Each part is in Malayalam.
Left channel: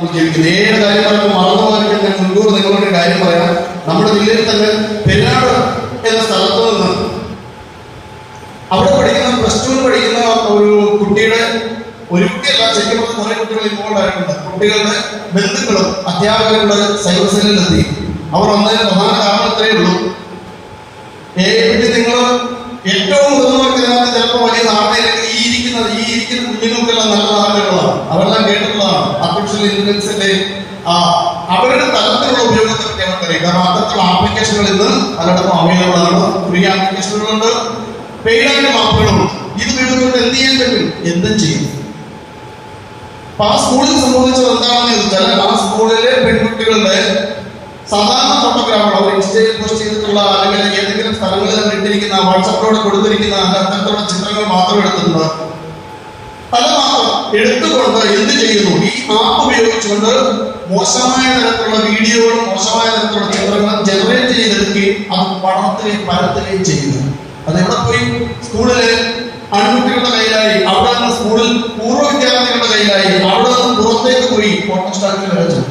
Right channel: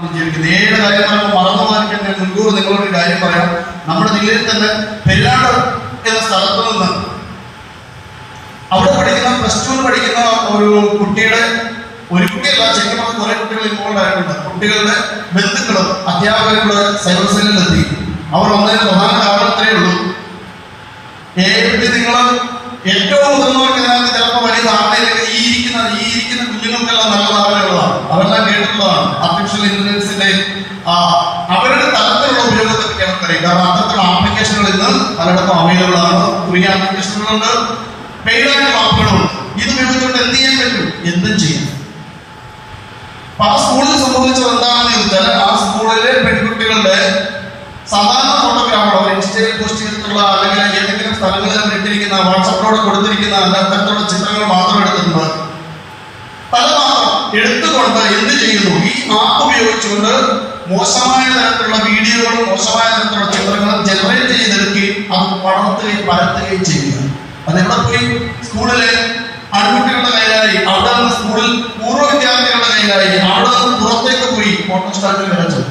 നേരിയ കാര്യം പറയുമ്പോൾ മറന്നു പോയിട്ട് ഞാൻ മുൻകൂർ നിങ്ങളോട് കാര്യം പറയാം. നമ്മുടെ ജില്ലയിൽ തന്നെ പെരിനാട് എന്ന സ്ഥലത്ത് നിന്ന് അവിടെ പഠിക്കുന്ന +2 പഠിക്കുന്ന ഒരു കുട്ടിയുടെ ഒരു കുട്ടിയല്ല, ശരിക്കും കുറെ കുട്ടികൾ ഇൻവോൾവ് ആയിട്ടുണ്ട്. കുട്ടികളുടെ ബന്ധുക്കളും അധ്യാപകരുടെ സൈബർ സെല്ലിലെത്തി. അവർ ഒന്നതിന് പ്രധാന കാരണം ഇത്രയേ ഉള്ളൂ. നിങ്ങൾ ഏറ്റവും മുതിർന്നവർക്ക് ഇതിനകത്ത് ചിലപ്പോൾ വലിയ ധാരണയിലേക്ക് ഈ ഇരിക്കുന്ന കുഞ്ഞുങ്ങൾക്കെല്ലാം നല്ല ധാരണകളാണ്, അതെല്ലാം കേട്ടിട്ടുള്ളതാണ്. ആർട്ടിഫിഷ്യൽ ഇന്റലിജൻസിന്റെ അവരുടെ തലത്തിലുള്ള ഉപയോഗത്തൊക്കെ അവർക്കറിയാം. കാരണം അത്തരത്തിലുള്ള ആപ്ലിക്കേഷനുകൾ ഇന്ന് പലയിടത്തും അവൈലബിൾ ആണ്. ഫ്രീ ആപ്ലിക്കേഷനുകളുണ്ട്, പെയ്ഡായിട്ടുള്ള ആപ്പുകളുണ്ട്. ഇത് ഉപയോഗിച്ചുകൊണ്ട് എന്ത് ചെയ്യാൻ പറ്റും? എന്തും ചെയ്യും. അപ്പൊ ആ സ്കൂളിൽ സംഭവിച്ചത് എന്താണെന്ന് ചോദിച്ചാൽ, ആ സ്കൂളിലെ പെൺകുട്ടികളുടെ സാധാരണ ഫോട്ടോഗ്രാഫർ അവർ ഇൻസ്റ്റയിൽ പോസ്റ്റ് ചെയ്തിട്ടുള്ള അല്ലെങ്കിൽ ഏതെങ്കിലും സ്ഥലങ്ങളിൽ ഇട്ടിരിക്കുന്ന വാട്സപ്പിലൂടെ കൊടുത്തിരിക്കുന്ന അത്തരത്തിലുള്ള ചിത്രങ്ങൾ മാത്രം എടുത്തിട്ടുണ്ട്. പല മാത്രം എടുത്തുകൊണ്ട് എന്ത് ചെയ്യുന്നു? ഈ ആപ്പ് ഉപയോഗിച്ചുകൊണ്ട് മോശമായ തരത്തിലുള്ള വീഡിയോകളും മോശമായ തരത്തിലുള്ള ചിത്രങ്ങളും ജനറേറ്റ് ചെയ്തെടുക്കുകയും അത് പഠനത്തിലേക്ക് പരത്തുകയും ചെയ്യുക. അതെവിടെ പോയി? സ്കൂളിലെ ആൺകുട്ടികളുടെ കയ്യിലായി, അവിടെ നിന്ന് സ്കൂളിൽ പൂർവ്വ വിദ്യാർത്ഥികളുടെ കയ്യിലായി, അവിടെ നിന്ന് പുറത്തേക്ക് പോയി ഫോട്ടോസ്റ്റാറ്റിൽ വരച്ചു.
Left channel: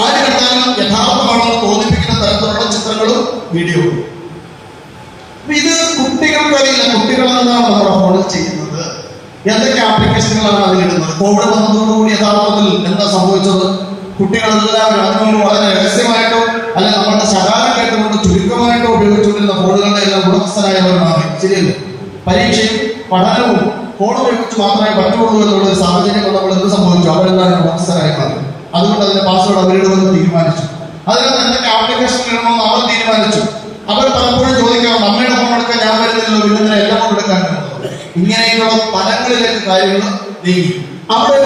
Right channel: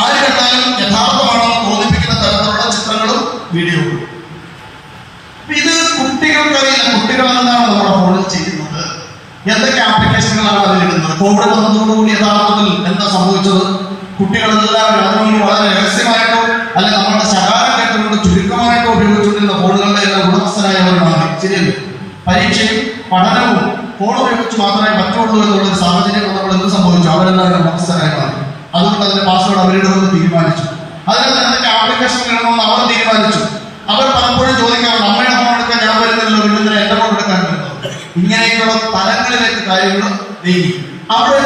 ആര് കണ്ടാലും യഥാർത്ഥമാണെന്ന് തോന്നിപ്പിക്കുന്ന തരത്തിലുള്ള ചിത്രങ്ങളും വീഡിയോകളും. ഇത് കുട്ടികൾക്കറിയില്ല. കുട്ടികൾ എന്താണ് നമ്മുടെ ഫോണിൽ ചെയ്യുന്നത്, എന്തൊക്കെ ആപ്ലിക്കേഷനുകളാണ് അതിലിടുന്നത്. കോവിഡ് വന്നതോടുകൂടി യഥാർത്ഥത്തിൽ എന്താ സംഭവിച്ചത്? കുട്ടികളെല്ലാവരും അതിനോട് വളരെ രഹസ്യമായിട്ടോ അല്ലെങ്കിൽ നമ്മുടെ ശകാരം കേട്ടുകൊണ്ട് ചുരുക്കമായിട്ടോ ഉപയോഗിച്ചുകൊണ്ടിരുന്ന ഫോണുകളുടെ എല്ലാം ഉടമസ്ഥരായവരുമാണ്. ശരിയല്ലേ? പരീക്ഷയും പഠനവും ഫോൺ ഉപയോഗിച്ച് മാത്രമേ പറ്റുള്ളൂ എന്നുള്ള ഒരു സാഹചര്യം നമ്മൾ എന്ത് സംഭവിച്ചു? അവരെല്ലാവരും ഉടമസ്ഥരായി മാറി. അതുകൊണ്ട് അതിന്റെ പാസ്വേഡ് അവരിടുമെന്ന് തീരുമാനിച്ചു. അതിന് എന്തൊക്കെ ആപ്ലിക്കേഷൻ ഇടണമെന്ന് അവർ തീരുമാനിച്ചു. അവർ പലപ്പോഴും ചോദിക്കാറുണ്ട്, അമ്മയുടെ ഫോൺ എടുക്കാൻ ഞാൻ വരുന്നില്ലല്ലോ, പിന്നെ എന്റെ ഫോൺ എടുക്കാൻ പറ്റുന്നത്. ഇങ്ങനെയൊക്കെയുള്ള തലങ്ങളിലേക്ക് കാര്യങ്ങൾ നീങ്ങി. അവിടെ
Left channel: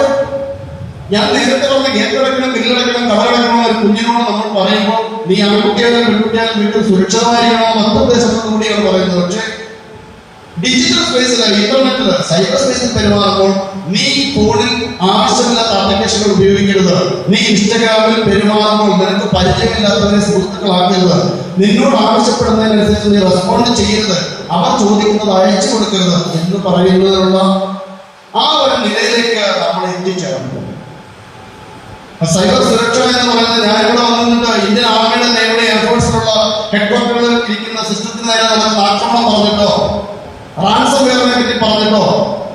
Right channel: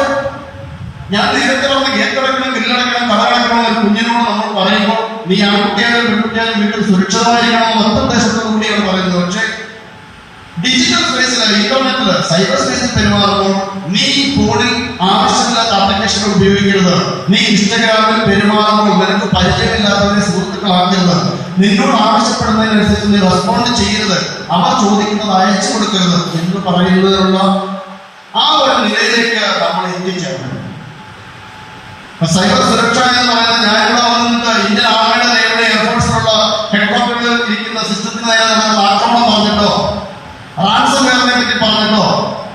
ഞാൻ നേരത്തെ പറഞ്ഞ ഗേറ്റടക്കണം, ബില്ലടക്കണം, കടകടക്കണം ഒരു കുഞ്ഞിനോട് നമ്മൾ പറയുമ്പോൾ നീ ആൺകുട്ടിയാലും പെൺകുട്ടിയാലും വീട്ടിൽ സുരക്ഷിതമായിരിക്കണമെന്ന് നിർദ്ദേശത്തോടു കൂടിയാണ് പറയുന്നത്. പക്ഷേ ഡിജിറ്റൽ സ്പേസിലാണ്, ഇന്റർനെറ്റില് സൈബർ സ്പേസിൽ പെരുമാറുമ്പോൾ നീ ഫോണിൽ ആവശ്യമില്ലാത്ത ആപ്ലിക്കേഷനുകൾ ഉപയോഗിക്കരുത്. നീ ഇൻസ്റ്റഗ്രാമിൽ പെരുമാറുമ്പോൾ നിനക്ക് പരിചയമില്ലാത്തവരെ സുഹൃത്തുക്കളാക്കരുത്. നിന്നോട് ആവശ്യപ്പെടുന്നതിനനുസരിച്ച് നീ റെസ്പോണ്ട് ചെയ്യരുത്. അവർ ചോദിക്കുന്നത് അയച്ചു കൊടുക്കരുത് എന്ന് പറയുന്നതിനുള്ള ആ ഒരു നിലയിലേക്ക് നമ്മൾ എത്തിച്ചേർന്നു. സൈബർ സുരക്ഷ എന്ന് പറയുന്നത്, ഞാൻ ഇവിടെ വന്നിട്ട് ഇന്ത്യൻ ആർമിയുടെ നേരെ എയർഫോഴ്സിലുള്ള ഹെഡ്ക്വാർട്ടറിൽ ഇരിക്കുന്ന സിസ്റ്റത്തിന് നേരെ നടക്കുന്ന ആക്രമണം പറഞ്ഞിട്ടോ റാൻസം വെയറിനെ പറ്റി പറഞ്ഞിട്ടോ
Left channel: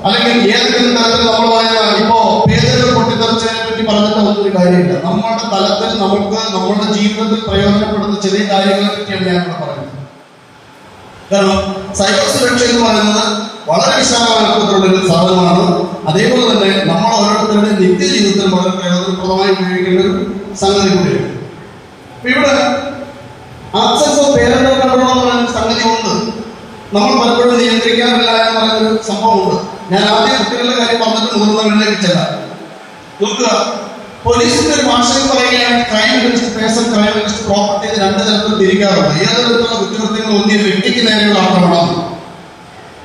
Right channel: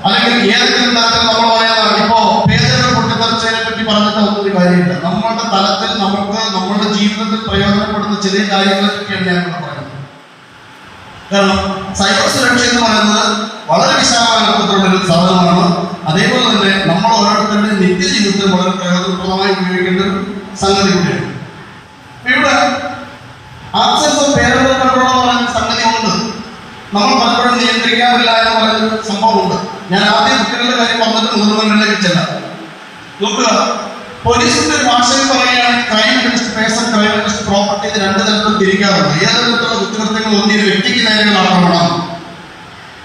അല്ലെങ്കിൽ ഏതെങ്കിലും തരത്തിൽ നമ്മൾ പറയുക ഇപ്പോ പേജുകൾ പൊട്ടിത്തെറിച്ചതിനെ പറ്റി പറഞ്ഞിട്ടോ ഒന്നൊരു കാര്യമില്ല. നമ്മുടെ തലത്തിൽ നമുക്ക് നമ്മുടെ ജീവിതത്തിൽ പ്രയോജനപ്പെടുന്ന ചെറിയ കാര്യങ്ങളെ പറ്റിയാണ് ഞാൻ ഇവിടെ പറയുന്നത്. കാരണം സൈബർ സുരക്ഷ എന്ന് പറയുന്നത് വളരെ വിശാലമായ അർത്ഥത്തിലുള്ളൊരു സാധനമാണ്. അതേപോലെ തന്നെ നമ്മൾ ഓരോരുത്തരുടെ നിത്യജീവിതത്തിൽ വളരെ പ്രയോജനപ്രദമായി ഉപയോഗിക്കേണ്ട ഒരു സംഗതി കൂടിയാണ്. ഇവിടെ ആക്സസ് ഓഫ് പേരൻറ് പറയുന്ന സംഗതി ഉണ്ട്. നമ്മൾ പലപ്പോഴും നിയന്ത്രിക്കാറില്ല എന്ന് പറയുന്നൊരു സംഭവമുണ്ട്. ഞാൻ ആദ്യം കുട്ടികളുടെ കാര്യം പറഞ്ഞിട്ട് മുതിർന്നവരിലേക്ക് ചെല്ലാം. നോക്കുക, പോലീസിന്റെ ഒരു ഭാഷയിൽ പറയുകയാണ് crime against person, crime against property. ഇത് രണ്ട് തരത്തിൽ തിരിക്കാറുണ്ട്. ഏത് തരത്തിലുള്ള കുറ്റകൃത്യങ്ങൾ ഒന്നിന് വ്യക്തിക്ക് നേരെയുള്ള ആക്രമണം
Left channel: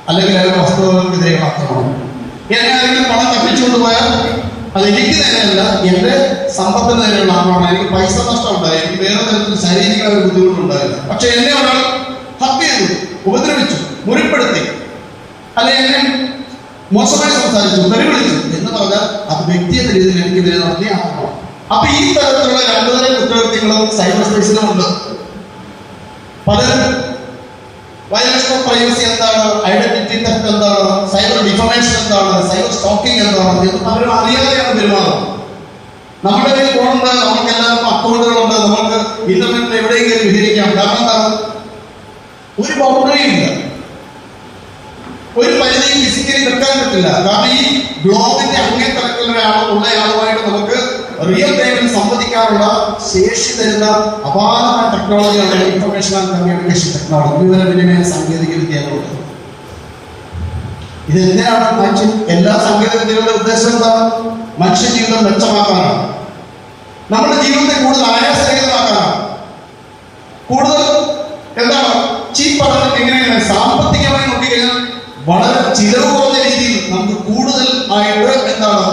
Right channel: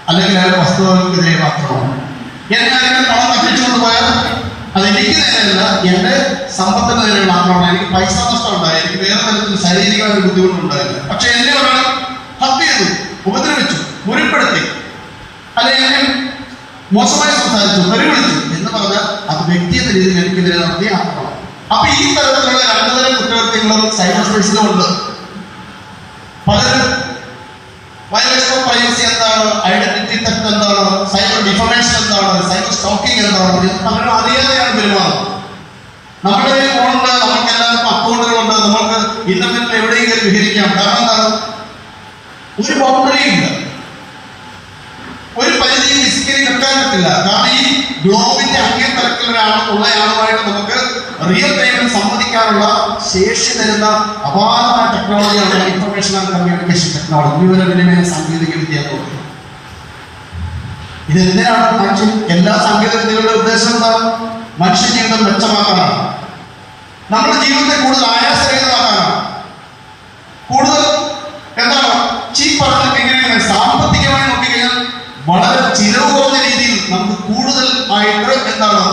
അല്ലെങ്കിൽ അയാളുടെ വസ്തുതകൾക്കെതിരെ ആക്രമണം. ഞാൻ ആരെങ്കിലും പണം തട്ടിച്ചുകൊണ്ട് പോയാൽ അത് എനിക്ക് നേരെയല്ല, എന്റെ സമ്പത്തിന് നേരെയുള്ള ആക്രമണം. എനിക്ക് പൈസ നഷ്ടം ഉണ്ടായി, എനിക്ക് വേറെ തരത്തിൽ ശാരീരികമായ ഒരു ബുദ്ധിമുട്ടുണ്ടായില്ല. പക്ഷെ എന്നെ ഒരാൾ ഹത്യ ചെയ്തു, ഉപദ്രവിച്ചു, മുറിപ്പെടുത്തി, അല്ലെങ്കിൽ മോശമായി സംസാരിച്ചു, പരിഗണിച്ചു എന്ന് പറഞ്ഞാൽ അത് വ്യക്തിയെന്ന രീതിയിൽ എനിക്കെതിരെ നടത്തിയ ആക്രമണം. അപ്പൊ ഈ തരത്തിലുള്ള രണ്ടു തരം കുറ്റകൃത്യങ്ങളും സൈബർ സ്പേസിലുമുണ്ട്. പലരും വയലേഷൻ ഓഫ് പ്രൈവസി എന്താണ്, ഐഡന്റിറ്റി തെഫ്റ്റ് എന്താണ്, സൈബർ ഡിഫമേഷൻ എന്താണ്, സൈബർ സ്റ്റോക്കിംഗ് എന്താണ്, പലരും അറിയാതെയാണ് പെരുമാറുന്നത്. നമ്മുടെ കയ്യിൽ ഫോണുണ്ട്, നമുക്ക് എല്ലാവർക്കും അക്കൗണ്ടുകളുണ്ട്, നമുക്ക് ഇന്റർനെറ്റിൽ എവിടെയെങ്കിലും വിഹരിക്കാം. കാരണം എന്താണ്? ഒരു ബൗണ്ടറിയും ഇല്ല, ഒരു പരിധിയും ഫിസിക്കലി വെക്കാൻ പറ്റില്ല. കാരണം ഈ ഗ്ലോബിന്റെ അങ്ങേ തരത്തിലുള്ളയാളുമായിട്ട് നമുക്ക് റിയൽ ടൈമിൽ സംവദിക്കാനുള്ള ശേഷി തരുന്ന അപാരമായ ടെക്നോളജിയാണ് ഇൻഫർമേഷൻ ആൻഡ് കമ്മ്യൂണിക്കേഷൻ ടെക്നോളജി, വിവരവിനിമയ സാങ്കേതിക വിദ്യകൾ. ഇത് എന്തിനാണ്? എല്ലാ സാങ്കേതിക വിദ്യകളുടെ ഉദ്ദേശം എന്താണ്? മനുഷ്യ ജീവിതം മെച്ചമാക്കാനാണ്, നമ്മുടെ ജീവിതത്തെ കൂടുതൽ ആയാസരഹിതമാക്കാനാണ്, കൂടുതൽ എന്താണ് ചീപ്പാണ്. എങ്ങനെയാണ് സാമ്പത്തികമായി നോക്കിക്കഴിഞ്ഞാൽ വളരെ ചിലവ് കുറഞ്ഞ രീതിയിൽ നമുക്ക് കൂടുതൽ ആയിട്ട് എന്താണ്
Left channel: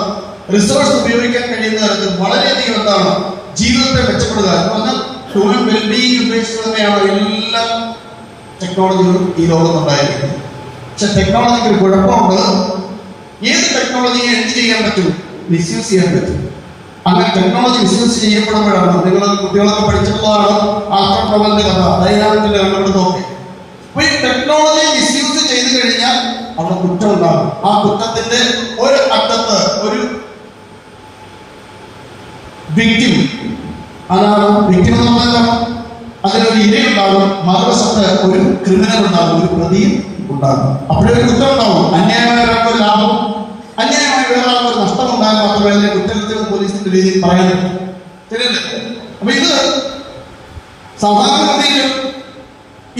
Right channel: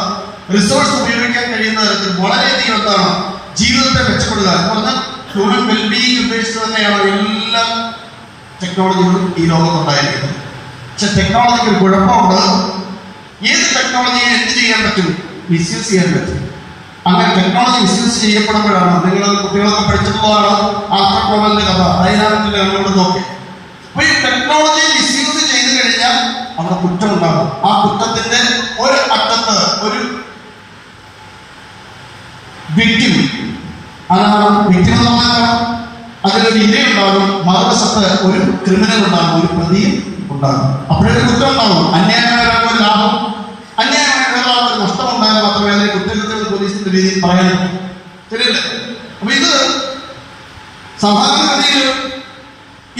റിസോഴ്സ് ഉപയോഗിക്കാൻ കഴിയുന്ന തരത്തിൽ വളരെയധികം എന്താണ് ജീവിതത്തെ മെച്ചപ്പെടുക എന്ന് പറഞ്ഞാൽ ഹ്യൂമൻ വെൽബീയിങ് ഉദ്ദേശിച്ച് തന്നെയാണ് എല്ലാ ടെക്നോളജികളും ഈ ലോകത്തുണ്ടായിരിക്കുന്നത്. പക്ഷെ ടെക്നോളജിക്ക് ഒരു കുഴപ്പമുണ്ട്. ഏത് ടെക്നോളജിയെ എന്ത് ചെയ്യാൻ പറ്റും? മിസ്യൂസ് ചെയ്യാൻ പറ്റും. അങ്ങനെ ടെക്നോളജി മിസ്യൂസ് ചെയ്യപ്പെടുമ്പോഴാണ്, നിങ്ങൾ കുട്ടികളൊക്കെ പഠിച്ചിട്ടുള്ളതാണ് ആസ്ട്രോട്രോമലിന്റെ കഥ, ഡൈനാമിക് ലെവലുകളൊക്കെ. അപ്പൊ ഈ ടെക്നോളജി മിസ്യൂസ് ചെയ്ത് കഴിഞ്ഞാൽ അവിടെ കുറ്റം ഉണ്ടാകും. ആ കുറ്റത്തിന്റെ ഒരു അറ്റത്ത് ഒരു വിക്ടിം, അതാണ് വിക്ടിം എന്ന് പറഞ്ഞാൽ അതിനൊരു ഇരയുണ്ടാകും, മറുവശത്ത് ഒരു ക്രിമിനൽ ഉണ്ടാകും, ഒരു പ്രതി ഉണ്ടാകും. അപ്പോഴൊരു കുറ്റം ഉണ്ടാകും. അന്യായമായ ഒരാൾക്കൊരു ലാഭം, അന്യായമായ ഒരാൾക്കൊരു നഷ്ടം ഉണ്ടായാൽ മാത്രമേ അതിനെ കുറ്റകൃത്യം പോലീസിന്റെ രീതിയിൽ പറയുന്നു. ശരിയല്ലേ? അപ്പൊ ഇത് സാധാരണഗതിയിൽ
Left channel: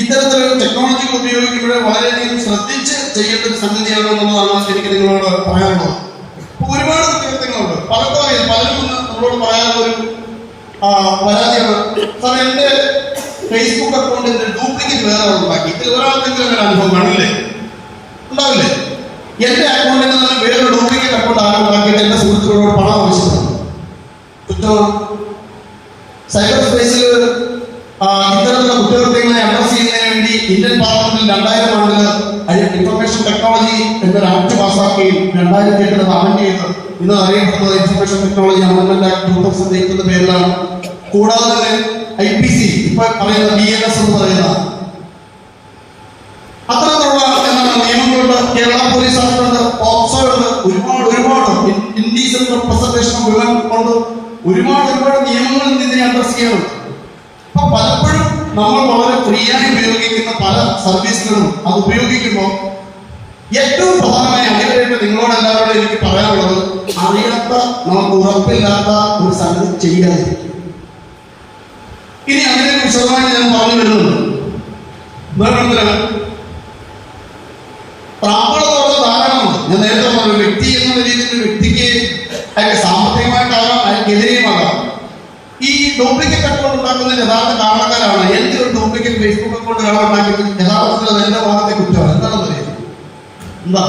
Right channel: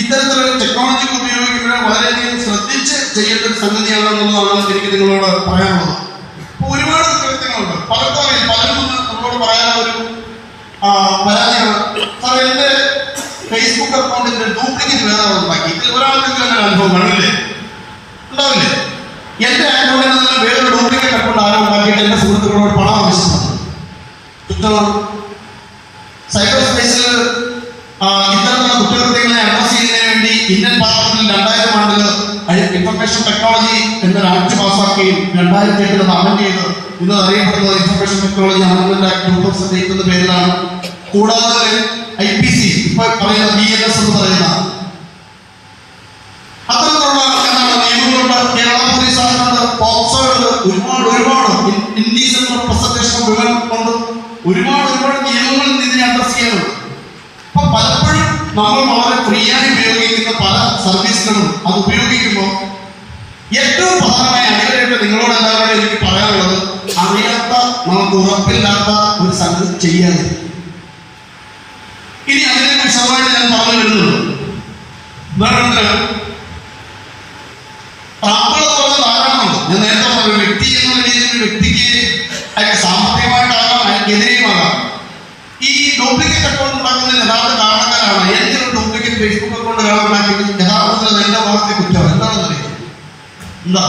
ഇത്തരത്തിലൊരു ടെക്നോളജി ഉപയോഗിക്കുമ്പോൾ വളരെയധികം ശ്രദ്ധിച്ച് ചെയ്യേണ്ട ഒരു സംഗതിയാണെന്നുള്ളതാണ് എനിക്ക് നിങ്ങളോട് പറയാനുള്ളത്. അപ്പൊ ഒരുപാട് കുറ്റകൃത്യങ്ങളുണ്ട്. പലരും നമ്മളോട് പറയാനുള്ള ഒരു പരാതിയാണ്, സാറേ എന്റെ ഫേസ്ബുക്ക് അക്കൗണ്ടിൽ ഡ്യൂപ്ലിക്കേറ്റ് വേറെ ഉണ്ടാക്കി. ഇതിൽ ഒരാൾക്കെങ്കിലും അനുഭവം കാണില്ലേ? ഉണ്ടാവില്ലേ? എന്റെ അക്കൗണ്ടിൽ നിന്ന് വേറൊരു ഡ്യൂപ്ലിക്കേറ്റ് അക്കൗണ്ട് ആരും ഉണ്ടാക്കിയിട്ട് എന്റെ സുഹൃത്തുക്കളോട് പണം ആവശ്യമാണ്. കുറ്റമാണ്. സൈബർ സ്പേസിൽ ഇത്തരത്തിലുള്ള കുറ്റകൃത്യങ്ങളെ അഡ്രസ് ചെയ്യുന്നതിന് വേണ്ടി ഇന്ത്യൻ പാർലമെന്റിൽ 2000 ആണ്ടിൽ ഇൻഫർമേഷൻ ടെക്നോളജി എന്നൊരു ആക്ട് പാസ്സാക്കുകയും 2008 അമെന്റ് ചെയ്ത് ഇത് അറിയപ്പെടുന്നത് ഇൻഫർമേഷൻ ടെക്നോളജി അമെന്റ്മെന്റ് ആക്ട് 2008 എന്ന പേരിലാണ്. കൂടാതെ IPC ഇപ്പൊ പറയുന്ന BNS എന്ന് പറയുന്ന അത്തരത്തിലുള്ള നിയമങ്ങളുണ്ട്. കേരള പോലീസ് ആക്ടുണ്ട്, പോക്സോ ഉണ്ട്, ഒരുപാട് ഇൻഡീസൽ റെപ്രസെന്റേഷൻ കൊണ്ട് ഒരുപാട് നിയമങ്ങൾ ഇതിനെ അഡ്രസ് ചെയ്യാനുണ്ട്. അപ്പൊ പലപ്പോഴും നമ്മൾ വളരെ ഫ്രീയായി ഉപയോഗിക്കുന്ന പല സർവീസുകളും അത് ഉപയോഗിക്കുമ്പോൾ ഏറ്റവും പ്രധാനമായി അടിവരായിട്ട് നിങ്ങളോട് എല്ലാവരോടും എനിക്ക് പറയാനുള്ളത്, അറിയാത്ത, നമുക്ക് ഉറപ്പില്ലാത്ത ഒരു സംഗതി ചെയ്യാതെ. ഇനി അതിനെ വിശദമായി ഞാൻ പറഞ്ഞു വരുന്നുണ്ട്. താങ്കളുള്ള ധാരാളമുണ്ട്. ഞാൻ നേരത്തെ പറഞ്ഞു, വ്യക്തി എന്ന രീതിയിൽ വ്യക്തിക്ക് അതിന്റെ സാമ്പത്തികമായിട്ടാകാം, അതിനെതിരെയുമാകാം. ഈ ഡ്യൂപ്ലിക്കേറ്റ് അക്കൗണ്ട് ഉണ്ടാക്കുന്നതിന് യഥാർത്ഥ കാരണക്കാരാണ്. എന്റെ ഒരു ഡ്യൂപ്ലിക്കേറ്റ് ഫേസ്ബുക്ക് അക്കൗണ്ട് ഒരാൾ ഉണ്ടാക്കിയത് യഥാർത്ഥത്തിൽ അത് എന്റെ ഭാഗത്തെ കുറ്റമാണ്. എന്താണെന്ന് അറിയാം? എന്താ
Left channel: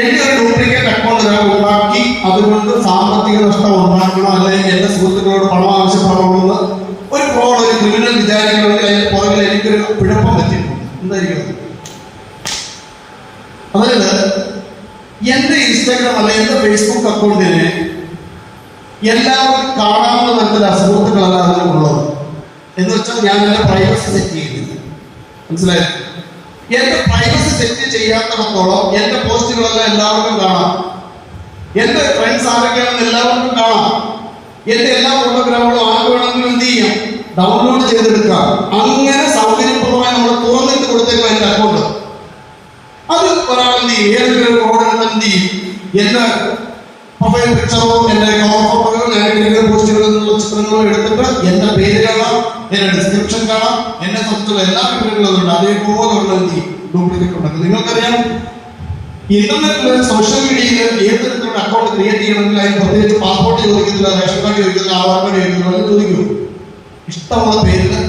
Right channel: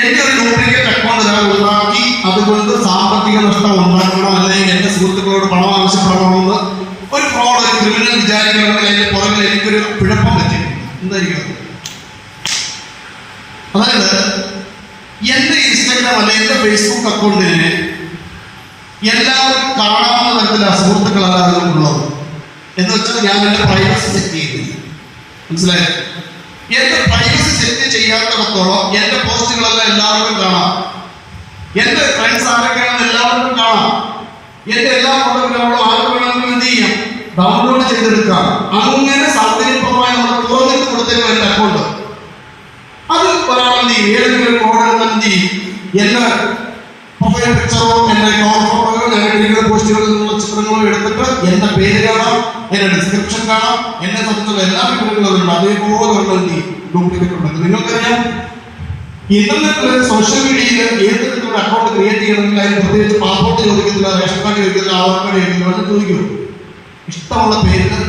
എന്റെ ഒരു ഡ്യൂപ്ലിക്കേറ്റ് അക്കൗണ്ട് ഒരാൾ ഉണ്ടാക്കി അതുകൊണ്ട് സാമ്പത്തിക നഷ്ടം ഉണ്ടാക്കണം, അല്ലെങ്കിൽ എന്റെ സുഹൃത്തുക്കളോട് പണം ആവശ്യപ്പെടണമെന്ന് ഒരു ഫ്രോഡ്, ഒരു ക്രിമിനൽ വിചാരിക്കണമെങ്കിൽ അതിന്റെ പുറകിൽ എനിക്കൊരു കുഴപ്പം പറ്റി. എന്തായിരിക്കും? അതായത് എന്റെ ഇൻസ്റ്റാഗ്രാം അല്ലെ എന്റെ ഫേസ്ബുക്ക് അക്കൗണ്ടിന് എല്ലാവർക്കും കാണാവുന്ന തരത്തിലാണ് സുഹൃത്തുക്കളല്ല അതിനുള്ളത്. എന്ന് വെച്ചാൽ ഞാൻ എന്റെ പ്രൈവസി സെറ്റ് ചെയ്തില്ല. മനസ്സിലായോ? എന്റെ പ്രൈവസി സെറ്റ് ചെയ്യാത്തിടത്തോളം എന്റെ പോസ്റ്റുകളെല്ലാം എല്ലാവർക്കും കാണാം. എന്റെ ഫ്രണ്ട്സ് ആരൊക്കെയാണെന്ന് എല്ലാവർക്കും കാണാം. എന്റെ എല്ലാ ഫോട്ടോഗ്രാഫുകളും ആർക്ക് വേണമെങ്കിലും എന്ത് ചെയ്യാം, ഡൗൺലോഡ് ചെയ്തെടുക്കാം. അങ്ങനെ സൗകര്യപ്രദമായി നമ്മൾ തുറന്നിട്ട് കൊടുത്തേക്കാം എന്റെ അക്കൗണ്ട്. അത് ഒരാൾ എന്ത് ചെയ്യും, ഏതെങ്കിലും ഒരു കോഡ് എന്ത് ചെയ്യും, എന്റെ പ്രൊഫൈൽ പിക്ചറോ എന്റെ ഫോട്ടോയോ ഞങ്ങളുടെ പോസ്റ്റുകളിൽ നിന്നുള്ള ചിത്രങ്ങളോ എടുത്തിട്ട് എന്റെ പേര് കാണാം, എന്റെ ഡിസ്ക്രിപ്ഷൻ കാണാം, എന്നെ സംബന്ധിച്ചുള്ള എല്ലാ വിവരങ്ങളും അതേപോലെ ഡ്യൂപ്ലിക്കേറ്റ് ഉണ്ട്. നിങ്ങൾക്കറിയാം, ഇന്റർനെറ്റിൽ സോഷ്യൽ മീഡിയയിൽ ഏത് തരത്തിലുള്ള അക്കൗണ്ട് ക്രിയേറ്റ് ചെയ്യണമെങ്കിൽ അതിന് പ്രത്യേകിച്ച് പാസ്പോർട്ട് ചോദിക്കുന്നില്ല, റേഷൻ കാർഡ് ചോദിക്കുന്നില്ല, ആധാർ കാർഡ് ചോദിക്കുന്നില്ല, ചോദിക്കൂ. ഇഷ്ടമുള്ള പേരിന്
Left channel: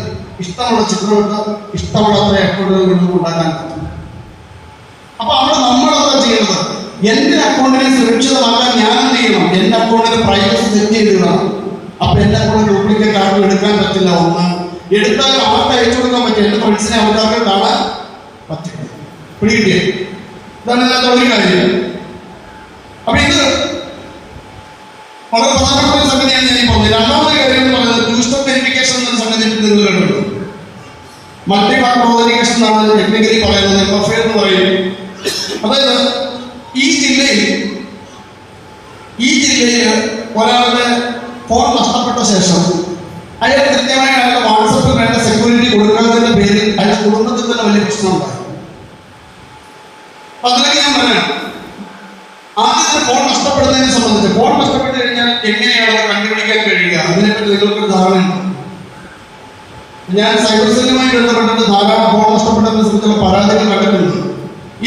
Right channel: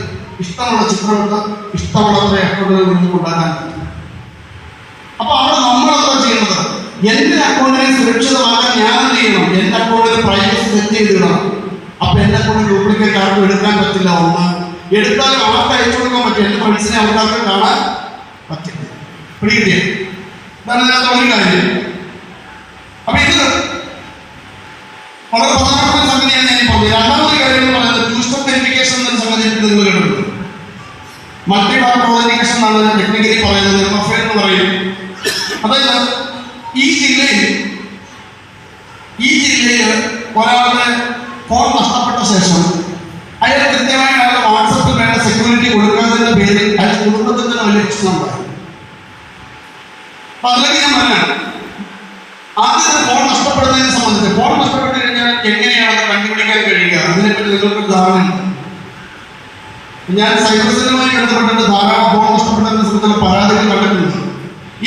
ഇഷ്ടമുള്ള ചിത്രമെടുത്ത് ഇഷ്ടമുള്ള അക്കൗണ്ടുകൾ ഉണ്ടാക്കാൻ പറ്റും. അപ്പൊ അവിടെ നമ്മളെന്താ ചെയ്യുന്നത്, എന്റെ അക്കൗണ്ടിനെ സുരക്ഷിതമാക്കാൻ ഞാൻ എന്ത് ചെയ്യണം, എന്റെ അക്കൗണ്ടിന് പ്രൈവസി സെറ്റ് ചെയ്തിടണം. അപ്പൊ എന്റെ അക്കൗണ്ട് ഡ്യൂപ്ലിക്കേറ്റ് ആർക്കും എടുക്കാൻ പറ്റില്ല. ഒന്ന് എടുത്താൽ ആർക്ക് അയച്ചു കൊടുക്കാൻ പറ്റും, എന്റെ ഫ്രണ്ട്സിനെ ആൾക്കാർക്ക് കാണാൻ പറ്റില്ല. പിടികിട്ടിയ ഇതാണ് ഇതിനകത്ത് ഒരു കാര്യം. അപ്പൊ ഇത് വളരെ പ്രധാനപ്പെട്ട സംഗതിയാണ് ഞാൻ പറഞ്ഞത്. രണ്ടാമത്തെ കാര്യം എന്ന് പറയുന്നത് ടു സ്റ്റെപ്പ് വെരിഫിക്കേഷൻ എന്ന സംഗതി നിങ്ങളുണ്ട്. മൾട്ടി പാർട്ട് ഓതന്റിക്കേഷൻ എന്നാണ് ടെക്നിക്കലി പറയുന്നത്, പ്രൊഫൈൽ എന്ന് പറയും. അതായത് ഈ ജില്ലയിൽ ഒരാളുടെ ഫോൺ നഷ്ടപ്പെട്ട ശേഷം അയാൾ കൃത്യമായി അയാളുടെ വാട്സപ്പിൽ വേണ്ട സെക്യൂരിറ്റി കൊടുക്കാതിന്റെ പേരിൽ അയാൾ കുടുംബത്തിൽ വലിയ പ്രശ്നമുണ്ടായി. അപ്പൊ അതിലേക്ക് ഞാൻ പറയാം, ആദ്യത്തെ ഫോൺ നഷ്ടപ്പെടുന്നതിനെ സംബന്ധിച്ച്, ഫോൺ നഷ്ടപ്പെട്ടു കഴിഞ്ഞാൽ എങ്ങനെയാണ് അത് കണ്ടുപിടിക്കാൻ കഴിയുക, അതിനെപ്പറ്റി നിങ്ങൾക്ക് ധാരണയുണ്ട്. ഞാൻ സൈബർ സെല്ലുമായി ബന്ധപ്പെട്ടിട്ട് ധാരാളം ഫോൺ നഷ്ടപ്പെട്ടതിനെ സംബന്ധിച്ചുള്ള പരാതികൾ കണ്ടിട്ടുണ്ട്.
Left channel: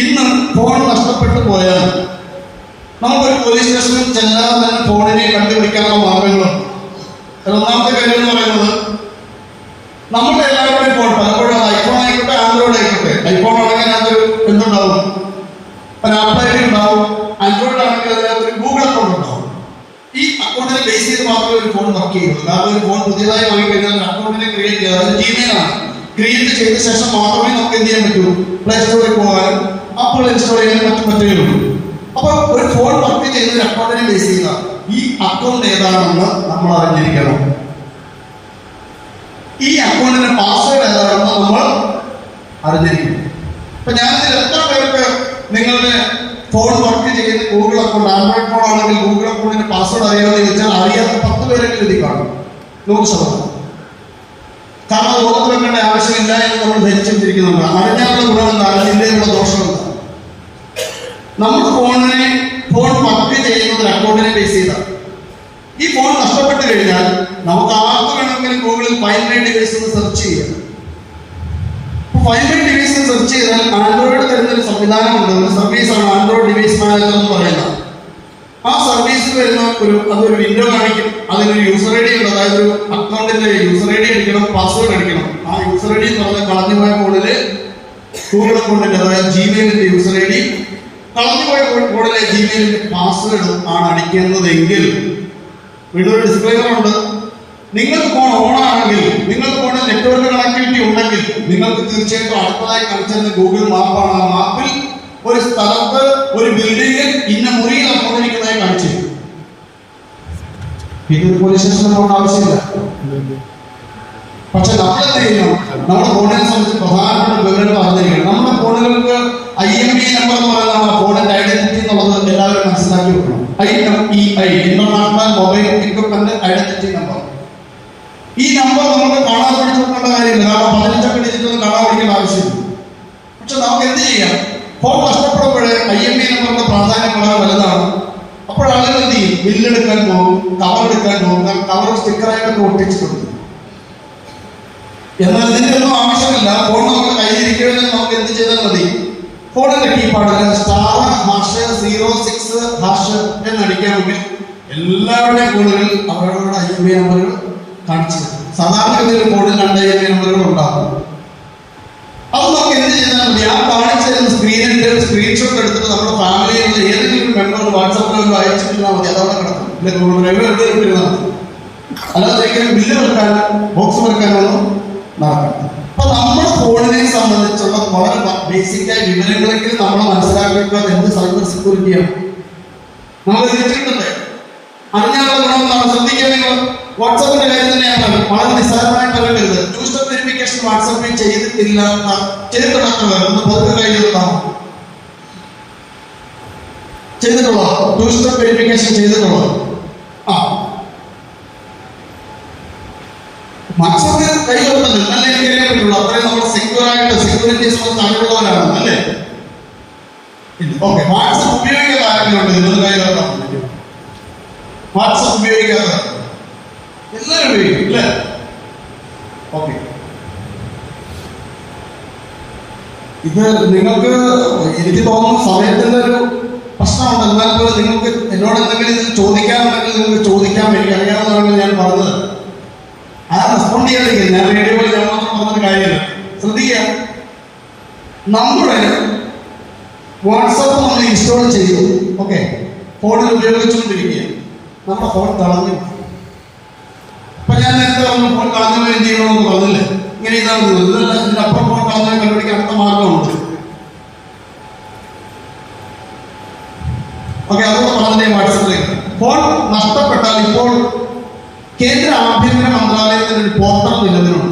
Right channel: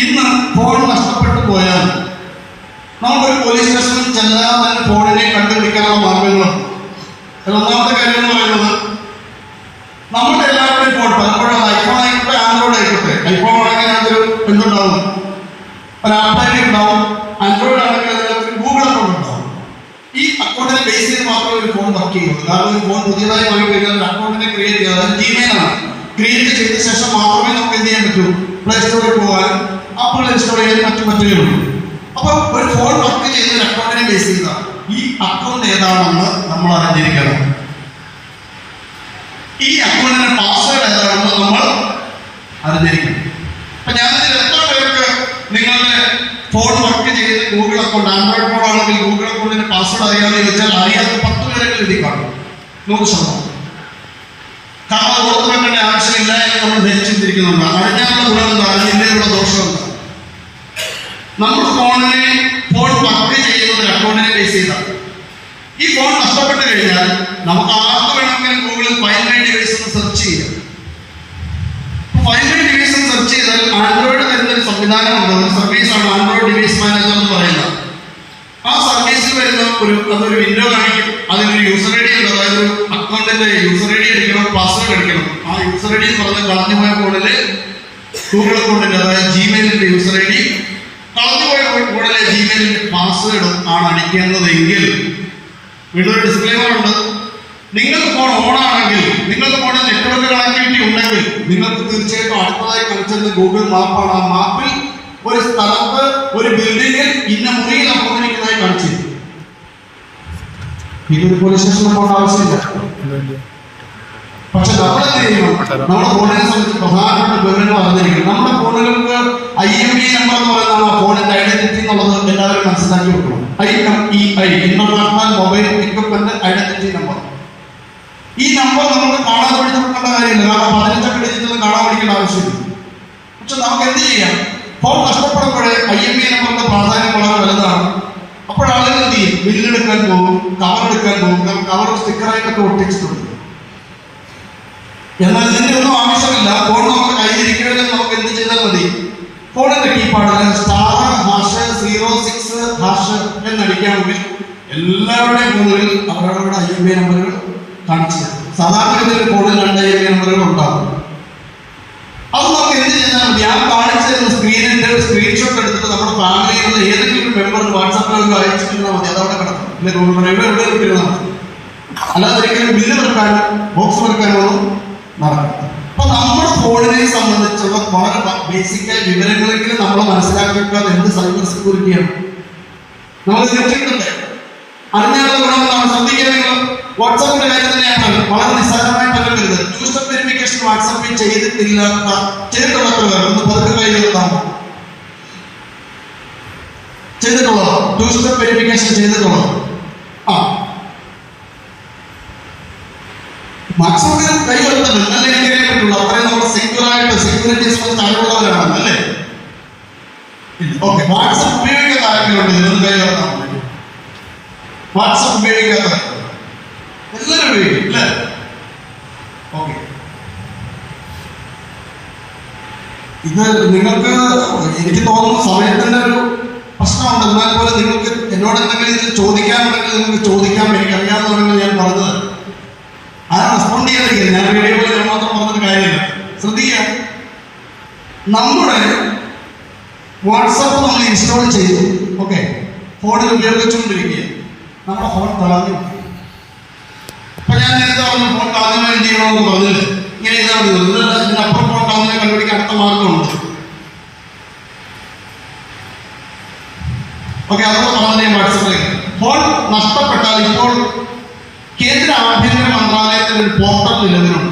ഇന്ന് ഫോൺ നഷ്ടപ്പെട്ടു പോയാൽ നമുക്കൊരു പോലീസ് സ്റ്റേഷനിൽ ചെല്ലാതെ തന്നെ ഫോണിനെ കണ്ടുപിടിക്കാനുള്ള മാർഗങ്ങളുണ്ട്. ഒന്നാമത്തെ കാര്യം എന്ന് പറയുന്നത്, നമ്മുടെ എല്ലാവരുടെയും ഫോൺ പലപ്പോഴും ഐഫോൺ ആയിക്കോട്ടെ ആൻഡ്രോയിഡ് ആയിക്കോട്ടെ, ഐഫോൺ ആണെങ്കിൽ അതിനകത്തൊരു എന്തുണ്ടാവും, ഒരു ആപ്പ് ഐ ഡി ഉണ്ടാവും. ആൻഡ്രോയിഡ് ആണെങ്കിൽ അതിനകത്തൊരു ഗൂഗിൾ അക്കൗണ്ട് ഉണ്ടാവും. ഈ അക്കൗണ്ടിനെ ബേസ് ചെയ്ത് മാത്രമേ ഒരു ഫോൺ വർക്ക് ചെയ്യുള്ളൂ. കാരണം ഒരു ഫോൺ പുതിയതായി വാങ്ങി കഴിഞ്ഞാൽ ഒരു അക്കൗണ്ടിനെ ക്രിയേറ്റ് ചെയ്യുക, അത് ജിമെയിലാണ്. ക്രിയേറ്റ് ചെയ്ത ശേഷം മാത്രമേ നമുക്ക് എന്ത് ചെയ്യാൻ പറ്റൂ, പ്ലേ സ്റ്റോറിൽ പോകാനും ആപ്പുകൾ ഇൻസ്റ്റാൾ ചെയ്യാൻ മറ്റു പറ്റുകയുള്ളൂ. അപ്പൊ ഒരു ഫോൺ വർക്ക് ചെയ്യുന്ന ഒരു അക്കൗണ്ടിനെ ബേസ് ചെയ്ത ഈ അക്കൗണ്ട് ഏതാണെന്ന് നമ്മൾ അറിഞ്ഞിരിക്കണം. ഈ അക്കൗണ്ടിന്റെ പാസ്വേഡ് ഏതാണെന്ന് നമ്മൾ അറിഞ്ഞിരിക്കണം. ഇപ്പൊ ഞാൻ എത്ര പേർക്ക് നിങ്ങളുടെ ഫോൺ വർക്ക് ചെയ്യുന്ന ഗൂഗിൾ അക്കൗണ്ട്, ആൻഡ്രോയിഡ് ഫോൺ ആണെങ്കിൽ ഗൂഗിൾ അക്കൗണ്ടിന്റെ പാസ്വേഡ് അറിയാമെന്ന് ചോദിച്ചാൽ അറിയാത്ത 10 പേരെങ്കിലും എഴുതി കാണും. 100%. കാരണം അത് ഓർത്ത് വെക്കേണ്ട ആവശ്യമില്ല എന്ന് നമ്മൾ ധരിച്ചിരിക്കുന്നുണ്ട്. അറിഞ്ഞാലുള്ള ഗുണം എന്താണ്, അതിൻ്റെയുള്ള ദോഷമെന്താണ്? നമ്മുടെ ഫോൺ വർക്ക് ചെയ്യുന്ന ഒരു അക്കൗണ്ടിനെ ബേസ് ചെയ്താണ്. ഈ ഫോൺ നഷ്ടപ്പെട്ടു കഴിഞ്ഞാൽ നമുക്ക് ആർക്ക് വേണമെങ്കിലും ഗൂഗിളിൽ ഫൈൻഡ് മൈ ഡിവൈസ് എന്ന് സെർച്ച് ചെയ്യാം. ഫൈൻഡ് മൈ ഡിവൈസ് എന്ന് സെർച്ച് ചെയ്താൽ ആൻഡ്രോയിഡ് തരുന്നൊരു സംവിധാനമുണ്ട്, ഒരു സർവീസാണ് ആൻഡ്രോയിഡ് ഡിവൈസ് മാനേജർ എന്ന് പറയുന്നത്. ആ സർവീസിൽ വരുന്ന അതൊരു വിൻഡോ കാണിക്കും. അതിനൊരു യൂസർ ഐ ഡി ഉണ്ട്. അതായത് ഒരു അക്കൗണ്ടിന്റെ യൂസർ ഐ ഡി അടിക്കണം, പാസ്വേഡ് അടിക്കണം. ആ യൂസർ ഐ ഡി എന്ന് പറഞ്ഞാൽ കളഞ്ഞുപോയ ഫോണില് ഗൂഗിൾ അക്കൗണ്ടിന്റെ, അതായത് ജിമെയിലിന്റെ യൂസർ ഐ ഡി, കളഞ്ഞുപോയ ഫോണിലെ ജിമെയിലിന്റെ പാസ്വേഡും ആണ് അടിക്കേണ്ടതെങ്കിൽ വീണ്ടും ഒരു ഡിസ്ക്ലെയിമർ ഉണ്ട്. നിങ്ങൾക്ക് ഫോൺ ഓൺ ആണെങ്കിൽ, നിങ്ങൾക്ക് ഫോണിൽ നെറ്റ്വർക്ക് കണക്ടിവിറ്റി ഉണ്ടെങ്കിൽ നിങ്ങൾക്ക് തീർച്ചയായിട്ടും അടുത്തതായി കാണിച്ചത് ഗൂഗിൾ മാപ്പാണ്. ആ മാപ്പിൽ ഒരു സ്ഥലത്ത് ഒരു ബിൽഡിങ്ങിൽ ഇന്ന മുറിയിൽ അക്കൗണ്ടിരിക്കുന്നതായി കാണിച്ചു. ഇതൊരു പോലീസ് സ്റ്റേഷനിൽ പോകേണ്ട ആവശ്യമില്ല. പക്ഷെ നമ്മളെന്ത് ചെയ്യണം, നമ്മുടെ ഫോണിനെ സംബന്ധിച്ച് പ്രധാനപ്പെട്ട വിവരങ്ങൾ അറിഞ്ഞിരിക്കണം. നമ്മുടെ ഫോണുകൾക്ക് IMEI നമ്പർ എന്ന് പറയുന്നതാണ് ആ ഫോണിന്റെ ഐഡന്റിറ്റി എന്നുള്ളത് എല്ലാവരും മനസ്സിലാക്കി വെക്കണം. IMEI, international mobile equipment identity number. ഈ നമ്പർ നമുക്ക് കാണാൻ പഠിച്ചു കൊടുക്കേണ്ട കാര്യമില്ല. കാരണം 15 ഡിജിറ്റൊന്നും കാണാൻ പഠിക്കേണ്ട ആവശ്യമില്ല. പക്ഷെ നമുക്ക് എന്ത് ചെയ്യാം, ഫോൺ നഷ്ടപ്പെടുമ്പോഴേ IMEI നമ്പറിന്റെ പ്രാധാന്യം വളരെ വലുതാണ്. അപ്പോഴാളുകൾ എന്ത് ചെയ്യും, ബില്ലെടുക്കാൻ പോകും, കവർ എടുക്കാൻ പോകും, കവർ സ്റ്റിക്കറായിട്ടൊക്കെ ഒട്ടിച്ചിട്ടുണ്ട്. എന്നാൽ ഇതിൻ്റെയൊന്നും ആവശ്യമില്ല. ഫോൺ നമുക്ക് കയ്യിലിരിക്കുമെങ്കിൽ നമുക്ക് എന്ത് ചെയ്താൽ മതി, ഫോണിന്റെ കീപാഡിൽ *#06# എന്നടിക്കാമെങ്കിൽ എല്ലാവരുടെയും ഫോണിൽ അവരവരുടെ IMEI നമ്പറുകൾ കാണിച്ചു തരും. സാധാരണഗതിയിൽ ഫോണിൽ 2 IMEI നമ്പറുകൾ ഉണ്ടാകും. അത് നമുക്ക് എന്ത് ചെയ്താൽ മതി, ആ കാണിച്ചിരുന്ന സ്ക്രീനിന്റെ സ്ക്രീൻഷോട്ട് എടുത്തിട്ട് നമ്മുടെ ഫാമിലിയിലുള്ള ഏതെങ്കിലും മെമ്പർ വാട്സാപ്പിൽ അയച്ചിരുന്നാൽ മതി. അതവിടെ കിടക്കും. എവിടെ ഇട്ടിരുന്നാൽ മതി. അല്ലാതെ ഒരിക്കലും ബില്ല് വെക്കാനോ ബോക്സ് വെക്കാനോ നടക്കും. അപ്പൊ നമ്മുടെ ഫോണിനെ സംബന്ധിച്ചുള്ള വളരെ ബേസിക്കായ വിവരങ്ങളെങ്കിലും നമ്മൾ മനസ്സിലാക്കിയിട്ട് എന്ത് സൈബർ സെക്യൂരിറ്റിയാണ് നമ്മൾ തെറ്റിയിട്ടുണ്ട്. അതിനുള്ള ഗുണങ്ങളാണ്. ശ്രദ്ധിക്കുക, വാട്സാപ്പിന്റെ കാര്യത്തിൽ ഞാൻ പറഞ്ഞു, വളരെ നിസ്സാരമായിട്ട് പറയരുത്. ടു സ്റ്റെപ്പ് വെരിഫിക്കേഷൻ വാട്സാപ്പിൽ ചെയ്തിട്ടില്ല, ചെയ്തിട്ടുള്ളവർ പതുക്കെ കയ്യിലുണ്ടാവും. ചെയ്തിട്ടുള്ളോ ടു സ്റ്റെപ്പ് വെരിഫിക്കേഷൻ ചെയ്തിട്ടുള്ളോ? വാട്സാപ്പിൽ കൈ വെക്കുന്നത് നല്ല എനിക്കറിയാൻ പറ്റുള്ളൂ. അത്രയും നമ്മൾ സെക്യൂറായിട്ട് സെക്യൂരിറ്റീസ് അറിവുള്ളവരാണ് അല്ലേ? ഓക്കെ, വാട്സാപ്പ് ഉപയോഗിക്കാത്ത ആരെങ്കിലും എന്തൊരു കൈ വെക്കണം? വാട്സാപ്പ് ഉപയോഗിക്കാത്ത എല്ലാവരും ഉപയോഗിക്കും അല്ലേ? ഓക്കെ, ഇത് നിങ്ങൾക്ക് എനിക്ക് തോന്നുന്നു സമയത്തിന്റെ ഒരു പ്രശ്നമുണ്ട്. എന്നാൽ പോലും നിങ്ങൾക്ക് എന്നോട് എന്തെങ്കിലും ഇത് ചോദിക്കാനുണ്ടെങ്കിൽ നിങ്ങൾക്ക് ചോദിക്കാൻ എനിക്ക് അറിയാവുന്നതാണ് ഞാൻ പറഞ്ഞത്. ആ റെസ്പോണ്ട് ചെയ്യാതിരിക്കും. ഞാൻ വീഡിയോയിൽ മാത്രം പറഞ്ഞൊരു കാര്യമില്ല. ശ്രദ്ധിക്കുക, നമ്മുടെ വാട്സാപ്പ് നമ്മൾ ഇൻസ്റ്റാൾ ചെയ്തു, ഓക്കെ, ഫോണിൽ ഉപയോഗിച്ചുകൊണ്ടിരിക്കുക, നമ്മുടെ ഫോൺ കളഞ്ഞു. അപ്പൊ ഞാൻ നേരത്തെ പറഞ്ഞു ഫോൺ കളഞ്ഞു എന്ത് ചെയ്യണമെന്ന് പറഞ്ഞില്ലേ? ഇങ്ങനെ ഇതാ ഇതിന്റെ അപ്പുറം ഫോൺ കളഞ്ഞ കണ്ടുപിടിക്കാൻ അടുത്ത മാർഗമുണ്ട്. ഓക്കെ, അതൊക്കെ കളഞ്ഞ വാട്സാപ്പിലേക്ക് ഫോൺ നഷ്ടപ്പെട്ടാൽ ഇപ്പോൾ കേന്ദ്ര ആഭ്യന്തര മന്ത്രാലയത്തിൽ ഒരു പോർട്ടൽ നിലവിലുണ്ട്.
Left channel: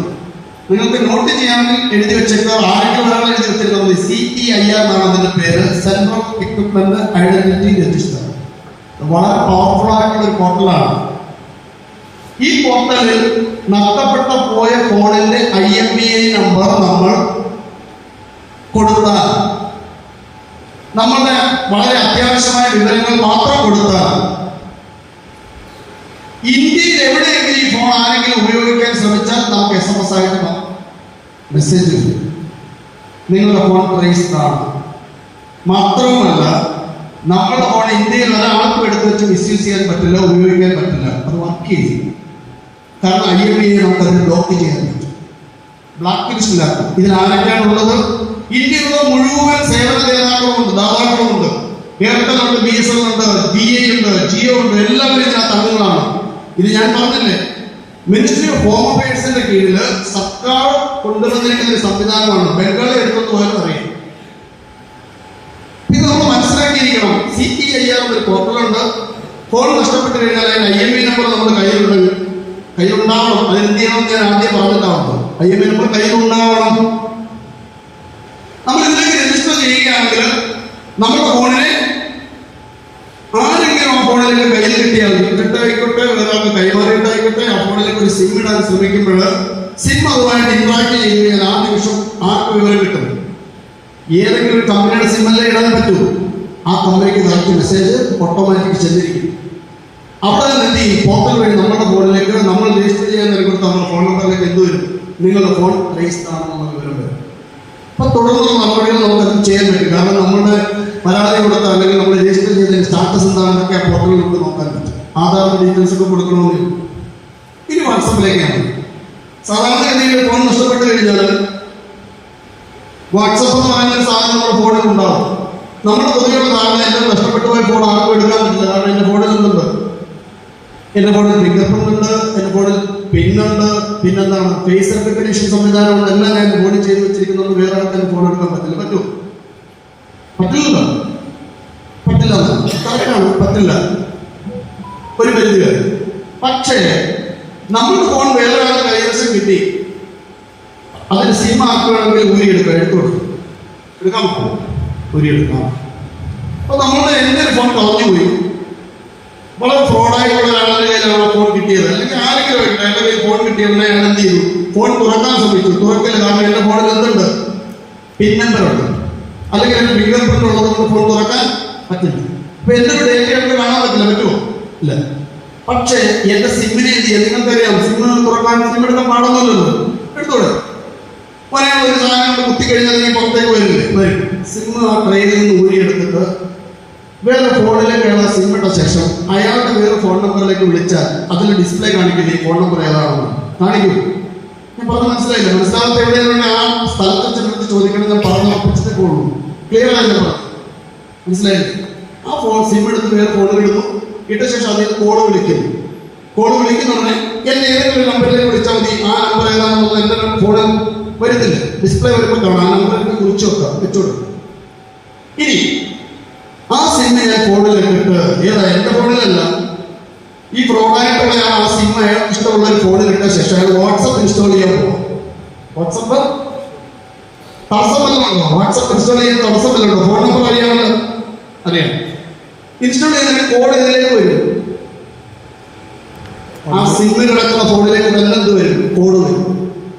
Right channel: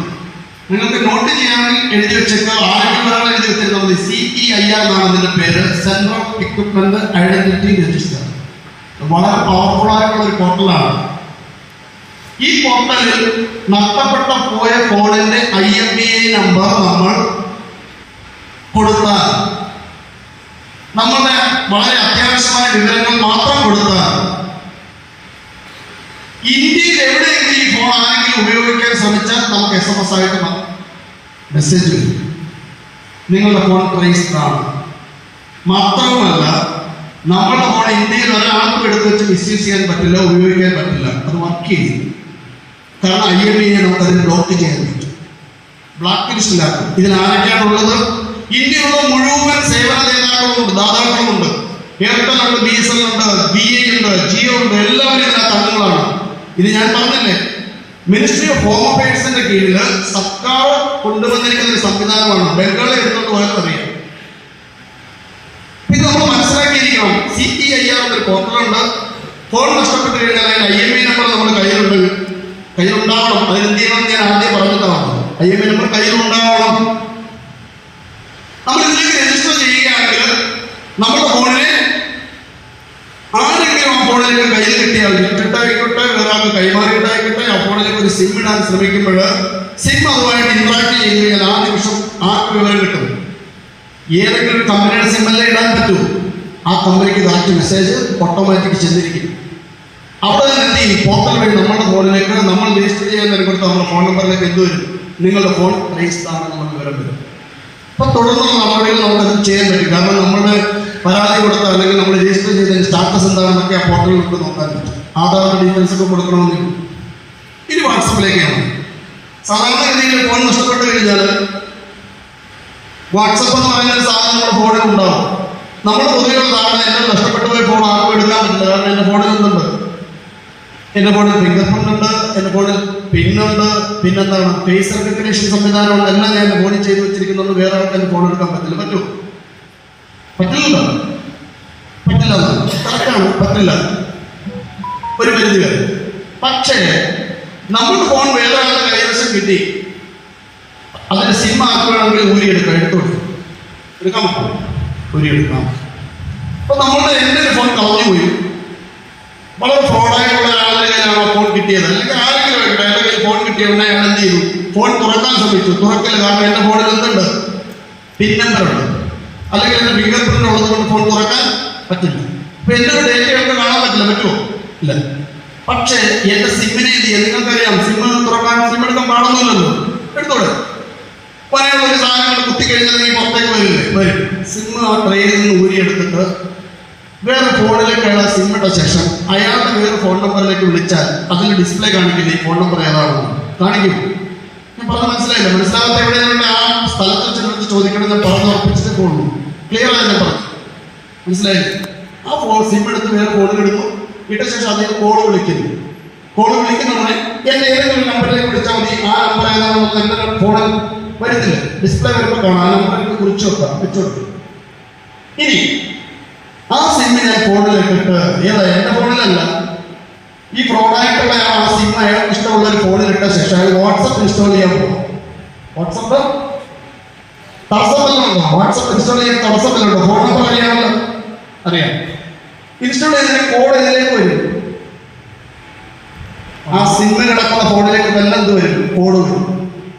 നിങ്ങൾക്ക് നോട്ട് ചെയ്യാമെങ്കിൽ എഴുതി വെച്ചേക്കുക. ആരെങ്കിലും എഴുതി വെച്ചിരുന്നത് CEIR എന്നാണ് ഇതിന്റെ പേര്, സെൻട്രൽ ഇക്വിപ്മെന്റ് ഐഡന്റിറ്റി രജിസ്റ്റർ. വളരെ പവർഫുൾ ആയിട്ടുള്ള ഒരു പോർട്ടലാണ്. ഈ പോർട്ടലിൽ നഷ്ടപ്പെട്ട പോയ ഫോണിന്റെ IMEI നമ്പർ നമ്മൾ കൊടുത്താൽ, നമ്മളുടെ വളരെ അത്യാവശ്യമായ വിവരങ്ങൾ മാത്രം കൊടുത്താൽ, ഇന്ത്യയിൽ എവിടെയെങ്കിലും ഈ ഫോൺ ആരെങ്കിലും ഉപയോഗിക്കാൻ ശ്രമിച്ചാൽ നമുക്ക് SMS ആയിട്ട് മെസ്സേജ് വരും, നിങ്ങളുടെ ഫോൺ ട്രേസ്ഡ് ആണ്. മാത്രമല്ല, നമ്മുടെ ഫോൺ ഇന്ത്യയിൽ ഒരാൾക്കും എടുത്ത് വെച്ച് മിസ്യൂസ് ചെയ്യാൻ പറ്റില്ല, ഉപയോഗിക്കാൻ പറ്റില്ല. അത് വർക്ക് ചെയ്യും. കാരണം IMEI നമുക്ക് അതിന് ബ്ലോക്ക് ചെയ്യാൻ പറ്റും, ബ്ലാക്ക് ലിസ്റ്റിലാക്കും. ഇതിൽ ആരൊക്കെയാണുള്ളത്? ഇന്ത്യയിലുള്ള മുഴുവൻ സേവന ദാതാക്കളുമുണ്ട്, എയർടെൽ ഉണ്ട്, BSNL ഉണ്ട്, BA ഉണ്ട്, ജിയോ ഉണ്ട്, എല്ലാവരും ഇതിനകത്ത് അംഗങ്ങളാണ്. ഇത് ഞാൻ പറഞ്ഞില്ലേ, മിനിസ്ട്രി ഓഫ് ഹോം അഫയേഴ്സിന്റെ കീഴിൽ സർക്കാർ കൊണ്ടുവന്നിരിക്കുന്ന ഒരു സംവിധാനമാണ്. ബംഗാളിൽ എടുത്തോണ്ട് പോയാൽ അറിയാം. പോർട്ടലുണ്ട്. ഫോൺ നഷ്ടപ്പെട്ടു കഴിഞ്ഞാൽ അതിന് IMEI നമ്പർ നമ്മുടെ കയ്യിലുണ്ടാവണം. അതിനെന്ത് ചെയ്യണമെന്ന് ഞാൻ ആദ്യം പറഞ്ഞിട്ടാണ്. IMEI നമ്പർ കയ്യിലുണ്ടാവണം. നമ്മൾ ഇതിലേക്ക് രജിസ്റ്റർ ചെയ്യുകയാണെങ്കിൽ നമ്മുടെ ഫോണിന് ആരെങ്കിലും ആ ഫോണിലേക്ക് കയ്യിൽ കിട്ടിയാൽ വിട്ടിട്ടായിക്കോട്ടെ, ഒരാൾക്ക് കൈമാറിയിട്ടായിക്കോട്ടെ, ആ ഫോണിലേക്ക് ഒരു സിം ഇടാൻ ശ്രമിക്കുമ്പോൾ സിം അതുമായിട്ട് ഇന്ററാക്ട് ചെയ്യുകയാൽ ആ നിമിഷം ആർക്ക് വിവരം കിട്ടും? ഏതെങ്കിലും ഒരു കമ്പനിയുടെ സിം അല്ലേ ഇടാൻ പറ്റൂ. ആ കമ്പനിക്ക് കറക്റ്റ് മെസ്സേജ് ഓട്ടോമാറ്റിക് ചെന്നിരിക്കും. അവിടെ നിന്ന് എന്ത് ചെയ്യും? പോർട്ടൽ വഴി നമ്മുടെ ഫോണിലേക്ക് നമ്മൾ രജിസ്റ്റർ ചെയ്യാൻ കൊടുത്ത നമ്മുടെ ഫോൺ നമ്പറിലേക്ക് എന്ത് വരും? നിങ്ങളുടെ ഫോൺ രജിസ്റ്റർ ആണെന്ന് നമുക്ക് വിവരം വരും. അപ്പൊ തുടർന്നുള്ള നടപടികൾ നമുക്ക് ചെയ്യാൻ പറ്റും. കാരണം നമ്മുടെ പരാതി കൊടുത്ത അല്ലെങ്കിൽ നമ്മൾ രജിസ്റ്റർ ചെയ്തതിന്റെ സ്റ്റാറ്റസ് എന്താണെന്നൊക്കെ ആ പോർട്ടലിൽ നമുക്ക് നോക്കാൻ പറ്റും. ആധാറിന്റെ ഡീറ്റെയിൽസ് ഒക്കെ കൊടുക്കണമെന്നില്ല. ഇനി വാട്സപ്പിലേക്കാണ്. സാധാരണഗതിയിൽ ഫോൺ നഷ്ടപ്പെട്ടു കഴിഞ്ഞാൽ വാട്സപ്പ് എന്ന് പറയുന്ന സാധനം നമ്മുടെ ഫോണിൽ ഉണ്ടാവും. നമ്മുടെ പൊതുവെയുള്ള ധാരണ എന്റെ നഷ്ടപ്പെട്ടു പോയ ഫോൺ ആർക്കും എടുക്കാൻ പറ്റില്ല. കാരണം എന്റെ ഫോണിൽ എന്തുണ്ട്? എന്റെ ഫോണിൽ ഫിംഗർ പ്രിന്റ് ഉണ്ട്, എന്റെ ഫോണിൽ പിന്നുണ്ട്, പിന്നെന്താണ് ഫേസ് റെക്കഗ്നേഷൻ സംവിധാനമുണ്ട്. എല്ലാം ഞാൻ ഫോണിൽ ചെയ്ത് വെച്ചിരിക്കുന്നുണ്ട്. വേറെ ആൾക്കാർ ഫോൺ എടുക്കാൻ പറ്റില്ല. പറ്റുമോ? പറ്റില്ലല്ലോ. പറ്റില്ല, കറക്റ്റാണ്, പറ്റില്ല ഒരു പരിധി വരെ. പക്ഷേ നമ്മുടെ ഫോൺ വേറെ ആളുടെ കൈവശം കിട്ടി, അതിന് സിം ആക്കുകയാണെങ്കിൽ ഊരിയെടുക്കാം. എടുക്കാൻ പറ്റും, ഊരിയെടുക്കാം. അപ്പൊ നമ്മളുടെ എൻ്റെ ഒരു ഫോൺ കളഞ്ഞു പോയി, വളരെ ഫ്രോഡായിട്ടുള്ള ഒരാളുടെ കയ്യിലാണ് ഫോൺ കിട്ടിയത്, അല്ലെങ്കിൽ ആരെങ്കിലും അയാളുടെ കയ്യിൽ ഫോൺ കിട്ടിയതുകൊണ്ട് അയാൾ എന്ത് ചെയ്തു? ഫോൺ തുറക്കാൻ ശ്രമിച്ചു. തുറക്കില്ല. കാരണം എൻ്റെ ഫോണിൽ എന്തുണ്ട്? പിൻ നമ്പർ ഉണ്ട്, അല്ലെങ്കിൽ എൻ്റെ ഫിംഗർ പ്രിന്റ് ഉള്ളത് കൊണ്ട് ഫോൺ തുറക്കാൻ പറ്റില്ല. അപ്പൊ എൻ്റെ ഒരു ഡേറ്റ കണ്ട് കാണാൻ പറ്റില്ല. പറ്റുമോ? ഇല്ല. പക്ഷേ എന്റെ സിമ്മിനെ എന്ത് ചെയ്യാം? നിങ്ങൾക്കറിയാം, സിമ്മ് തുറക്കാൻ സിം എടുക്കാൻ പാടുന്നില്ലല്ലോ. എടുത്തോടെ പറയാൻ ഒരു സാധനം കുത്തി കഴിഞ്ഞാൽ നീ പുറത്തേക്ക് വരില്ലേ? വരും. സിമ്മ് ആ ട്രെയിനിൽ നിന്ന് ഊരിയെടുത്തിട്ട് വേറെ ഫോണിലേക്ക് അയാൾ സിം ഇട്ട ശേഷം അയാളുടെ വേറെ ഫോൺ നമ്പറിലേക്ക് വിളിച്ചാൽ അതിൽ ഡിസ്പ്ലേ കാണിക്കില്ല ഈ ഫോൺ നമ്പർ ഏതാണെന്ന് കാണിക്കും. ഞാൻ പറഞ്ഞ മനസ്സിലായില്ല? മനസ്സിലാവാത്ത എവിടെയാണ് ആ സ്ഥലത്ത് ചെന്നിട്ട് ചോദിക്കണം. ഞാൻ പറഞ്ഞ് ഉറപ്പിച്ചിട്ടേ പോകുള്ളൂ. ക്ലിയർ ആയി ഞാൻ പറഞ്ഞു. മനസ്സിലായില്ലേ? ആ ഫോൺ സിം എടുത്ത് വേറെ ഫോണിലെടുത്തു, ഇട്ട ശേഷം അതിന് കോള് വിളിക്കുന്നു. കോള് വിളിക്കുന്നതിനെ എന്നെ ഏതെങ്കിലും നമ്പറിലേക്ക് വിളിച്ചാൽ മതി. ആ നമ്പർ ഏതാണെന്ന് എന്റെ ഫോണിൽ വരുന്നില്ല. ഡിസ്പ്ലേ വരുമ്പോൾ കാണാം. ആ നമ്പറിലേക്ക് കുറിച്ച് വെക്കാം, വെച്ചുകൊടുക്കും. ഇനി ആ സിമ്മ് ഞാൻ ഫോണിലേക്ക് ഇട്ട് ഏതാ എന്റെ ഫോണിലല്ല, ഈ ഫ്രോഡായിട്ടുള്ള ആ സിം അയാൾ ഇഷ്ടമുള്ള ഒരു ഫോണിലിട്ട ശേഷം അയാൾ വാട്സപ്പ് ഇൻസ്റ്റാൾ ചെയ്യാൻ പോകും. വാട്സപ്പ് തടസ്സമല്ലോ? വാട്സപ്പ് ഇൻസ്റ്റാൾ ചെയ്യാൻ തടസ്സമല്ലോ? ഫോൺ നമ്പർ അറിയാമല്ലോ, അറിയാം. ഇൻസ്റ്റാൾ ചെയ്തതിന് കോഡ് ഇതിലേക്ക് വരും. ആ സിമ്മിൽ കിടക്കുന്ന ഫോണിലേക്ക് തന്നെ എന്ത് വരും? കോഡ് വരും.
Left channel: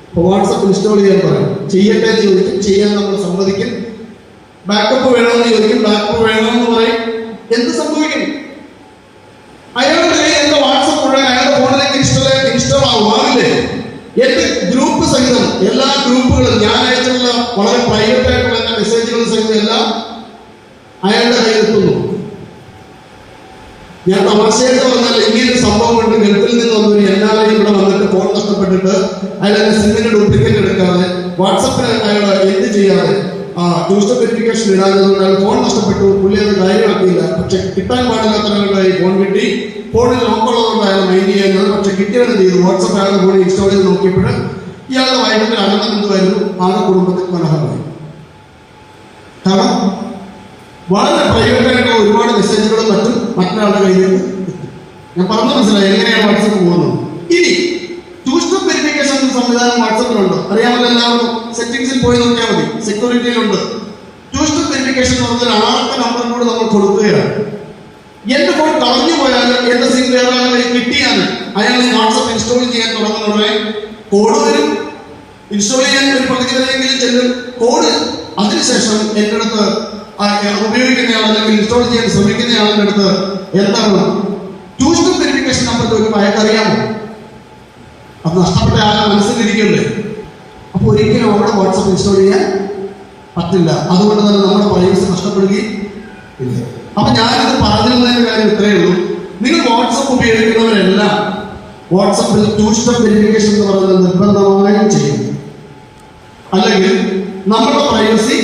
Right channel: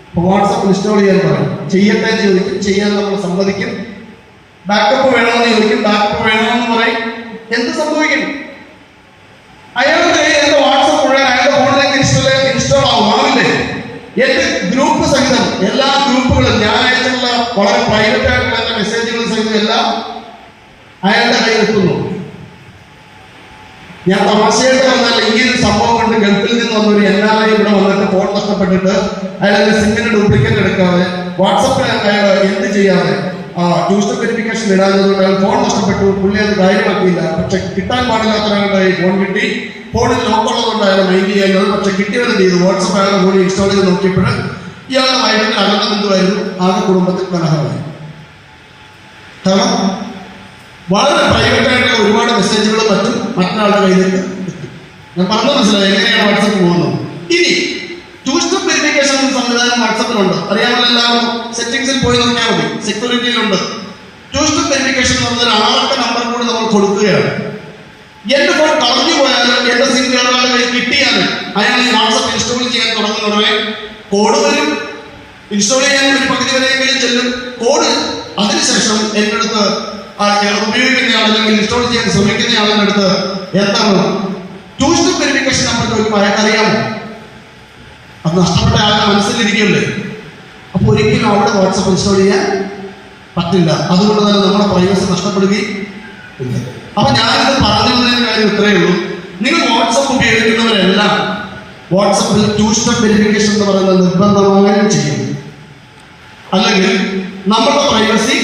അപ്പൊ വാട്സപ്പ് ഇൻസ്റ്റാൾ ചെയ്യാൻ പറയും. ചെയ്യട്ടെ എന്ന് ചോദിക്കും, ചെയ്യാൻ നമ്മൾ സമ്മതിക്കും. ബാക്കപ്പ് വേണമെന്ന് ചോദിക്കും, ബാക്കപ്പ് വേണമെന്ന് പറയും. എന്ത് സംഭവിക്കും? അയാളുടെ എന്റെ വാട്സപ്പ് മുഴുവൻ അയാളുടെ ഫോണിലേക്ക് ഇൻസ്റ്റാൾ ആവില്ലേ? എന്റെ ഗ്രൂപ്പ് സഹിതം എല്ലാ ഗ്രൂപ്പുകളും ഞാൻ അയച്ചിട്ടുള്ള വളരെ പ്രൈവറ്റ് ആയിട്ടുള്ള എന്റെ മെസ്സേജുകൾ സഹിതം എല്ലാം അയാളുടെ കയ്യിലെത്തുന്നു. ഞാൻ തമാശയായിട്ട് പറഞ്ഞാൽ ഇങ്ങനെ സംഭവം കൊണ്ട് ഗൾഫിൽ നിന്ന് വന്നൊരു NRI ഇവിടെ വന്നിട്ട് ഫോൺ നഷ്ടപ്പെട്ടിട്ട് അയാളെ സിമ്മിന്റെ ഡ്യൂപ്ലിക്കേറ്റ് എടുക്കാതെ വാട്സപ്പിൽ അയാൾ എന്ത് ചെയ്യാതെ ടൂ സ്റ്റെപ്പ് വെരിഫിക്കേഷൻ ഇടാഞ്ഞതുകൊണ്ട് അയാൾ ഫോൺ നഷ്ടപ്പെട്ടു. പുള്ളി അത് കാര്യമാക്കിയില്ല. പക്ഷെ കിട്ടാൻ പാടില്ലാത്ത ഒരാളുടെ ഫോൺ കിട്ടി. ഫോണിൽ നോക്കുള്ളതുകൊണ്ട് അയാൾ മൈൻഡ് ചെയ്യുന്നത്. പക്ഷെ കിട്ടിയത് ചെയ്തു. വാട്സപ്പ് അയാളുടെ ഫോണിൽ ഇൻസ്റ്റാൾ ചെയ്ത് നോക്കിയപ്പോൾ ഇയാളുടെ വൈകിട്ട് അകലം എന്തുമായിരുന്നു? ആകെ കുടുംബത്തിൽ കലഹമായി. കാരണം വളരെ പ്രൈവറ്റ് ആയിട്ടുള്ള ഒരുപാട് മെസ്സേജുകളും മറ്റും മറ്റൊരാളുടെ കയ്യിലേക്ക് എത്തി. ഞാൻ പറഞ്ഞു മനസ്സിലായി എങ്ങനെയാണ് വാട്സപ്പ് പോകുന്നത്. ഇനി ടൂ സ്റ്റെപ്പ് വെരിഫിക്കേഷൻ സംവിധാനം വാട്സപ്പിലുണ്ട്, അറിയാമല്ലോ എല്ലാവർക്കും. സെറ്റിംഗ്സിൽ പോയി നോക്കിയാൽ മതി, സെക്യൂരിറ്റിയിലുണ്ട്. ടൂ സ്റ്റെപ്പ് വെരിഫിക്കേഷൻ എന്ന് പറഞ്ഞാൽ ആർക്ക് നമ്പർ കൂടി നമ്മൾ കൊടുക്കുകയാണ്. എന്റെ ഫോൺ കളഞ്ഞു പോയാലും എന്റെ സിം വേറെ ആളെ കിട്ടിയാൽ അയാൾ ഈ വാട്സപ്പ് ഇൻസ്റ്റാൾ ചെയ്യാൻ തുടങ്ങുന്ന ഉടനെ കോഡ് വരും. ഇൻസ്റ്റാൾ ചെയ്യാൻ ഒരു പകുതി വരെയെങ്കിലും ചെല്ലും കോഡ്. അതിനുശേഷം എൻ്റെ അടുത്ത് ഉപയോഗിക്കുന്ന ആളല്ലെങ്കിൽ ഇൻസ്റ്റാൾ ചെയ്യാൻ ശ്രമിക്കുന്ന ആളുടെ അടുത്ത് എന്താണ് ടൂ സ്റ്റെപ്പ് വെരിഫിക്കേഷൻ നമ്പർ ചോദിക്കുമ്പോൾ അയാൾക്ക് അറിയാമോ? അത് നഷ്ടപ്പെട്ട ആളുടെ മനസ്സിലിരിക്കുകയല്ലേ. അപ്പൊ ഒരിക്കലും അവിടെ വാട്സപ്പ് ഇൻസ്റ്റാൾ ചെയ്യാൻ പറ്റില്ല. അതുകൊണ്ട് തന്നെ നമ്മുടെ പ്രൈവസി നഷ്ടപ്പെടുകയും ഇല്ല. അപ്പൊ ഞാനിത് പറഞ്ഞു വന്നതിന്റെ കാര്യം ഇത്രയേ ഉള്ളൂ. നിങ്ങൾ വാട്സപ്പ് ഉപയോഗിക്കുന്നവരെല്ലാം വാട്സപ്പിൽ ടൂ സ്റ്റെപ്പ് വെരിഫിക്കേഷൻ എന്ന് പറയുന്നത് നിർബന്ധമായും ചെയ്യും. അല്ലെങ്കിൽ നമ്മുടെ പ്രൈവസി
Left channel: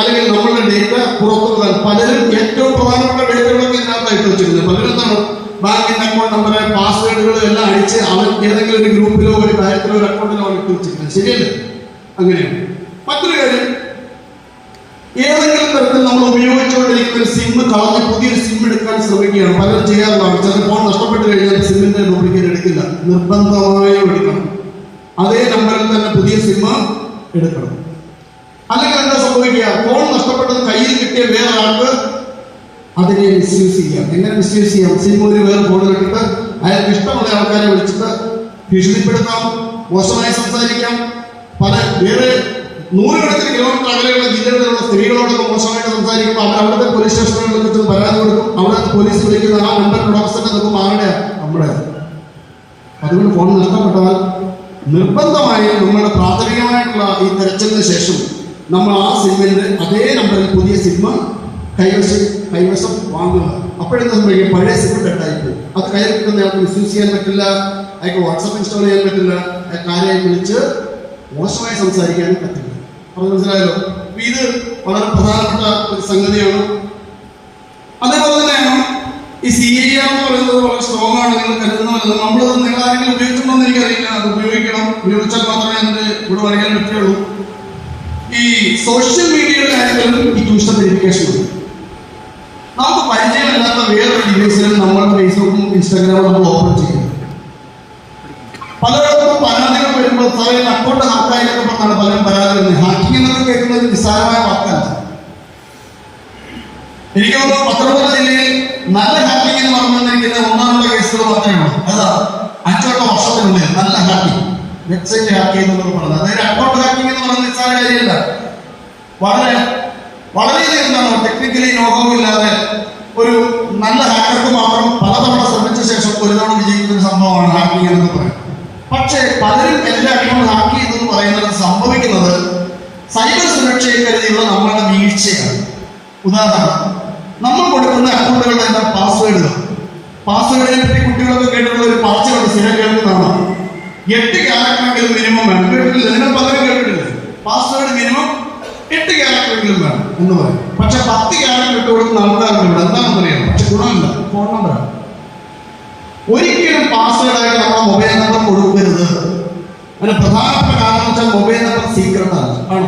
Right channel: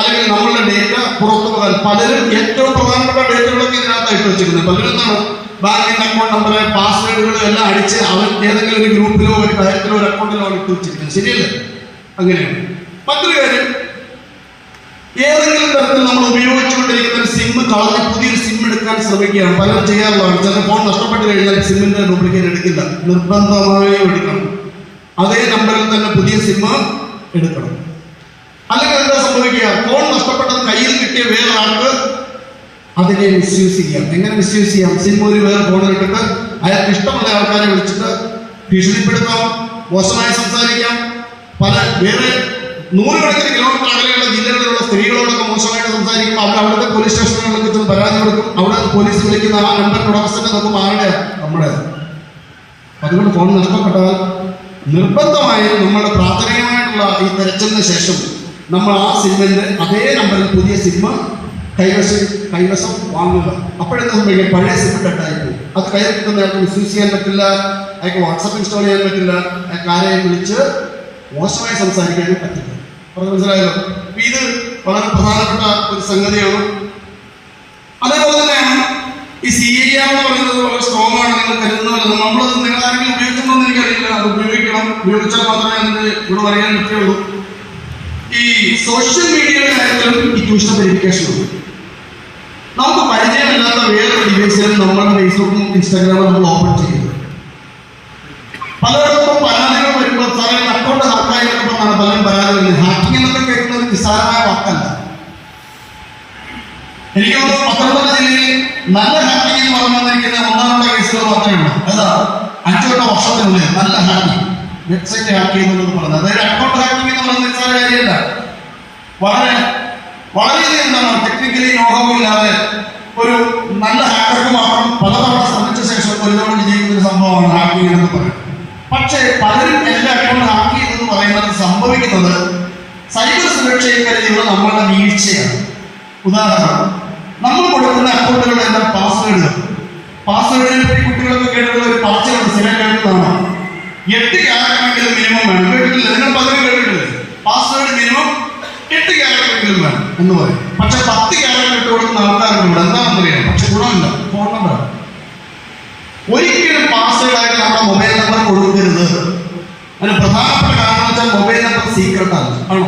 അല്ലെങ്കിൽ നമ്മളുടെ ഡേറ്റ പുറത്തു പോകാൻ പലരും ഏറ്റവും പ്രധാനപ്പെട്ട ഡേറ്റകളൊക്കെ ഇതിനകത്തായിട്ട് വെച്ചിരുന്നത്. പലരും എന്താണ് ബാങ്കിന്റെ അക്കൗണ്ട് നമ്പർ, പാസ്വേഡുകളും എല്ലാം അടിച്ച് അവൻ ഏതെങ്കിലും ഒരു ഗ്രൂപ്പിലോ ഒരു കാര്യത്തിലോ ഒരു അക്കൗണ്ടിലോ ഇട്ട് വെച്ചിരിക്കുന്നത്. ശരിയല്ലേ? അങ്ങനെയാണ്. മറ്റൊരു കാര്യം, ഏതെങ്കിലും തരത്തിൽ നമ്മൾ ഉപയോഗിച്ചുകൊണ്ടിരിക്കുന്ന ഒരു സിം കളഞ്ഞ് പുതിയൊരു സിം എടുക്കാൻ ശ്രമിക്കുകയാണ്. പലരും ചെയ്യാറുള്ളതാണ്. ചില ഫോൺ നഷ്ടപ്പെട്ട് കഴിഞ്ഞാൽ സിമ്മിന്റെ ഡ്യൂപ്ലിക്കേറ്റ് എടുക്കില്ല, നിർബന്ധമായും എടുക്കണം. അതേ നമ്പറിൽ തന്നെ പുതിയ സിം എടുക്കണം. അല്ലെങ്കിൽ എന്താ സംഭവിക്കുക? ഫോൺ നഷ്ടപ്പെട്ടത് കയ്യിൽ കിട്ടിയ വേറെ ആൾക്ക് അതിനെ മിസ്യൂസ് ചെയ്യാം. എങ്ങനെ മിസ്യൂസ് ചെയ്യാം? സിം ഒരു വേറെ ഫോണിലിട്ടിട്ട് അയാൾക്ക് ഇഷ്ടമുള്ള ആൾക്കാരെ വിളിച്ചിട്ട് ഭീഷണിപ്പെടുത്താം, മോശമായി സംസാരിക്കാം. പല വേറെ നൂറുകണക്കിന് കിലോമീറ്റർ അകലെയുള്ള ജില്ലകളിലുള്ള സ്ത്രീകളോടൊക്കെ മോശമായിട്ട് സംസാരിക്കുമ്പോൾ അവർ അവിടുത്തെ പോലീസ് സ്റ്റേഷനുകളിൽ വെച്ച് പരാതി കൊടുക്കും. അവിടെ പോലീസ് വിളിക്കുന്ന ആ നമ്പറിന്റെ ഉടമസ്ഥനെ നോക്കുമ്പോൾ ആരുടെയാ? നമ്മുടെ. അതുകൊണ്ട് ഫോൺ നഷ്ടപ്പെട്ടാൽ നിർബന്ധമായും നമ്മുടെ പ്രാഥമികമായിട്ടുള്ള ഈ തെരച്ചിലിന് ശേഷം നമ്മൾ ആ സിമ്മിന്റെ അതേ നമ്പറിൽ പുതിയ സിം കൈവശം വാങ്ങുക. അപ്പോഴെന്താ സംഭവിക്കുക? പഴയ സിം ഡെറ്റായി പോകും. അത് കയ്യിൽ കിട്ടുന്ന ആൾക്ക് മിസ്യൂസ് ചെയ്യാൻ പറ്റില്ല, അയാൾക്ക് വാട്സപ്പ് ഇൻസ്റ്റാൾ ചെയ്യാൻ പറ്റില്ല, അയാൾക്കാരെ വിളിച്ച് മോശമായി സംസാരിക്കാനും പറ്റില്ല. പറഞ്ഞു മനസ്സിലായല്ലോ? ഇത് വളരെ പ്രധാനപ്പെട്ട ഒരു സംഗതിയാണ്. അതേപോലെ തന്നെയാണ് ഈ CAR എന്ന് പറയുന്നത് വളരെ സ്ട്രോങ് ആണെന്ന് കരുതുന്നതല്ല. നമ്മളത് നിങ്ങൾ ആരെങ്കിലും ഉപയോഗിച്ചിട്ടുണ്ടോ എന്ന് എനിക്കറിയില്ല. അത് ഉപയോഗിക്കണം, ഉപയോഗിച്ചാൽ മാത്രമേ അതിന് ഇവിടെ പറയാൻ പറ്റുള്ളൂ. ഈ സോഷ്യൽ മീഡിയയുടെ കാര്യത്തിലും ഈ ട്യൂഷൻ വെരിഫിക്കേഷൻ ഉണ്ട്. നമുക്ക് പരിചയമില്ലാത്ത വേറൊരു ഡിവൈസിലും നമ്മുടെ ഫേസ്ബുക്കും ഇൻസ്റ്റാഗ്രാമും നമ്മൾ ഓപ്പൺ ചെയ്യുന്നു. പലരോടൊപ്പം പരാതികൾ വരുമ്പോൾ സാറേ അക്കൗണ്ട് ഹാക്കായിരിക്കുമ്പോഴാണ് പലരും പരാതി വരുന്നത്. ഹാക്കിംഗ് എന്നൊക്കെ കേൾക്കുന്നത് നിസ്സാരമായ വാക്കല്ല. എനിക്ക് തോന്നുന്നു പത്തനംതിട്ട ജില്ലയിൽ നല്ല ഹാക്കിംഗ് എന്ന് പറഞ്ഞിരിക്കുന്ന ഒന്നാമത്തെ കേസുകൾ മാത്രമേ ഉള്ളൂ. അതാ 5-8 വർഷത്തിനുള്ളിൽ നല്ല ഹാക്കിംഗ്, വെബ്സൈറ്റ് ഹാക്ക് ചെയ്യുന്നത് പറഞ്ഞത്. അതായത് അക്കൗണ്ട് ഹാക്കിംഗ് എന്ന് പറയുന്നത് നിസ്സാര കാര്യമില്ല. വളരെയധികം എന്താണ് ടെക്നിക്കലി നോക്കമില്ലാതെ ഒരു നല്ല ഹാക്കർക്ക് മാത്രം പലതവണ ശ്രമിച്ച ശേഷം ഒരു തവണ വിജയിക്കുന്ന ഒരു സംഭവമാണ് ഹാക്കിംഗ് എന്ന് പറയുന്നത്. പക്ഷേ പലരും എല്ലാ അക്കൗണ്ട് ഹാക്ക് ചെയ്തെന്ന് പറയുന്നത് സംഭവിക്കുന്നത് സൈബർ സുരക്ഷയിൽ കരുതിയുള്ള നമ്മളുടെ വീഴ്ചയാണ്. ഉദാഹരണം, നമ്മൾ കൊടുക്കുന്ന അക്കൗണ്ടുകളുടെ എല്ലാം പാസ്വേഡിനെ പറ്റി കുട്ടികളൊക്കെ കേട്ടിട്ടുള്ള ഒരു പാർച്ചയുണ്ട്, സ്ഥിരം കേൾക്കുന്നതാണ്. 8 ക്യാരക്ടറെങ്കിലും മിനിമം വേണം. കേട്ടിട്ടില്ല? നിങ്ങൾ പലരും കേട്ടിട്ടില്ല? പാസ്വേഡ് മിനിമം 8 ക്യാരക്ടറെങ്കിലും വേണം എന്ന് പറയും. പക്ഷെ 10 ക്യാരക്ടർ ഇട്ട് കൊടുക്കുന്ന ആൾക്കാരുണ്ട്. എന്താണെന്നറിയാം, പക്ഷെ ഗുണമില്ല. ഫോൺ നമ്പർ ഒരിക്കലും പാസ്വേഡായിട്ട് നമ്മുടെ മൊബൈൽ നമ്പർ കൊടുക്കരുത്. അതിന് പ്രധാനപ്പെട്ട കാരണം വെച്ചാൽ മൊബൈൽ നമ്പർ സീക്രട്ട് ആണ്.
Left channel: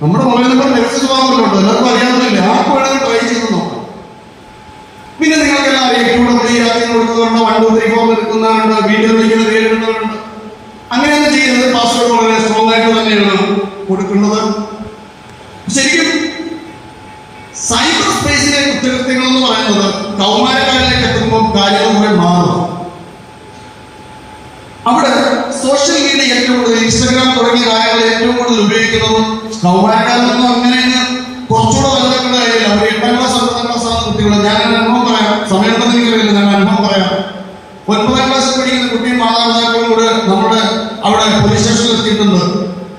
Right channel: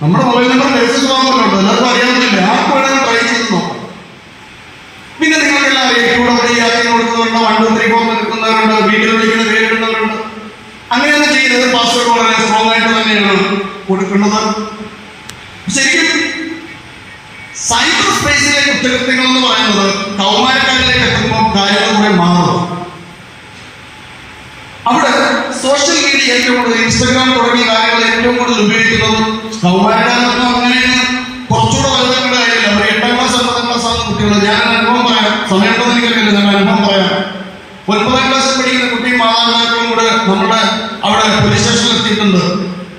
നമ്മുടെ മൊബൈൽ നമ്പർ രജിസ്റ്റർ എല്ലാവർക്കും അറിയാമെന്നില്ല. ആർക്കും വേണമെങ്കിൽ ട്രൈ ചെയ്ത് നോക്കാം. പിന്നെ നിങ്ങൾക്കെല്ലാം അറിയാം, കൊടുക്കുന്നവരുണ്ട്, 1 2 3 4 എടുക്കുന്നവരുണ്ട്, വീഡിയോ വിളിക്കുന്ന പേര് ഇടുന്നവരുണ്ട്. അങ്ങനെയൊന്നും ചെയ്യുന്നത് പാസ്വേഡ് വളരെ സ്ട്രോങ് ആയിട്ട് തന്നെയാണ് കൊടുക്കുന്നത്. ശരിക്കും സൈബർ സ്പേസിലെ കുറ്റകൃത്യങ്ങൾ എന്ന് പറയുന്നത് കൗമാരക്കാരിലേക്ക് എത്തുമ്പോൾ കാര്യങ്ങൾ കൂടെ മാറും. അവിടെ സോഷ്യൽ മീഡിയ ഏറ്റവും കൂടുതൽ, ഇൻസ്റ്റാഗ്രാം തുടങ്ങിയ കാര്യങ്ങൾ ഏറ്റവും കൂടുതൽ ഉപയോഗിക്കുന്നത് കൗമാരക്കാരൊന്നും അങ്ങനെ കുറച്ചുകൂടെ വലുതാക്കേണ്ട കാര്യമില്ല. അവർ 8ാം ക്ലാസ് 9ാം ക്ലാസ് ആകുന്ന കുട്ടികൾ. ഞാൻ അനുഭവം പറയാം, സമയമുണ്ടെന്ന് എനിക്കറിയില്ല, ഞാൻ അനുഭവം പറയാം. 9ാം ക്ലാസ്സിൽ പഠിക്കുന്ന കുട്ടിയും മാതാപിതാക്കളും കൂടെ നമ്മുടെ അവിടെ പോലീസ് സ്റ്റേഷനിൽ എത്തിയിട്ടുണ്ട്.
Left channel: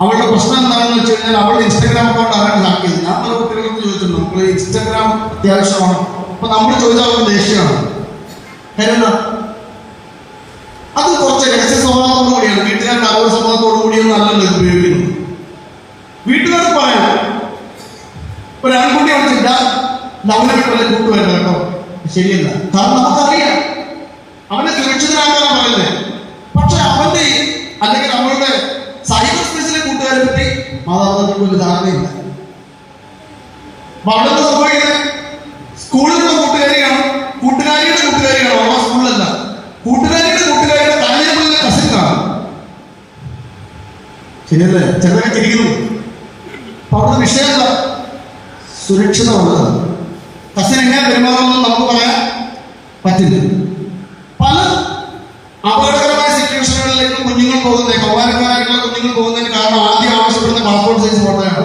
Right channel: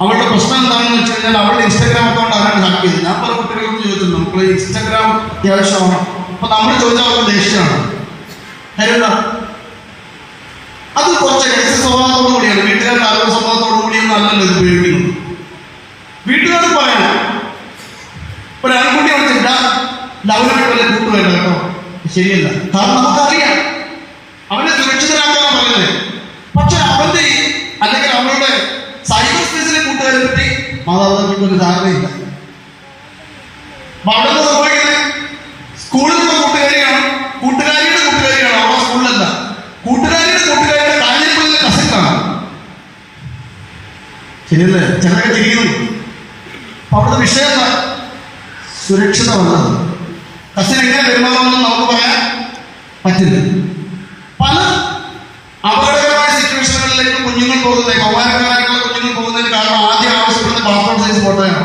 അവളുടെ പ്രശ്നം എന്താണെന്ന് വെച്ച് കഴിഞ്ഞാൽ അവളുടെ ഇൻസ്റ്റാഗ്രാം അക്കൗണ്ട് അവരുടെ ഹാക്ക് ചെയ്തു. ഞാൻ പല കുട്ടികൾക്ക് ചോദിച്ചിട്ടുണ്ട്, നമുക്ക് ഇൻസ്റ്റാഗ്രാം അത്യാവശ്യമാണ്. അപ്പൊ നമ്മൾ ചോദിച്ചാൽ അവർക്ക് ദേഷ്യമാണ്. കാര്യം എന്താ? അത് കുറച്ച് രഹസ്യ സ്വഭാവത്തോടു കൂടിയാണ്, വീട്ടുകാരുടെ അറിവ് സ്വഭാവത്തോടു കൂടിയൊന്നും അല്ലല്ലോ ഇത് ഉപയോഗിക്കുന്നത്. വീട്ടുകാർക്ക് പറയണം, ഒരു ആൺകുട്ടി വിളിച്ചില്ല ലവനായിട്ട് വല്ല കൂട്ടുവരുന്നത് കേട്ടോ, ശരിയല്ല. കാരണം നമുക്കറിയാം അവനെ സുരക്ഷിതനാക്കാൻ പറയുന്നത്. പക്ഷെ അവന്റെ അല്ലെങ്കിൽ അവളുടെ സൈബർ സ്പേസിലെ കൂട്ടുകാരെ പറ്റി മാതാപിതാക്കൾക്ക് ഒരു ധാരണയില്ല. വളരെ സംഭവിക്കുന്നത് സ്കൂളിലുള്ള കൂട്ടുകാരിയാണ്, കൂട്ടുകാരിയുടെ കൂട്ടുകാരിയാണ്, അവരുടെ സ്കൂളിലല്ല. കൂട്ടുകാരിയുടെ കൂട്ടുകാരിയുടെ കാര്യങ്ങളുടെ കസിനാണ്. ശരിയല്ലേ? ചിലരൊക്കെ തിരിക്കുന്നു. അപ്പൊ അവിടുത്തെ വിഷയം സുരക്ഷിതമുള്ളത്. കസിൻ എങ്ങനെ പെരുമാറുമെന്ന് നമുക്ക് പറയാൻ പറ്റില്ല. പല അപകടകരമായ സിറ്റുവേഷനുകളിലേക്ക് കുഞ്ഞുങ്ങൾ പോകുന്നത്, കൗമാരക്കാരായിട്ടുള്ള കുഞ്ഞുങ്ങൾ പോകുന്നതിന് കാരണം ആദ്യം ആവശ്യപ്പെടുന്ന പാസ്പോർട്ട് സൈസ് ഫോട്ടോയാണ്.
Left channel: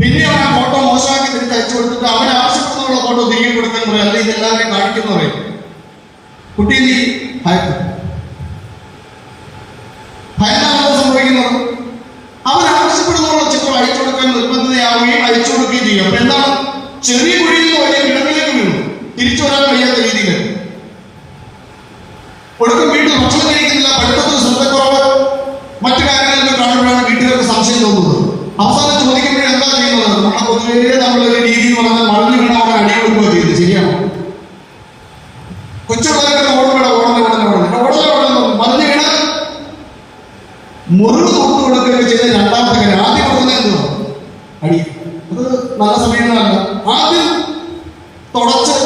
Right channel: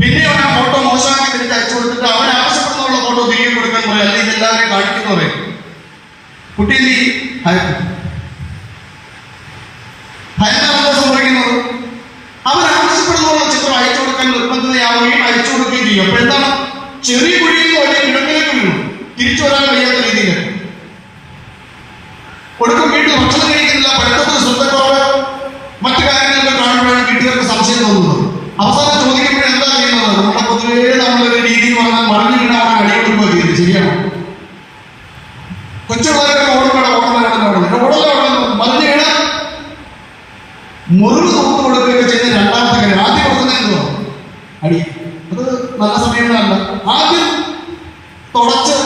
പിന്നെ അവൻ ആ ഫോട്ടോ മോശമാക്കി തിരിച്ച് അയച്ചു കൊടുത്തിട്ട് അവൻ ആവശ്യപ്പെടുന്നുള്ള ഫോട്ടോ തിരികെ കൊടുക്കാൻ പറയും, അല്ലെങ്കിൽ ഇതെല്ലാവരെയും കാണിക്കുന്ന പറയും. കുട്ടി ഭയങ്കര സംഭവിക്കുന്നത് അവൻ ആവശ്യപ്പെടുന്നുള്ള ചിത്രം അയച്ചു കൊടുക്കാൻ നിർബന്ധിതയാവുകയും അയച്ചു കൊടുക്കുകയും ചെയ്യും. അപ്പൊ എന്താണ്? ചെറിയ കുഴിയിൽ നിന്ന് വലിയ കിടങ്ങിലേക്ക് വീണു, തിരിച്ചു വരാൻ കഴിയാത്ത രീതിയിൽ ഒടുക്കം വീട്ടിൽ ഭക്ഷണം കഴിക്കുന്നില്ല, പഠിത്തത്തിൽ ശ്രദ്ധക്കുറവോ മറ്റു കാര്യങ്ങളൊക്കെ കാണുമ്പോഴാണ് വീട്ടുകാർക്ക് സംശയം തോന്നുന്നത്. അവസാനം ചോദിക്കുമ്പോഴും എന്താ ചെയ്യുന്നത്? നമ്മുടെ പൊതുവേ നമ്മളൊരു രീതി പറഞ്ഞാൽ മറിഞ്ഞു വീണാൽ അവരെ അടികൊടുക്കുക ചെയ്യുന്നത്. ശരിയാണ്. കൊച്ചുമാരൊക്കെ മറിഞ്ഞു വീണാൽ മുറിവ് നോക്കി കൊടുക്കുകയൊക്കെ ചെയ്ത രണ്ടാമത്തെ കാര്യം. ആദ്യം കൊടുക്കുന്നതെന്നോ അടി, അത് നല്ല സമയങ്ങളല്ല. ആദ്യം തുടച്ച്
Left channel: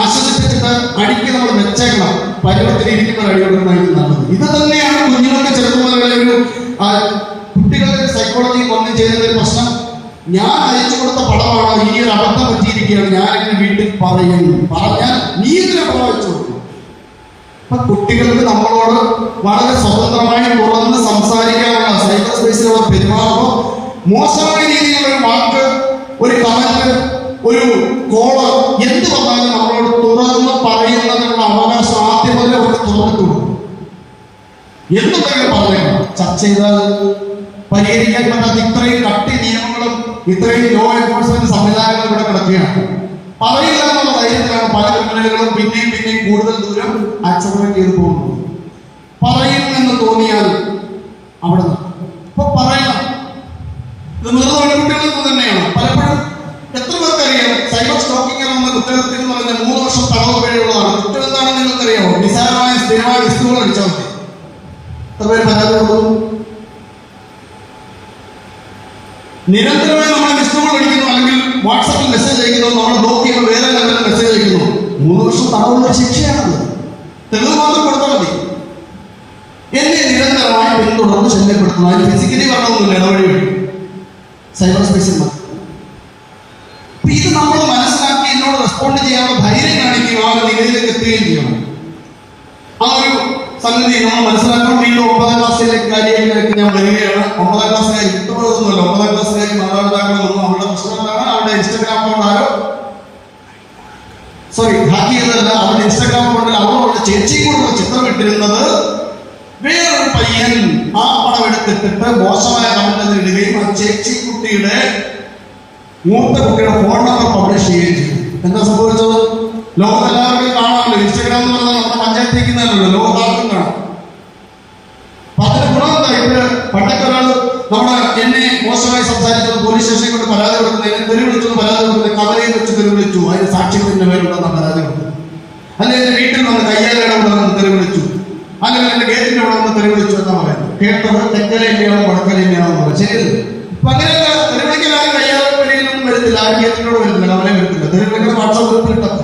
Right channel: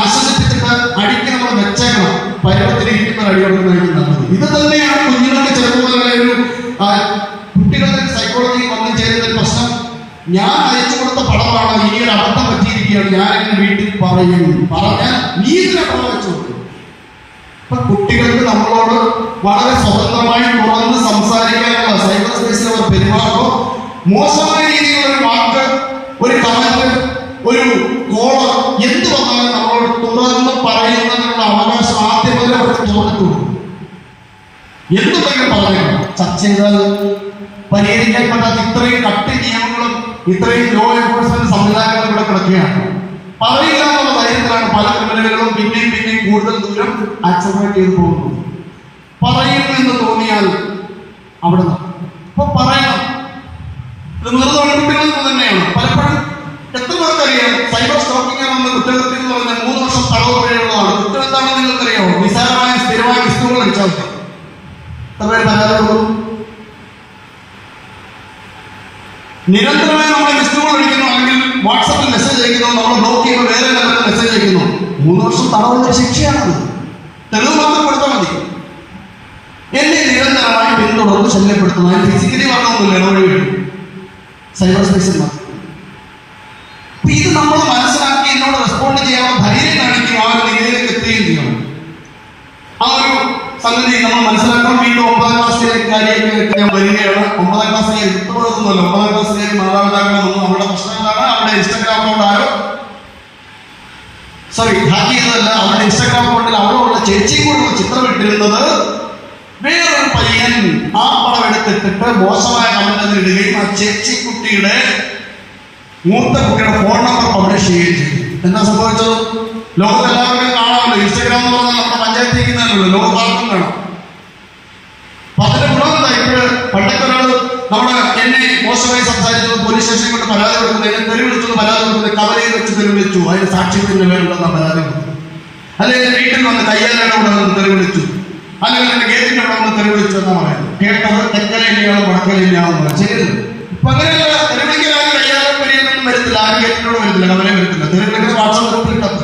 ആശ്വസിപ്പിച്ചിട്ട് അടിക്ക് നമ്മൾ വെച്ചേക്കണം. പരുവത്തിലിരിക്കുന്ന അടിയെടുക്കുന്നതായിരിക്കും നല്ലത്. ഇത് തന്നെയാണ് കുഞ്ഞുങ്ങൾക്ക് ചെറുപ്പമുള്ള ഒരു കുട്ടികളുടെ സൈക്കോളജി ഒന്നും ചെയ്തതിൽ പ്രശ്നം. ഞാൻ അയച്ചു കൊടുത്ത പടമാണോ, ഈ ഒരു അബദ്ധം പറ്റിയിരിക്കുകയാണ്, ഞാൻ എന്റെ വീട്ടിൽ പറഞ്ഞാൽ നീ ഇതിനെ പ്രവചിച്ചു കൊടുക്കും. അപ്പൊ കുട്ടികൾക്ക് നമ്മളോട് വളരെ സ്വതന്ത്രമായി തുറന്ന് സംസാരിക്കാനുള്ള സൈബർ സ്പേസിൽ അവർ പെരുമാറുമ്പോൾ മോശമായ രീതിയിലുള്ള ഒരു വാക്ക്, ഒരു കമന്റ്, ഒരു കോള് എന്ത് വന്നാലും നമ്മളോട് തുറന്ന് പറയുന്നതിനുള്ള അവകാശം ആദ്യം പോലെ അവർക്ക് തുറന്നിട്ടുള്ളൂ. എന്തുതന്നെ പറയുക, ചർച്ച ചെയ്താൽ പരിഹരിക്കപ്പെടാത്ത ഇത്രയും കട്ടി നിയമങ്ങളും ഇത്രയും ലോ എൻഫോഴ്സ്മെന്റ് സംവിധാനങ്ങളും ഇവിടെ കിടക്കുകയാണ്. പറയുക എന്നുള്ള ധൈര്യത്തിലാണ് പല ക്രിമിനലുകളും പിന്നെയും കൂടുതൽ ദൂരം ആക്സലറേറ്റ് ചെയ്തു പോകുന്നത്. പറയുമെന്ന് തോന്നിയാൽ അവിടെ അപ്പൊ പറയണം. ഇത് നിർവഹിക്കുന്നത് തന്നെയാണ്. പലപ്പോഴും എത്ര പേർക്കറിയാം സൈബർ സ്റ്റോക്കിംഗ് എന്ന കുറ്റകൃത്യം എന്ന് പറയുന്നത് 3 വർഷം തടവ് വരെയുള്ളതാണ്. കുറ്റം എന്താണെന്ന് നിങ്ങൾക്കറിയാമോ? നിസ്സാരമായ സ്ഥിരമായ വസ്തുക്കൾ അടിച്ചാൽ മതി. എത്ര പേര് പരാതിയുള്ളൂ? നിരന്തരമായി നമ്മൾ ലിസ്റ്റുകൾ അടിക്കുന്നു, അല്ലെങ്കിൽ വാട്സാപ്പിൽ മെസ്സേജ് അയക്കുന്നു, നമ്മൾ ബ്ലോക്ക് ചെയ്യുമ്പോൾ വേറെ ലെവലിൽ മെസ്സേജ് അയക്കുന്നു. 3 വർഷം തടവുള്ള ശിക്ഷയാണത്. തെളിവ് മാത്രം കൊടുത്താൽ മതി. എന്നെ നിരന്തരമായി പിന്തുടർന്ന് ശല്യപ്പെടുത്തുന്നു. അതിന് ഫിസിക്കലി പറഞ്ഞൊന്നുമില്ല, ഇടവഴി സൈബർ സ്പേസിൽ. ഇത് നമ്മൾ മനസ്സിലാക്കി എന്നോട് റെസ്പോണ്ട് ചെയ്യാനുള്ള ധൈര്യം കാണിക്കുക, ആ ഒരു നിലയിലേക്ക് എത്തുകയും ചെയ്യണം. ആ ഒരു സംഗതി നമ്മൾ മനസ്സിലാക്കാൻ വീണ്ടും 9ാം ക്ലാസ്സിലേക്ക് കാര്യങ്ങളിലേക്ക് ഞാൻ വരികയാണ്. 9ാം ക്ലാസ്സിലേക്ക് വിട്ടുപോകുന്നുണ്ട്. 9ാം ക്ലാസ്സിലേക്ക് മാതാപിതാക്കളൊന്നും അവരുടെ പ്രശ്നങ്ങളാണ്. അവരുടെ ഇൻസ്റ്റാഗ്രാം അക്കൗണ്ടായോ ഹാക്ക് ചെയ്തതല്ല, അവരുടെ ഇൻസ്റ്റാഗ്രാം അക്കൗണ്ടിൽ അവളുള്ള ചേച്ചിയും കൂടെ ചിത്രം ഇട്ടിരുന്നത് വേറൊരു പയ്യൻ ആ പടം എടുത്തിട്ടിട്ട് മോശമായ കമന്റ് ഇടുകയും ആ ചേച്ചി കുട്ടിയുടെ മൂത്ത കുട്ടിയുടെ ഫോൺ നമ്പർ പബ്ലിഷ് ചെയ്യുകയും ചെയ്തു. എന്താ സംഭവിച്ചത്? ലോകത്ത് എല്ലാവരുടെയും കാണാമല്ലോ. ഇൻസ്റ്റാഗ്രാം എന്ന് പറഞ്ഞാൽ നമ്മുടെ പഞ്ചായത്തിരിക്കുന്നതല്ലോ, ലോകത്താർക്കും കാണാം. അപ്പൊ അതിന് ഗുണമെന്താ? ഇപ്പോഴ് പണ്ടൊക്കെ നമ്മുടെ എന്നെ മോശമായി സംസാരിച്ചു പോലീസ് സ്റ്റേഷനിൽ കൊണ്ട് പരാതി കൊടുക്കുന്നത്, എന്നെ തെരുവ് വിളിച്ചു പരാതി കൊടുക്കുന്നത്, കവലയിൽ വെച്ച് തെരുവ് വിളിച്ചു, അതിന് സാക്ഷ്യത്തിന്റെ പേരുണ്ടെന്ന പരാതി കൊടുത്തു. അല്ലെങ്കിൽ എന്റെ വീട്ടിൽ വന്ന് കയ്യാലയുടെ ഇവിടെ വന്ന് തെരുവ് വിളിച്ചു, അല്ലെങ്കിൽ എന്റെ ഗേറ്റിന്റെ അവിടെ വന്ന് തെരുവ് വിളിച്ചു എന്നാ പറയുന്നത്. കേട്ടത് തെക്കരയിലെയാണോ വടക്കരയിലെയാണോ ചെയ്തത്. അപ്പൊ അങ്ങനെയുള്ള തെരുവ് വിളിക്കാൻ കയ്യാലും വരികയൊന്നും വരുന്നില്ല, ആ ഗേറ്റിനോട് വരുന്നില്ല, കവലയും വരുന്നില്ല. തെരുവ് വിളിക്കുന്ന വാട്സാപ്പ് ഗ്രൂപ്പിൽ ഇട്ടത്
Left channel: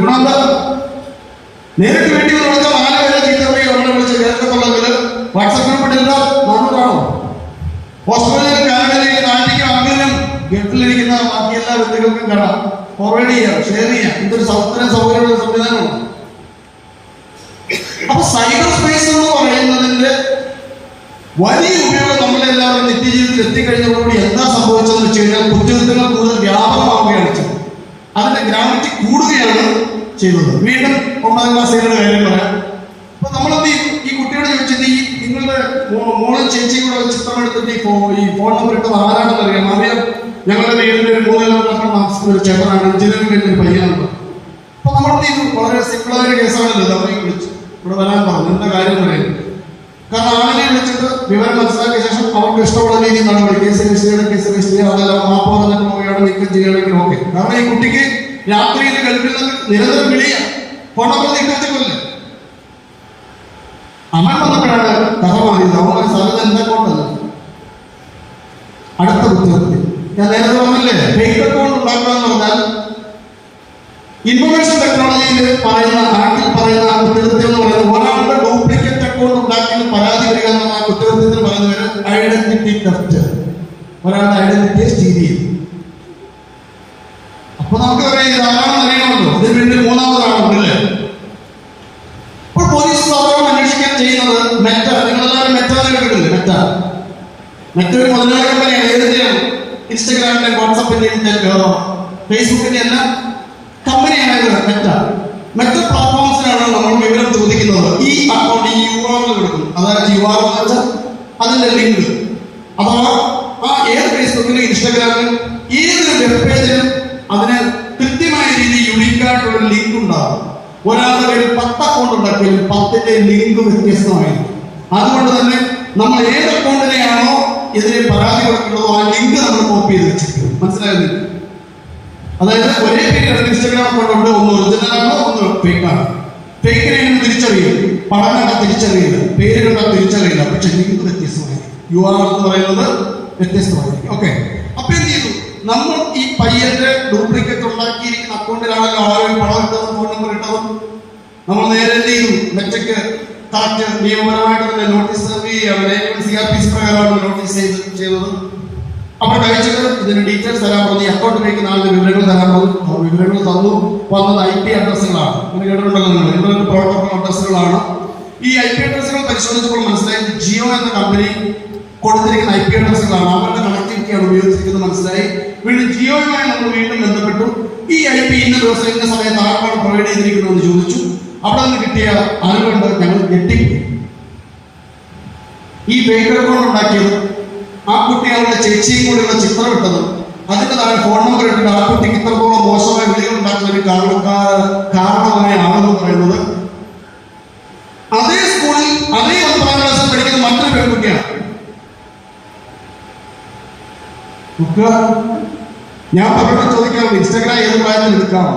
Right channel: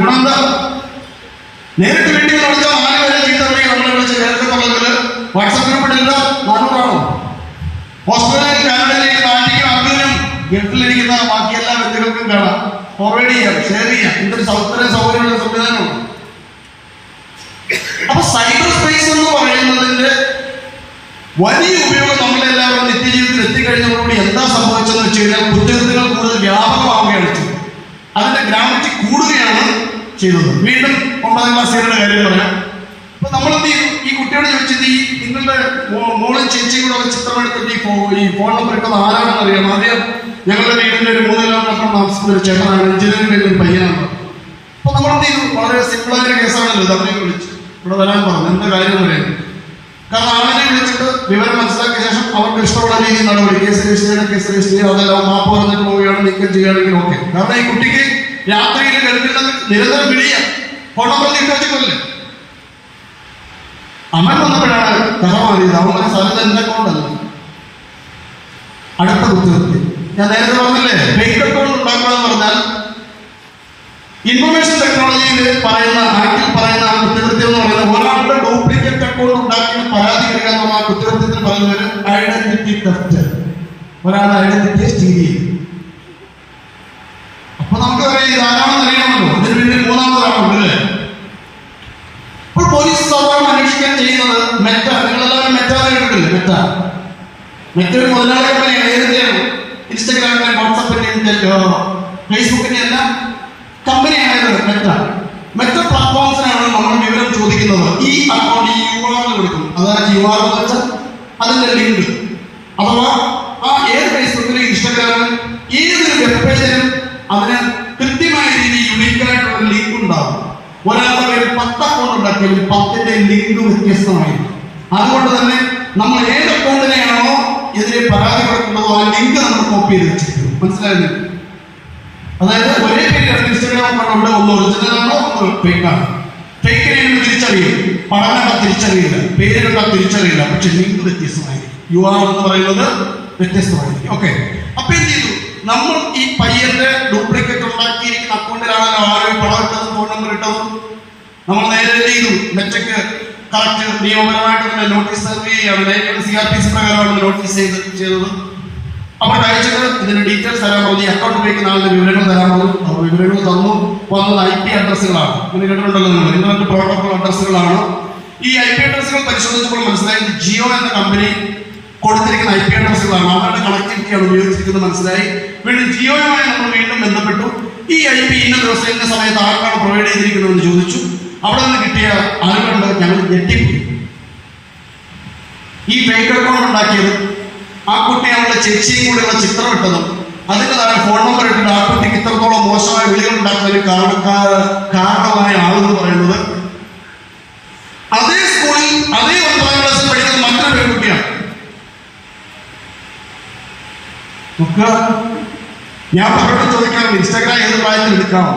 ഗുണമെന്താ? നേരിട്ട് വേണ്ടി വിളിച്ചാൽ 4 വരെ ചെയ്തവരെ നമ്മളെ വിളിച്ച് നേരത്തെ വാട്സാപ്പ് ഗ്രൂപ്പിലില്ല. നാട്ടിൽ കാണും. ഹോസ്പിറ്റലിൽ കാനഡയിലേക്ക് നാട്ടിലേക്ക് ആണെങ്കിലും ഗൾഫിലിരിക്കുന്ന ബാക്കി എല്ലാ വ്യക്തികൾക്കും കാണാം. ഫോർവേഡ് ചെയ്യാം, ഷെയർ ചെയ്യാം. ഇതൊരു സൗകര്യമുള്ള സംവിധാനമാണ്. അപ്പൊ സൈബർ സ്പേസ് എന്ന് പറയുന്നതിന്റെ വലിയ ഉപയോഗം നമ്മളെല്ലാവരും നിത്യജീവിതത്തിൽ എത്തിക്കഴിഞ്ഞതോടുകൂടി എന്താ സംഭവിച്ചെന്ന് വെച്ച് കഴിഞ്ഞാൽ കുറ്റകൃത്യങ്ങൾ കൂടുതൽ വ്യാപകമാവുകയാണ് ചെയ്തത്. അതിന്റെ ഗ്രാവിറ്റി കൂടുകയാണ് ചെയ്തത്. വീണ്ടും 9ാം ക്ലാസ്സുകാരുടെ കാര്യം പറയാം. അപ്പൊ നമ്മളെന്ത് ചെയ്തു? ഈ കുട്ടിയോട് ചോദിച്ചത്, ഈ നിങ്ങളുടെ മോളും ചേച്ചിയും കൂടെ ചിത്രം എടുത്തിട്ട് ഈ ഫോൺ നമ്പർ ഇട്ടത് ആരാണെന്ന് അറിയാം. അറിയാം, ഞങ്ങളുടെ വീടിന്റെ ഒരു 3 കിലോമീറ്റർ താമസിക്കുന്ന ഒരു ചേട്ടനാണ്, എഞ്ചിനീയറിംഗ് ഒരു പയ്യനാണ്. അപ്പൊ നമ്മളെന്ത് ചെയ്തു? വളരെ സിമ്പിളായ കേസാണല്ലോ. അവരെ വിളിച്ചു ഇവിടെ വരാൻ പറഞ്ഞു. എന്താ കാര്യം പറയാം? കാരണം ആളുകളെ വിളിച്ചിട്ട് വിവരം മനസ്സിലാക്കിയ ശേഷം അവർക്ക് ഇഷ്ടമുള്ള രീതിയിൽ നടപടി, കേസ് രജിസ്റ്റർ ചെയ്യുക, അതെല്ലാം മാപ്പ് പറഞ്ഞിട്ട് പോവുകയാണ്, നീക്കം ചെയ്യുകയാണെങ്കിൽ ഓക്കെ. കാരണം ഈ കുട്ടിക്ക് രാത്രിയിൽ ഗൾഫിൽ നിരന്തരം വിളിയാം, ഫോൺ നമ്പർ നീട്ടാച്ചിട്ടില്ലേ. അമ്മ വന്നപ്പോഴാണ് കഥ മാറിയത്. അവരുടെ സ്ഥലത്ത് എന്റെ അക്കൗണ്ടല്ല. അടുത്ത കുറ്റകൃത്യം ഞാൻ നേരത്തെ പറഞ്ഞില്ലേ, ഫേക്ക് അക്കൗണ്ട് ഉണ്ടാക്കുക എന്ന് പറഞ്ഞാൽ ഇൻഫർമേഷൻ ടെക്നോളജിയിൽ പറയുന്ന നാട്ടിൽ പറയുന്ന കുറ്റകൃത്യം എന്ന് പറയുന്നത് ഒരാളുടെ ഡ്യൂപ്ലിക്കേറ്റ് അക്കൗണ്ട് ഉണ്ടാക്കി പരാതി വരിക എന്നുള്ള കുറ്റകൃത്യത്തിൽ പറയുന്ന ഒരു ഐഡന്റിറ്റി തെഫ്റ്റ്, ഒരാളുടെ ഐഡന്റിറ്റിയെ സ്റ്റീൽ ചെയ്യും. അപ്പൊ നമുക്കറിയാം ഇതാരാണെന്ന് അറിയാമല്ലോ. അതിന് വേണ്ടി 3ാമത് അല്ലേ. അപ്പോൾ പോലീസ് സാധാരണ അന്വേഷിക്കാൻ ചെയ്യുന്നത് മെറ്റ, നിങ്ങളെല്ലാവരും മെറ്റയെ കേട്ടില്ലേ? മെറ്റ ഒരു മുതലാളി കമ്പനിയാണ്. ഏതൊക്കെയാണ്? ഇൻസ്റ്റഗ്രാമിന്റെ, വാട്സാപ്പിന്റെ, ഫേസ്ബുക്കിന്റെ എല്ലാം കമ്പനിയായത് മെറ്റ പ്ലാറ്റ്ഫോംസിനാണ് നമ്മൾ വിവരം ചോദിക്കുന്നത്. ഈ അക്കൗണ്ട് ഈ URL കൊടുക്കും. അതായത് URL എന്ന് വെച്ചാൽ അതിന്റെ ലിങ്ക്, അഥവാ ആ ഏത് ഫേസ്ബുക്കിലും ഇൻസ്റ്റാഗ്രാമിലും ഏതൊരു വെബ് പേജിലും അതിന് കൃത്യമായ രീതിയിൽ യുണീക്കായിട്ടുള്ള ലിങ്ക് ഉണ്ടാകും. ഒരാളുടെ 10 അക്കൗണ്ട് ഉണ്ടാക്കിയാലും 10ന്റെ ലിങ്ക് വ്യത്യസ്തമായിരിക്കും. അതുകൊണ്ട് തന്നെ നമ്മൾ ഏത് അക്കൗണ്ടിനെയാണോ എതിരെ പരാതി കൊടുക്കുന്നതോ ആ ലിങ്ക് നമ്മൾ കോപ്പി ചെയ്ത് വെച്ചിരിക്കും. മനസ്സിലായില്ലേ? അതായത് ഒരേ പേര് ഇൻസ്റ്റാഗ്രാം അക്കൗണ്ട് ഒന്ന് ഒറിജിനലാണോ ഒന്ന് ഫേക്കാണ്. ഫേക്കിനെ തിരിച്ചറിയും, പണം തിരിച്ചറിയില്ല, പേരുകൾ തിരിച്ചറിയില്ല, പക്ഷെ ലിങ്ക് വ്യത്യസ്തമായിരിക്കും. URL എന്ന് പറയുന്നത് വ്യത്യസ്തമായിരിക്കും. ഓക്കെ, അപ്പൊ എന്ത് ചെയ്തു? നമ്മൾ ഈ പയ്യന്റെ ഡ്യൂപ്ലിക്കേറ്റ് ഉണ്ടാക്കിയിരിക്കുന്ന അക്കൗണ്ടിലാണല്ലോ ആരും പണം ഇട്ടതും ഫോൺ നമ്പർ ഇട്ടതും. നമ്മൾ നേരെ എന്ത് ചെയ്തു? നെറ്റയ്ക്ക് കറക്റ്റ് നിയമപരമായിട്ട് തന്നെ നോട്ടീസ് സെർവ് ചെയ്യാണ്. CRPC പ്രകാരമാണ് നോട്ടീസ് ചെയ്തത്. അപ്പോൾ അയച്ചത് ഇതിന്റെ ഡീറ്റെയിൽസ് തരാൻ പറഞ്ഞു, അക്കൗണ്ട് ഉപയോഗിക്കുന്ന ആളുടെ വിവരങ്ങൾ തരാൻ പറഞ്ഞു. വിവരങ്ങൾ തന്നു. വന്നത് IP അഡ്രസ്സുകളാണ്. അങ്ങനെ കേട്ടിട്ടുണ്ടല്ലോ നിങ്ങൾ, ഇന്റർനെറ്റ് പ്രോട്ടോകോൾ അഡ്രസ്സുകളാണ്. ഈ IP അഡ്രസ്സുകൾ പരിശോധിച്ചപ്പോൾ മനസ്സിലായി ജിയോ എന്ന കമ്പനി കൊടുത്തിരിക്കുന്ന IP അഡ്രസ്സുകളാണ്. അവരുടെ കണക്ടിവിറ്റിയാണ് ഉപയോഗിച്ചിരിക്കുന്നത് മനസ്സിലായി. വീണ്ടും ജിയോയുമായി നമ്മൾ വീണ്ടും ബന്ധപ്പെട്ടു. ഈ IP ഇന്ന ദിവസം ഇന്ന സമയത്ത് ആർക്കാണ് പ്രൊവൈഡ് ചെയ്തിരിക്കുന്നതെന്ന് ചോദിച്ചു. അവിടെ നിന്ന് കിട്ടിയ അറിവുണ്ട്. ഞങ്ങൾ ഞെട്ടിപ്പോയി. ഈ ഫേക്ക് അക്കൗണ്ട് ഉണ്ടാക്കിയത് ആ കുട്ടി അവരുടെ ചേച്ചിയും കൂടെയുള്ള ചിത്രം ഇട്ടതും അതിന് താഴെ ഫോൺ നമ്പർ ഇട്ടിട്ട് ആ കുട്ടിക്ക് ഇത്രത്തോളം മോശമായ വിളികൾ ഉണ്ടാക്കുന്ന ഒരു കാരണമായ ആളെന്ന് പറയുന്നത് അതേ സ്കൂളിൽ അതേ 9ാം ക്ലാസ്സിൽ പഠിക്കുന്ന മറ്റൊരു പെൺകുട്ടിയാണ്. ഞാൻ പലരോട് ചോദിക്കാറുണ്ട് ഇൻസ്റ്റാഗ്രാം ഏത് പ്രായത്തിൽ എടുക്കാമോ?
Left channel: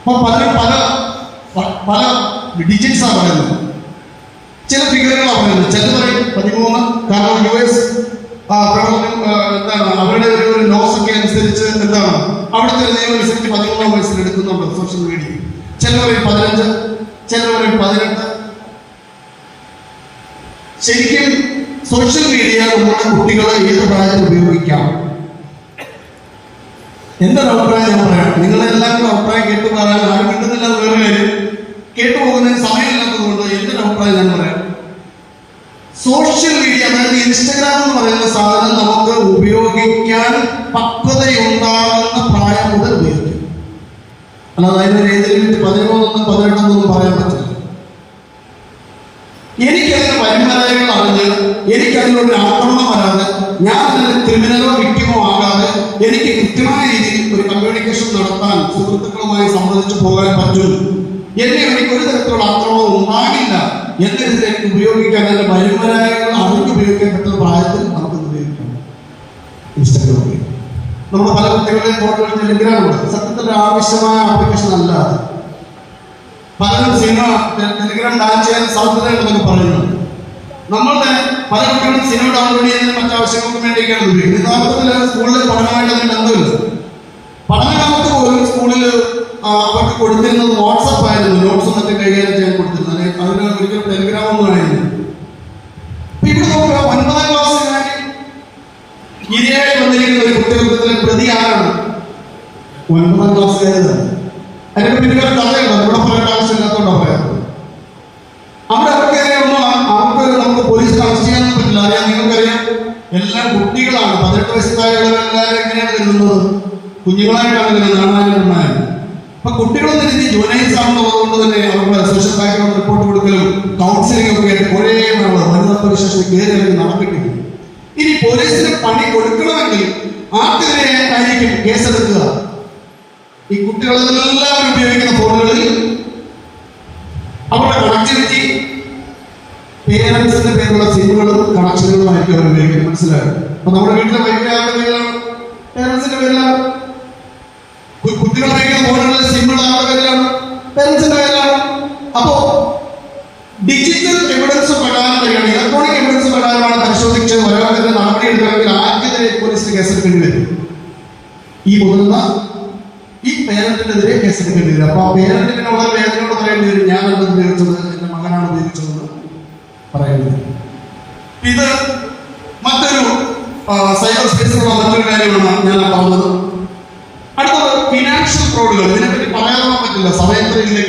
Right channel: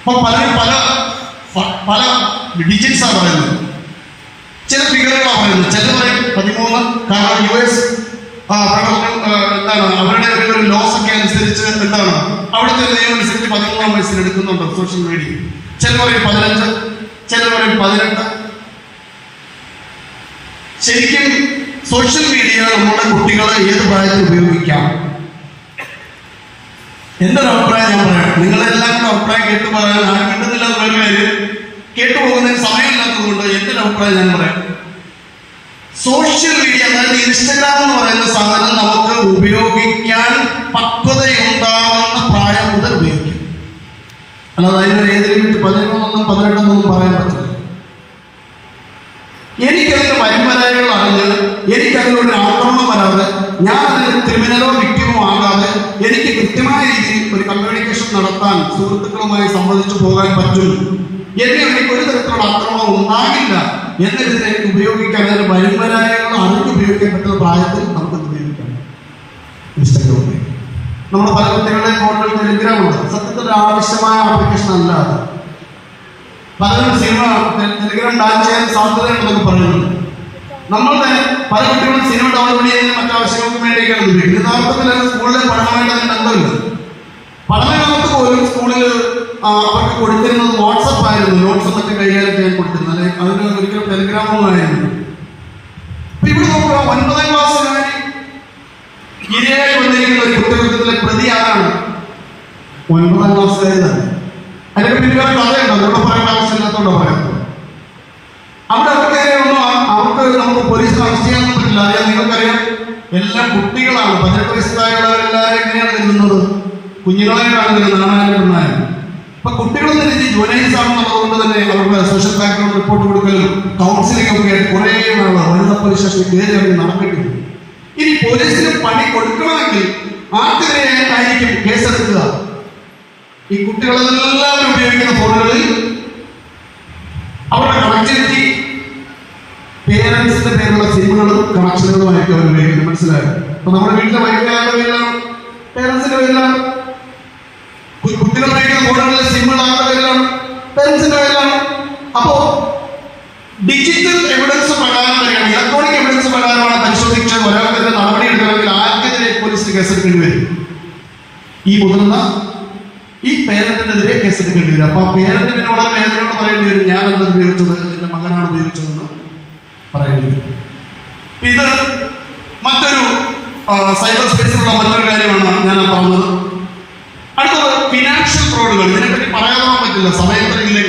അപ്പൊ പലരും പല ഡിജിറ്റ്സാണ് പറയുന്നത്. ചില ഫിഗറുകളാണ് പറയുന്നത്. ചിലവരെ 13, കാരണം US എന്താണ് അവരുടെ ഒരു ലോസ് ഒക്കെ അനുസരിച്ച് എന്താണ് അവിടുത്തെ നിയമം അനുസരിച്ച് 13 വയസ്സിൽ എടുക്കുന്നുണ്ട് സോഷ്യൽ മീഡിയ. ചിലവരെ 15, ചിലവരെ 18. ശരിക്കും സോഷ്യൽ മീഡിയ നമ്മുടെ കുട്ടികളെ ഏത് പ്രായത്തിൽ ഉപയോഗിക്കാം? എന്റെ ഒരു അഭിപ്രായം ഞാൻ പറയാം. നിങ്ങളെല്ലാവരും അഭിപ്രായം കേട്ടു പറയാൻ ആരും കിട്ടുന്നില്ല എന്നൊരു കാര്യം, കേട്ടുപോകുന്നതിന് സമയമില്ലാത്തതുകൊണ്ട് എന്റെ ഒരു അഭിപ്രായം ഞാൻ പറയാം. സോഷ്യൽ മീഡിയ അതായത് ഇൻസ്റ്റഗ്രാം എന്ന് പറയുന്ന സാധനം നമുക്ക് ഉപയോഗിക്കാൻ പക്വതയുണ്ടാകുന്ന പ്രായം മുതൽ ഉപയോഗിക്കും. അല്ലാതെ അതിനൊരു ഏതിലും 13, 18 പറയാൻ പറ്റില്ല. എനിക്കതിന് വരുമാനങ്ങൾ അറിഞ്ഞ് എനിക്കതിനൊരു ആക്രമണം വരാതെ ഞാൻ അതിന് ക്രിമിനലോ വിക്ടിമോ ആകാതെ എനിക്ക് കൃത്യമായ രീതിയിൽ ഒരു കമ്മ്യൂണിക്കേഷൻ നടത്താൻ സുഹൃത്തുക്കളുമായി സംബന്ധിച്ച് പോകാൻ പറ്റും. എനിക്ക് ഒരു തരത്തിലുള്ള ആക്രമണം ഉണ്ടാകില്ല എന്നതിൽ എനിക്ക് ഉപയോഗിക്കാൻ അതിന് വരുമാനങ്ങൾ അറിഞ്ഞ് ഉപയോഗിക്കാൻ പറ്റുന്ന പ്രായത്തിൽ നമുക്ക് ഉപയോഗിക്കാം. ഇൻസ്റ്റഗ്രാം നമ്മുടെ പല കുട്ടികളുടെ ഫോണിൽ ടെലിഗ്രാം ഉണ്ട്. സത്യത്തിൽ ആവശ്യമായ ആപ്ലിക്കേഷൻ അല്ല. പലരും സിനിമ ടെലിഗ്രാം ഡൗൺലോഡ് ചെയ്യാൻ സാധ്യതയുണ്ടെന്ന് പറയുന്നു. നമ്മളുടെ പല കുട്ടികളും സിനിമ ഡൗൺലോഡ് ചെയ്യുന്നതിന് മറ്റാവശ്യങ്ങൾക്ക് വേണ്ടിയൊക്കെയാണ് ഉപയോഗിക്കുന്നത്. യഥാർത്ഥത്തിൽ സ്കൂളിൽ പഠനമായിട്ട് ബന്ധമില്ല. പഠനകാലത്ത് പോലും സ്കൂളിൽ അവർക്ക് കൊടുത്തിരുന്നത് വാട്സപ്പ് ആയിരുന്നു. നോട്ട്സ് മറ്റു കൈകാര്യം ചെയ്യാൻ കൊടുത്തിരുന്നത്. അതിന് ഒരിക്കലും ടെലിഗ്രാമൊന്നും ആയിരുന്നു. ഇവിടെ നോക്കുക, 9ാം ക്ലാസ്സുകാരി ഇരയായി വന്നിരിക്കുന്ന ഒരു കുറ്റകൃത്യത്തിലെ പ്രതി ആരാണ്? 9ാം ക്ലാസ്സുകാരി തന്നെ. അതിന് പിന്നിൽ പറഞ്ഞുണ്ടോ? അവിടെ പറയേണ്ട ആവശ്യമില്ലാത്തതുകൊണ്ടാണ് പറയുന്നത്. അവിടെ അവർക്ക് നമുക്ക് പോലീസിന് അറസ്റ്റ് ചെയ്യാനൊന്നും പറ്റില്ല. അറിയാം, നിങ്ങൾക്കറിയാം, എല്ലാം കുട്ടികളാണ്. 18 വയസ്സുകാരുള്ളവരെല്ലാവരും എങ്ങനെയാണ് കരുതുന്നത്? കുഞ്ഞുങ്ങളായിട്ടാണ് നാണാനായിരുന്നു. അപ്പൊ കുട്ടികളെന്ന രീതി ജുവനൈൽസ് ആണെന്നുള്ളതുകൊണ്ട് തന്നെ അവരുടെ സോഷ്യൽ ബാക്ക്ഗ്രൗണ്ട് റിപ്പോർട്ട് കൊടുക്കലും കൗൺസിലിംഗ് ഒക്കെ ആയിട്ട് കുറേ വനിതാ പോലീസ് സ്റ്റേഷനിൽ കയറി അവർ നടക്കിട്ടുണ്ട്. ഇനി പോലീസിന് പണി കൊടുക്കണമെങ്കിൽ ആർക്കെതിരെയായിരിക്കും കേസെടുക്കുക? ഈ കുട്ടികളെല്ലാം ഉപയോഗിക്കുന്ന ഫോണുകളിൽ അവരുടെ കണക്ടിവിറ്റി പേരൻസിന്റെ പേരുള്ള സിമ്മുകളും കണക്ഷനുകളുമായിരിക്കും അവർ ഉപയോഗിക്കുന്നത്. മനസ്സിലായോ? അപ്പൊ നമ്മുടെ വീട്ടിലെ വൈദ്യുതി പേരാണ്, പേരൻസിന്റെ പേരിലാണ്. കുട്ടികൾ ഉപയോഗിക്കുന്ന ഫോണുകളിൽ സിമ്മുള്ള ആളുടെ പേരിലാണ്, പേരൻസിന്റെ പേരിലാണ്. അപ്പോ ഡിജിറ്റൽ എവിഡൻസ് പ്രകാരം വരികയാണ്, ഇലക്ട്രോണിക് എവിഡൻസ് പ്രകാരമാണ് പരിശോധിച്ച് ഒരാൾക്കെതിരെ നടപടി എടുക്കണമെങ്കിൽ ആർക്കെതിരെ പോലീസിന് കേസെടുക്കേണ്ടി വരും? ഈ മുതിർന്ന ഈ പേരന്റിനെതിരെ കേസെടുക്കേണ്ടി വരും. അപ്പൊ ആ പേരന്റിന് വളരെ വേദനയോട് പറയേണ്ടി വരും, ഞാനത് ഉപയോഗിച്ചത് എന്റെ മകനാണ് ഉപയോഗിച്ചതെന്ന് പറയേണ്ടി വരും. ഇത് മറ്റൊരു സൈബർ സ്പേസിലുള്ള മറ്റൊരു കാര്യമാണ് ഞാൻ പറഞ്ഞത്. അടുത്തത് ഫിനാൻഷ്യൽ ഫ്രോഡുകൾ. ഇതിനെപ്പറ്റി പറയാൻ പറ്റില്ല, സമയത്തില്ലെങ്കിൽ.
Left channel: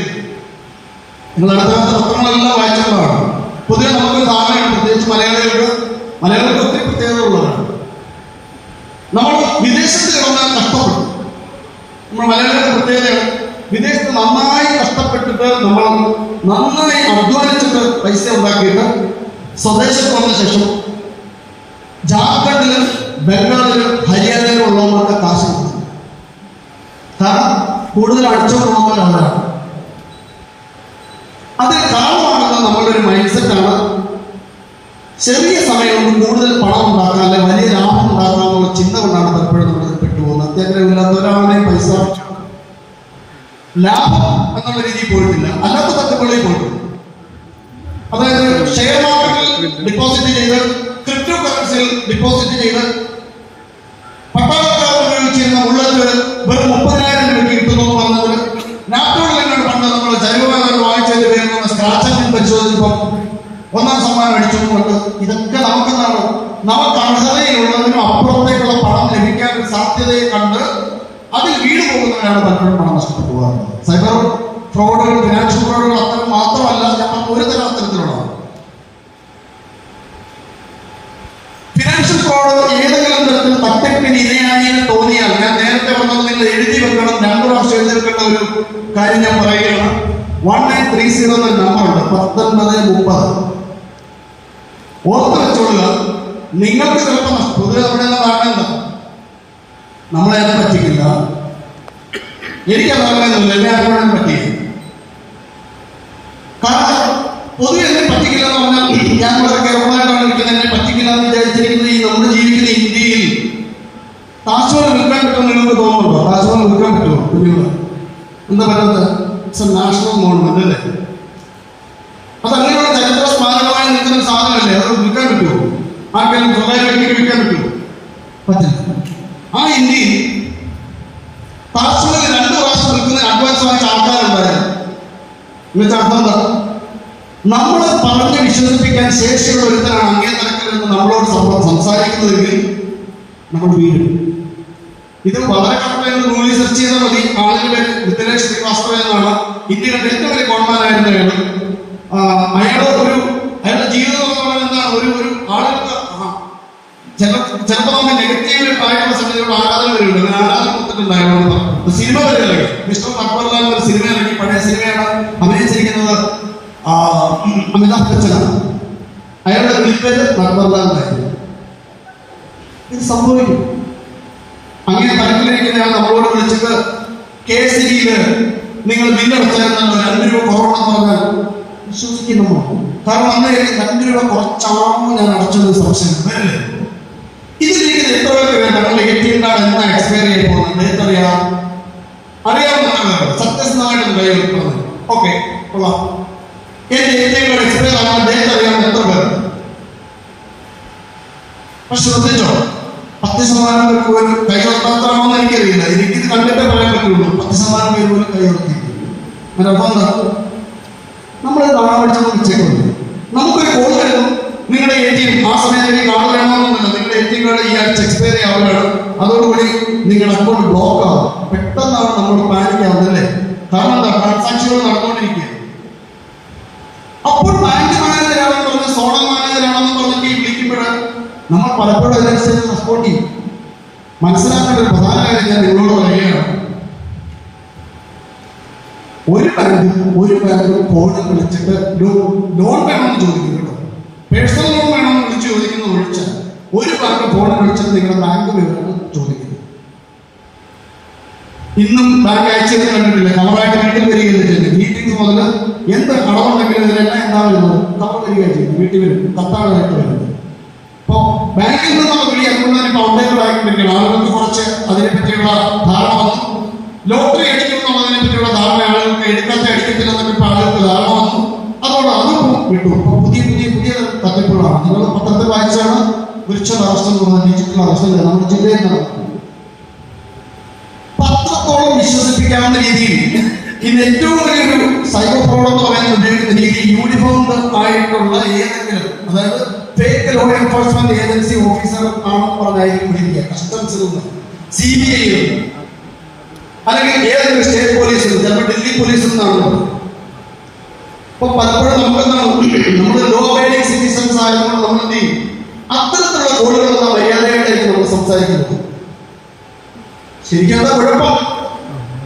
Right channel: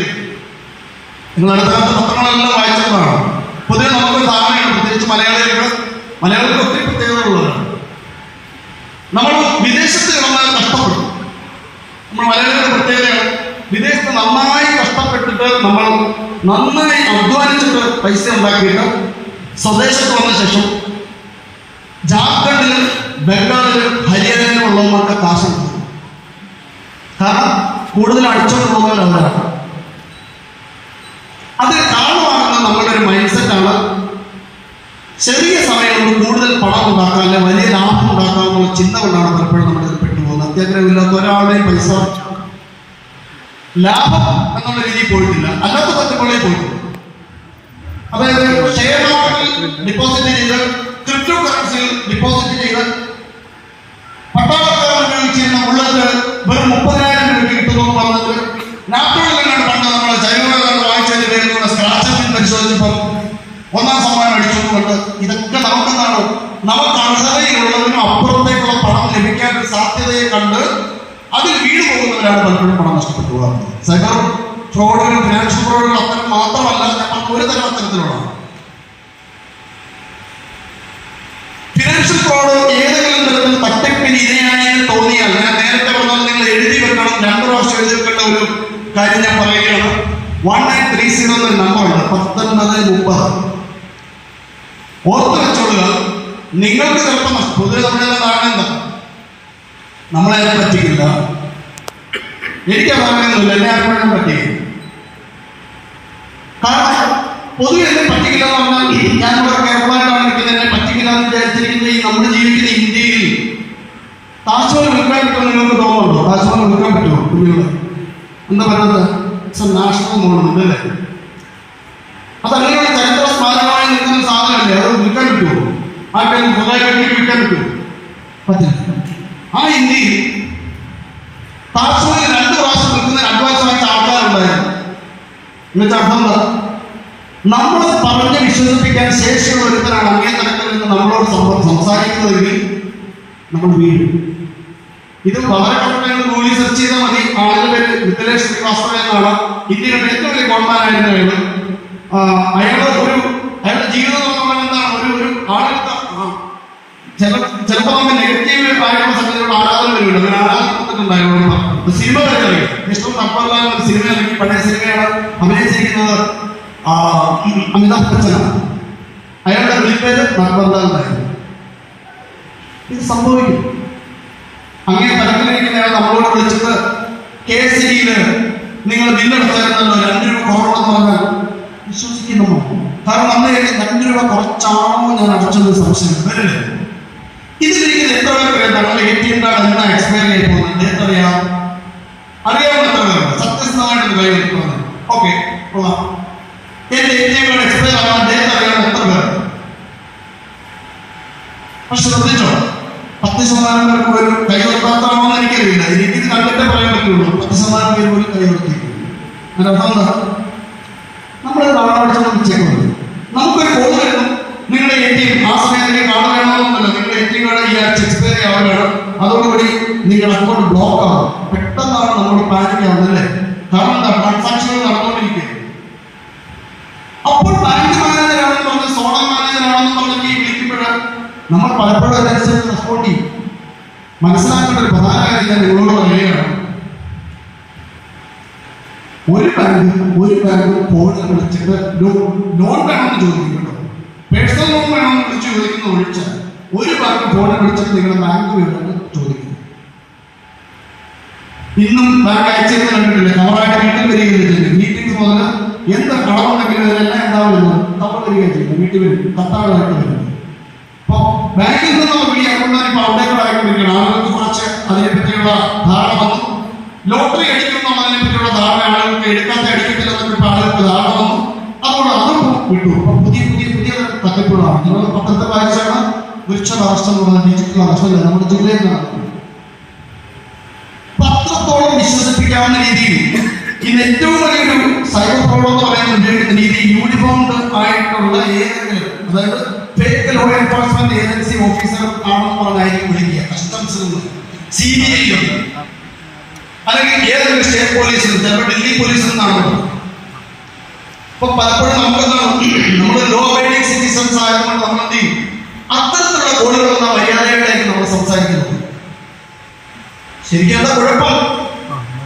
നിങ്ങൾ അടുത്ത കാലത്ത് പത്രങ്ങളെല്ലാം വായിച്ചതാണ്. പൊതുവെ നമുക്ക് ധാരണയാണ്, പ്രത്യേകിച്ച് മലയാളികൾക്ക് ഒത്തിരി പ്രത്യേകതകളുള്ളതാണ്. നമ്മൾ വിദേശത്ത് നമ്മൾ കഷ്ടപ്പെടും. നമ്മൾ മലയാളികളുടെ പ്രത്യേകതയാണ്, വിദേശത്ത് നന്നായി കഷ്ടപ്പെട്ടിട്ട് നമ്മൾ നന്നായി അധ്വാനിച്ചിട്ട് പൈസ ഉണ്ടാക്കിയിട്ട് സ്വദേശത്ത് വന്ന ശേഷം ജാർഖണ്ഡിലും ബംഗാളിലും ഹരിയാനയിലും ഉള്ളവർക്ക് കാശ് കിട്ടും. കാരണം കൂടുതൽ അടിച്ചോണ്ടുള്ളവർ അവരാണ്. അതിന് കാരണമാകുന്ന നമ്മളുടെ ഒരു മൈൻഡ് സെറ്റാണ് ചെറിയ സമയം കൊണ്ട് കൂടുതൽ പണം ഉണ്ടാക്കാൻ, അല്ലെ വലിയ ലാഭം ഉണ്ടാക്കാനുള്ള ചിന്ത കൊണ്ടാണ് പലപ്പോഴും നമ്മൾ പെട്ടുപോകുന്നത്. അത്യാഗ്രഹമില്ലാത്ത ഒരാളുടെയും പൈസ ലാഭം എന്നുള്ള രീതിയിൽ പോയിട്ടില്ല, അല്ലാത്ത തട്ടുകളിൽ പോയിട്ടുണ്ട്. അതായത് ഷെയർ മാർക്കറ്റിൽ ഡിപ്പോസിറ്റ് ചെയ്ത് ക്രിപ്റ്റോ കറൻസിയിൽ ഡിപ്പോസിറ്റ് ചെയ്ത് പട്ടാളക്കാർ ഉപയോഗിച്ചിരുന്ന ഉള്ളത് വെറും 30,000 രൂപ കിട്ടുന്നു എന്ന് പറഞ്ഞത് നാട്ടുകളിൽ പണ്ട് നമ്മൾ ജൈവകാലം വാങ്ങിച്ചതിന്റെ പേരിലുള്ള സ്ക്രാച്ച് പരിശോധിച്ചപ്പോൾ 1ാം സമ്മാനം അടിച്ചതുകൊണ്ട് ഇതൊക്കെ നമുക്കെന്താണോ നമുക്ക് അർഹതയിലുള്ളതിനും അപ്പുറത്തേക്കുള്ള പണം ലഭിക്കാൻ ഒരു സാധ്യതയെ കണ്ട് അതിൽ വീട് പോകുന്നവരാണ് പലപ്പോഴും പണം നഷ്ടപ്പെട്ടു പോകാറുള്ളത്. സൈബർ ഫ്രോഡുകൾ, ഫിനാൻഷ്യൽ ഫ്രോഡുകൾ അത്തരം മാത്രമല്ല, നമ്മൾ ഒരു തരം അത്തരത്തിലുള്ള ഫിനാൻഷ്യൽ ഫ്രോഡ് ഏതെങ്കിലും തരത്തിൽ തട്ടിപ്പിന് ഇരയായി തോന്നിയാൽ, ഞാൻ നേരത്തെ പറഞ്ഞത് നിങ്ങൾ എഴുതി വെക്കണം, 2 പ്രാവശ്യം എഴുതി വെക്കേണ്ട ഒരു കാര്യം ഞാൻ പറയുകയാണ്. 1930 എന്നൊരു നമ്പറുണ്ട്, 1930. ഓർത്ത് വെച്ചോളുക. നിങ്ങൾക്ക് ചിലപ്പോൾ പൊതുവെ നമ്മളെല്ലാം കാണുന്ന നമ്മളെ പറ്റിക്കില്ല, എനിക്ക് പറയുന്നില്ല, എല്ലാവരും പറ്റിക്കും. കാരണം പൊതുവെ എന്നെ പറ്റിക്കില്ല എന്ന് പറഞ്ഞാൽ ഞാൻ ഇവിടെ കേരളമായിട്ടാണ് ഇരിക്കുന്നത്, എന്നെ പറ്റിക്കില്ല എന്ന് വിചാരിച്ചിരിക്കുന്ന ഈ നമ്മൾ ജീവിക്കുന്ന ഇന്ത്യയിൽ താജ്മഹൽ വിൽക്കാൻ പറ്റുമോ നിങ്ങൾക്ക് തോന്നുന്നുണ്ടോ? താജ്മഹൽ വിൽക്കാൻ പറ്റുമോ? കുഞ്ഞുങ്ങൾ എന്താ പറയുന്നത്? ഇറ്റ്സ് എ നാഷണൽ മോണമെന്റ് അല്ലേ? അതല്ലെങ്കിൽ ചരിത്ര സ്മാരകമായി നിൽക്കുന്ന സാധനമല്ലേ, അത് വിൽക്കാൻ പറ്റുമോ? ആർക്കെങ്കിലും സ്വകാര്യമായിട്ട് വിൽക്കാൻ പറ്റുമോ? പറ്റില്ല. ആ ഇന്ത്യയിൽ താജ്മഹൽ 2 പ്രാവശ്യം വിൽക്കുന്നതിന് അഡ്വാൻസ് വാങ്ങിച്ച ആൾക്കാരുണ്ടായിരുന്നു. എന്നിട്ട് അർത്ഥം എന്താ? നമ്മളെ പറഞ്ഞ് വിശ്വസിപ്പിക്കാൻ ശേഷിയുള്ള ഒരുത്തരാണ് അങ്ങേ തരത്തിൽ നിന്ന് നമ്മളോട് സംസാരിക്കുന്നതെങ്കിൽ നമ്മൾ വീഴും. ഇത് വളരെ കറക്റ്റായിട്ട് ഗൂഗിളിൽ സെർച്ച് ചെയ്താൽ മതി. ആളുടെ പേര് മിഥിലേഷ് ശ്രീവാസ്തവ എന്നാണ്. ഇന്ത്യയുടെ ഏറ്റവും വലിയ കോൺമാനായിരുന്നു അയാളുടെ ജീവിതം എന്ന് പറയുന്നത് ഒരു ആളുടെ ചിലപ്പോൾ നമ്മൾ നെഗറ്റീവ് പറയുന്ന സമയത്ത് ആരാധന വരുന്നുണ്ടായിരുന്നു. സിനിമ വരെ മിസ്റ്റർ അക്ബർലാൽ ഒരു സിനിമ, പഴയ സിനിമയാണ് അഭിനയിച്ചിരിക്കുന്നത് അമിതാഭ് ബച്ചനാണ്. അയാളുടെ വീട്ടുപേര് അക്ബർലാലായിരുന്നു. ഇത് സംഭവിക്കും. അങ്ങനെ തലക്കിലിരിക്കുന്നയാൾ നമ്മളോട് വിളിച്ചിട്ട് KCDയിൽ നിങ്ങൾ ബില്ലടച്ചായിരുന്നല്ലോ 2 രൂപ കുറവെന്ന് പറഞ്ഞാൽ വിശ്വസിക്കുന്നു. കാരണം അന്ന് 2 രൂപ കുറച്ചാണോ ഞാൻ അടച്ചത് സംശയം വരില്ലേ? ഇതിലേക്ക് എത്ര പേര് അറിയാം? ഞങ്ങളുടെ ATM കാർഡ് എന്നാ എക്സ്പയർ ചെയ്ത് പോകുന്നത് എത്രയാ അറിയാവുന്ന സത്യസന്ധമായിട്ട് കയ്യിൽ പോകുന്നത്. ഓക്കെ, എന്റെ ATM കാർഡ് എക്സ്പയർ ആവാൻ ഡേറ്റ് അറിയാൻ എത്ര പേർ? പക്ഷെ ശ്രദ്ധിച്ചോ, 10% പേർക്ക് പോലും കൈവത്താമെന്ന് എനിക്കറിയില്ല. എനിക്കിത് കണ്ടിട്ടേ പറയാൻ പറ്റുള്ളൂ. 10% പേര് പോലും കൈവത്തിരിക്കും. അതിന്റെ അർത്ഥം എന്താ? നമ്മളെ തവണ പഠിച്ചത് ചെയ്യുന്നത് നമുക്കൊരു ബോധം. നിങ്ങളുടെ ATM ആ സമയത്ത് കാർഡ് വേണമെന്നല്ല, നിങ്ങളുടെ ATM കാർഡ് ഈ ആഴ്ച എക്സ്പയർ ആവുകയാണ്, അതോടുകൂടി നിങ്ങളുടെ അക്കൗണ്ട് ബ്ലോക്ക് ആവും. പെട്ടെന്നാണ് നമ്മൾ പാനിക്കാവുന്നല്ലേ? കാരണം എന്താ? ട്രാൻസാക്ഷനുകൾ നടന്നുകൊണ്ടിരിക്കുക. അപ്പോൾ ബാങ്ക് മാനേജരാണെന്ന് പറഞ്ഞ്, സോണൽ മാനേജരാണെന്ന് പറഞ്ഞ് വിളിക്കുമ്പോൾ നമ്മൾ പലപ്പോഴും അതിനനുസരിച്ച് സപ്പോർട്ട് ചെയ്യും. മനസ്സിലാക്കേണ്ട ഒരു പ്രധാന കാര്യം ഞാൻ നിങ്ങളോട് പറയുകയാണ്. ഒരു ബാങ്ക് ഫോണിൽ വിളിച്ചിട്ട് ലോൺ വേണമെന്ന് ചോദിക്കുന്നുണ്ടോ? പേഴ്സണൽ ലോൺ വേണമെന്ന് വിളിച്ച് ചോദിക്കുന്ന ഒഴിച്ചാൽ ഒരു ബാങ്ക് ഫോണിൽ വിളിച്ചിട്ട് നിങ്ങളുടെ ബാങ്ക് വിവരങ്ങൾ ചോദിക്കുന്നു. ഇന്നും ബാങ്ക് അയച്ചെന്ന് കണ്ടിട്ടില്ല. കവറായിട്ട് വീട്ടിൽ വരികയില്ല ചെയ്യുന്നത്. മീറ്റിംഗ്സ് മുതൽ എന്ത് കടമുണ്ടെങ്കിലും ഇതിനെല്ലാം ഉണ്ടാവുന്നത് കവർ വരികയാണ് ചെയ്യുന്നത്. വീട്ടിൽ വരും, കത്താളായിട്ട് വരുന്നത്. അപ്പോ ബാങ്കിൽ നിന്നുള്ള വഴി അതുകൊണ്ടാണ് ഇപ്പൊ അപ്ഡേറ്റ് ആയിക്കൊണ്ടിരിക്കുന്നത്. ആളുകൾക്ക് കുറച്ച് അതിനെപ്പറ്റിയുള്ള ധാരണ വന്നു. ലോട്ടറി അടിക്കുന്നതിനെ പറ്റിയുള്ള ധാരണ ആളുകൾക്ക് എടുക്കാത്ത അടിക്കത്തില്ല എന്നൊക്കെ ആളുകൾക്ക് ധാരണ വന്നു. അതുകൊണ്ട് അതും വിട്ടു. പുതിയ തട്ടിപ്പുകളാണ്. നിങ്ങൾ പത്രത്തിൽ വായിച്ചാണ് വിർച്വൽ അറസ്റ്റ് എന്ന് പറഞ്ഞ ഡിജിറ്റൽ അറസ്റ്റ് നമ്മുടെ ജില്ലയിൽ നടക്കുന്നത്. പത്രത്തോളം വിശ്വസിപ്പിക്കാവുന്ന രീതിയിൽ ഇന്ന് ഏറ്റവും വലിയൊരു സൈബർ ഫ്രോഡ് എന്ന് പറയുന്ന ഉപയോഗിക്കുന്ന രീതി യൂണിഫോംഡ് ആയിട്ടുള്ള ഏതെങ്കിലും, അതായത് fake law enforcement agency officer ആണെന്ന് പറഞ്ഞായിരിക്കും വിളിക്കുക. കസ്റ്റംസിൽ നിന്ന്, CBI അല്ലെങ്കിൽ ഏതെങ്കിലും സ്റ്റേറ്റ് പോലീസിൽ, ചിലപ്പോൾ ഡൽഹി പോലീസിൽ നിന്നാണ്. ഇപ്പൊ പലപ്പോഴും നമ്മൾ ലോ അബൈഡിങ് സിറ്റിസൺസ് ആയതുകൊണ്ട് നമ്മൾ എന്ത് ചെയ്യും? അത്തരത്തിലുള്ള കോളുകളുള്ള മര്യാദകളിലേക്ക് നമ്മൾ സംസാരിക്കുന്നത്. ശരിക്കും കുഴപ്പം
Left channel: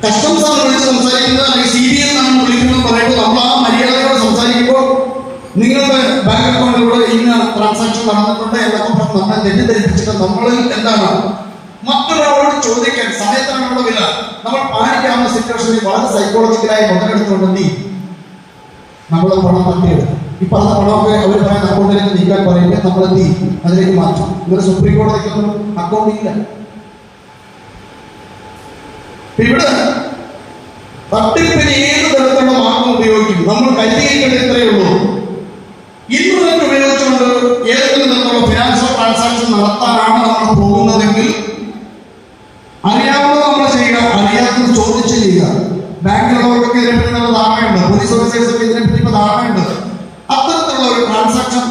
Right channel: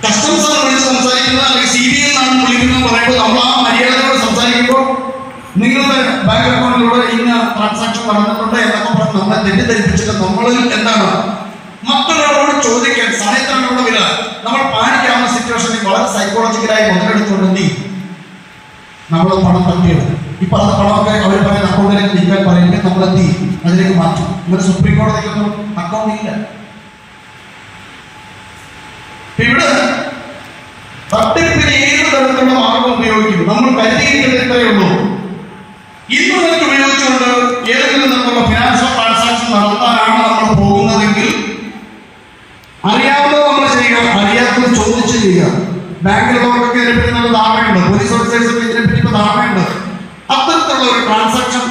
കസ്റ്റംസ് ആണ് വിളിച്ച് സംസാരിക്കുന്നത്, അല്ലെങ്കിൽ CBI നിന്നാണ് വിളിക്കുന്നത് പറയുമ്പോൾ നമ്മൾ ആ മര്യാദയോട് സംസാരിക്കുമ്പോൾ നിങ്ങളുടെ ബാങ്ക് അക്കൗണ്ടിലൂടെ ഇന്ന ട്രാൻസാക്ഷൻ നടന്നിട്ടുണ്ട് എന്നൊക്കെ പറഞ്ഞ് നമ്മളെ തെറ്റിദ്ധരിപ്പിച്ചിട്ട് നമ്മളിൽ എന്താണ് മക്കളോട് ചോദിക്കാൻ സമയത്തിനുള്ള വില നമ്മൾ പാനിക്കാവുന്ന സിറ്റുവേഷനിൽ വളരെ സൈക്കോളജിക്കലായി മുതലെടുത്തുകൊണ്ടെന്നി നമ്മളെ പണം തട്ടിയെടുക്കും. ഈ പറഞ്ഞ പണമൊക്കെ അവർ പറയുന്ന അക്കൗണ്ടിലേക്ക് നീക്കാൻ പറയുമ്പോൾ നമ്മൾ എന്ത് ചെയ്യും? അതിലേക്ക് മാറ്റും. ഇവര് സുപ്രീം കോടതിക്കൊന്നും അക്കൗണ്ട് ഇല്ല. ഇവിടെ തട്ടിപ്പിന് ഏത് തരത്തിലുള്ള മാർഗം ഉപയോഗിക്കും? നമ്മൾ കരുതിയിരിക്കുന്നത് ഇത്രയേ ഉള്ളൂ. ഇന്റർനെറ്റ് ഉപയോഗിച്ച് വെച്ചുകൊണ്ട് ഏതെങ്കിലും തരത്തിലുള്ള ഫിനാൻഷ്യൽ ട്രാൻസാക്ഷൻ നടത്താനാണ് നമ്മൾ പോകുന്നതെങ്കിൽ അറിയാവുന്നത് നമ്മൾ ചെയ്യുക, അറിയാത്തത് ചോദിച്ച് ചെയ്യുക. ബാങ്കിലുള്ളവർക്കൊക്കെ ഇതിനെപ്പറ്റി നമ്മൾ ധാരണയുണ്ട്, പോലീസ് ഓഫീസേഴ്സൊക്കെ ഇതിനെപ്പറ്റി ഇപ്പോൾ ധാരണയുണ്ട്. അത്തരത്തിലുള്ള ഒരു ട്രാൻസാക്ഷൻ,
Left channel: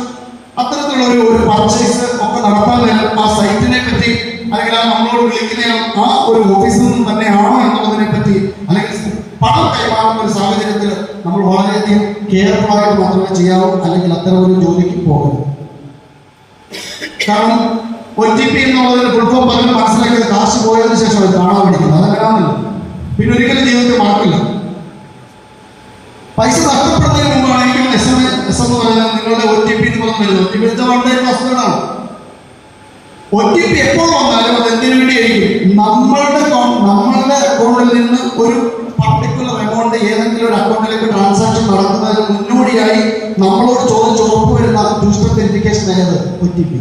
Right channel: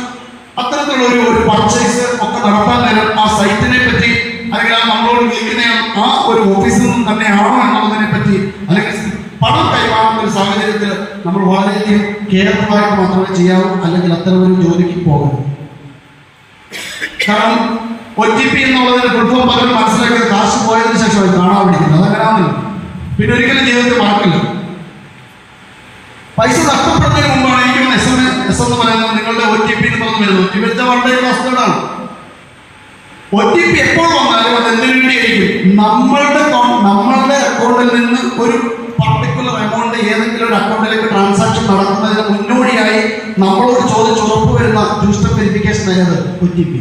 അത്തരത്തിലുള്ള ഒരു പർച്ചേസ് ഒക്കെ നടത്താൻ നേരം ആ സൈറ്റിനെ പറ്റി അല്ലെങ്കിൽ ആ നമ്മളോട് വിളിക്കുന്ന ആ ഒരു ഓഫീസിൽ നിന്നും തന്നെയാണോ എന്നുള്ളതിനെ പറ്റി അല്ലെങ്കിൽ പണം കൈമാറുന്ന ഒരു സാഹചര്യത്തിൽ നമ്മൾ വളരെയധികം കെയർഫുള്ളായിട്ട് മാത്രമേ ചെയ്യാവൂ, അല്ലെങ്കിൽ അത്തരം ഒരു ജോലിക്ക് പോകരുത്. കാരണം OTP എന്നുള്ളതിന് ഫുൾഫോം പലരും മനസ്സിലാക്കിയത് കാശ് പോയതിനു ശേഷം അത് കാണാൻ പഠിക്കുന്നത്, അതങ്ങനെയാണല്ലോ. പിന്നെ ഒരിക്കലും ജീവിതത്തിൽ മറക്കില്ല. പൈസ നഷ്ടപ്പെടുന്നതിന് മുമ്പാണ് എനിക്ക് SMS എന്ന് പറയുന്നത് നിങ്ങളുടെ OTP എന്ന് പറഞ്ഞു വരുന്നത്. OTP വെച്ചാൽ വളരെ വസ്തുതകളാണ്. OTP എപ്പോൾ വന്നാലും അത് എന്തിനു വേണ്ടിയായിരിക്കും? നമ്മളുടെ അക്കൗണ്ടിൽ നിന്ന് ഒരു പർട്ടിക്കുലർ എമൗണ്ട് ഏതെങ്കിലും ഒരു അക്കൗണ്ടിലേക്ക് ട്രാൻസാക്ഷൻ നടത്തുന്നതിന് മുന്നോടിയായി നമ്മളോട് ചോദിച്ച് ഉറപ്പ് വരുന്ന ടു സ്റ്റെപ്പ് വെരിഫിക്കേഷൻ ആയത് OTP.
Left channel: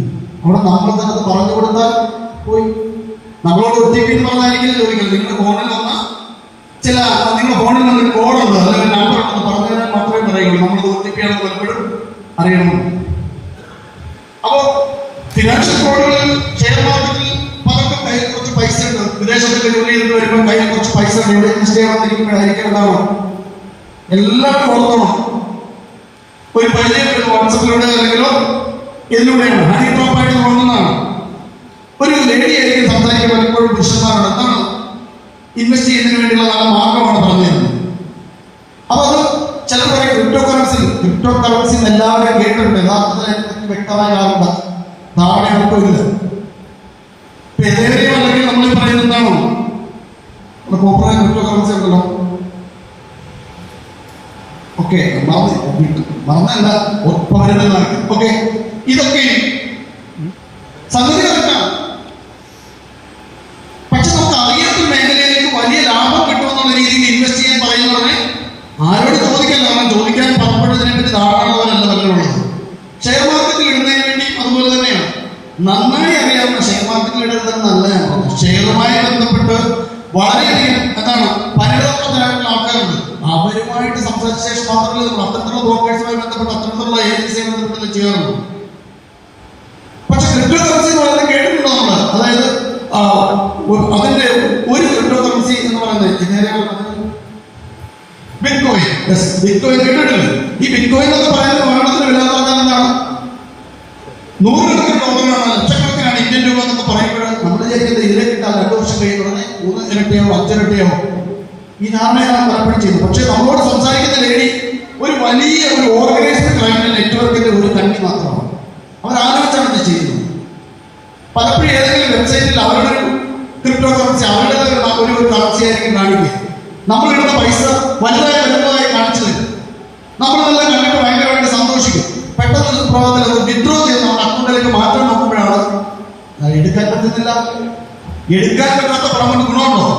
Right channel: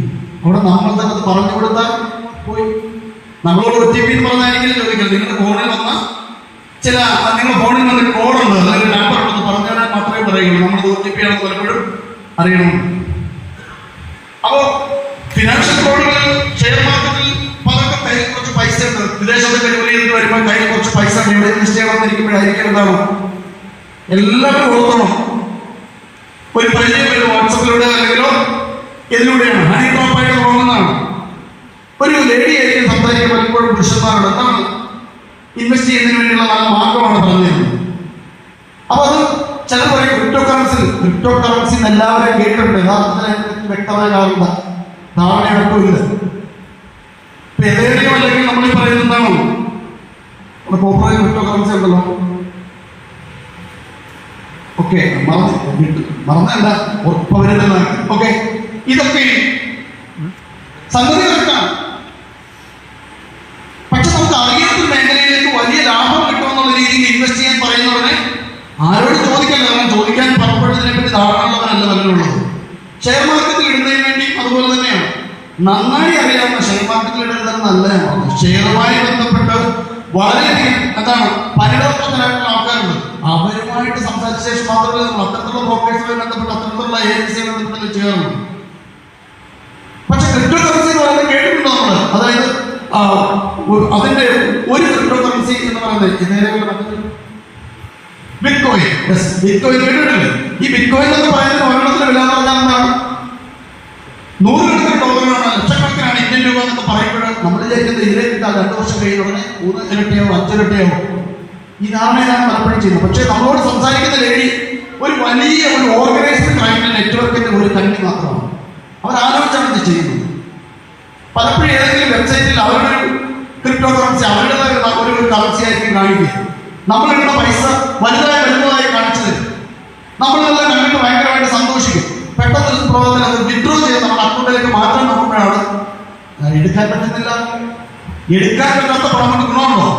അവിടെ നമ്മൾ തന്നെ അത് പറഞ്ഞു കൊടുത്താൽ പോയി. നമ്മളോട് OTP എന്ന് പറഞ്ഞായിരിക്കും ചോദിക്കരുത്. നിങ്ങളുടെ ഫോണിൽ വന്ന നിങ്ങളുടെ ഫോണിൽ വന്നൊരു കോഡുണ്ട് അല്ലെങ്കിൽ നമ്പർ ഉണ്ടെന്ന് പറഞ്ഞവരെ മാത്രമേ പറയുള്ളൂ. നമ്മുടെ OTP ആണെന്ന് പലപ്പോഴും അറിയണം. അപ്പോൾ ഫിനാൻഷ്യൽ ഫ്രോഡുകൾ, ഷെയർ മാർക്കറ്റിൽ പലർക്കും കയ്യിൽ കുറച്ച് പൈസ ഉണ്ട്, വിദേശത്തൊക്കെ ജോലി ചെയ്തിട്ട് വരുമ്പോൾ കയ്യിൽ കുറച്ച് പൈസ ഉണ്ട്, എവിടെ ഇൻവെസ്റ്റ് ചെയ്യണമെന്നിരിക്കുമ്പോഴായിരിക്കും എന്താണ് എല്ലാവരും ഓർത്തോണം. ഒരു പരിചയം വാട്സപ്പിലൂടെ അല്ലെങ്കിലോ ഇതിലൂടെയാണ് ഹണി ട്രാപ്പായിട്ട് തോന്നുന്നതാണ്. ഒരു ലേഡി ആയിരിക്കും സംസാരിക്കാൻ പലപ്പോഴും പുരുഷന്മാരോട് എന്താണ് ഇൻവെസ്റ്റ് ചെയ്യുന്നതിന് വേണ്ടിയുള്ള നല്ല മാർഗമാണ് പറഞ്ഞു തരുന്നത്. അപ്പൊ അത് ചിലർ പറയും ക്രിപ്റ്റോ കറൻസി എല്ലാവരും കേട്ടിട്ടുണ്ട്. യഥാർത്ഥത്തിൽ വ്യക്തമായ ധാരണയെടുക്കില്ല. ഏതെങ്കിലും അല്ലെങ്കിൽ നമ്മൾ പറയുന്നത് എന്താണോ പോപ്പുലർ ക്രിപ്റ്റോ കറൻസി ഉണ്ടല്ലോ, ഓക്കെ മറന്നല്ല ഉറപ്പവരുന്നതാണ്. ഓക്കെ, ഇതൊക്കെ സംഗതി കറക്റ്റാണ്. പക്ഷെ നമുക്ക് അറിയാത്ത മേഖലയിലേക്ക് വലിയ ലാഭം കിട്ടുമെന്നുള്ള രീതിയിൽ ഇൻവെസ്റ്റ് ചെയ്യാൻ പറയുന്നവരെ ആരോട് ചോദിക്കാൻ, കാരണം ചോദിക്കാൻ പുറപ്പെട്ടതിനെ പറ്റി ധാരണയുള്ളവരല്ല നല്ലതുള്ളത്. ഷെയർ മാർക്കറ്റിൽ ഇടുന്നതിന് വേണ്ടി അതുപോലെ തന്നെയാണ്. നന്നായി അറിയാവുന്ന ഷെയർ മാർക്കറ്റിൽ ഇടുന്നത് നല്ലതാണ്. ഷെയറുമായി ബന്ധപ്പെട്ട് വളരെയധികം എന്താണ് പരിണതപ്രദരായിട്ടുള്ള ആൾക്കാരുണ്ട്. അവരുമായിട്ട് സംസാരിച്ച ശേഷം മാത്രമല്ല അത്തരത്തിലുള്ള ബ്രോക്കേഴ്സുമായി ബന്ധപ്പെട്ട് അത്തരത്തിലുള്ള ഏജൻസിയെ ബന്ധപ്പെട്ട് ചെയ്യാറുണ്ട്. പക്ഷെ ക്രിപ്റ്റോ കറൻസി പറയുന്നത് കേട്ടിട്ടുണ്ടോ നമ്മൾ? അതായത് അതിന്റെ ഒരു ക്രിപ്റ്റോ കറൻസി എന്ന് പറയുന്നത് ബിറ്റ്കോയിൻ. ബിറ്റ്കോയിൻ കേട്ടിട്ടില്ലേ? ഈ ബിറ്റ്കോയിൻ എന്നൊക്കെ പറയുന്നത് ഒരെണ്ണത്തിന് വില എന്താണ്? 100 കോടികളാണ്, ലക്ഷക്കണക്കിനാണ് ഇന്ത്യൻ രൂപ എന്നൊക്കെ പറയുമ്പോൾ നമ്മൾ വിചാരിക്കുന്നത് ഇതിലെ കിട്ടാൻ 2 വർഷം കഴിയുന്നതിന് 3 ഇരട്ടിയോ 5 ഇരട്ടിയോ ഈ ധാരണയാണ് പലപ്പോഴും ചെയ്യുന്നത്. പക്ഷെ നമ്മളോട് സംസാരിക്കുന്ന ലേഡി ഒരു വലിയ ഒരു ഓർഗനൈസ്ഡ് ക്ലൈന്റ് നെറ്റ്വർക്കിന്റെ ഒരു കണ്ണി മാത്രമാണ്. അവർ ആലോചിച്ചാണ് ഇത് ചെയ്യുന്നത്. പലപ്പോഴും ഏതെങ്കിലും വെബ്സൈറ്റിൽ അവരുടെ ക്രിപ്റ്റോ കറൻസി അവരുടേതായ ഒരു കറൻസി ആയിരിക്കും കാണിക്കുക. നമ്മളിടുന്ന പൈസ വലുതായി കാണിച്ചു തരും. നമ്മളത് കണ്ടിട്ട് ഭയങ്കരമായിട്ട് സന്തോഷിക്കും. പെട്ടെന്ന് പ്രോബ്ലം അത് വിഡ്രോ ചെയ്ത് നമ്മുടെ അക്കൗണ്ടിലേക്ക് മാറ്റാൻ നോക്കുമ്പോഴാണ് എടുക്കാൻ പറ്റുന്നില്ല. എടുക്കാൻ പറ്റാത്ത പണം ഗുണമുണ്ടോ?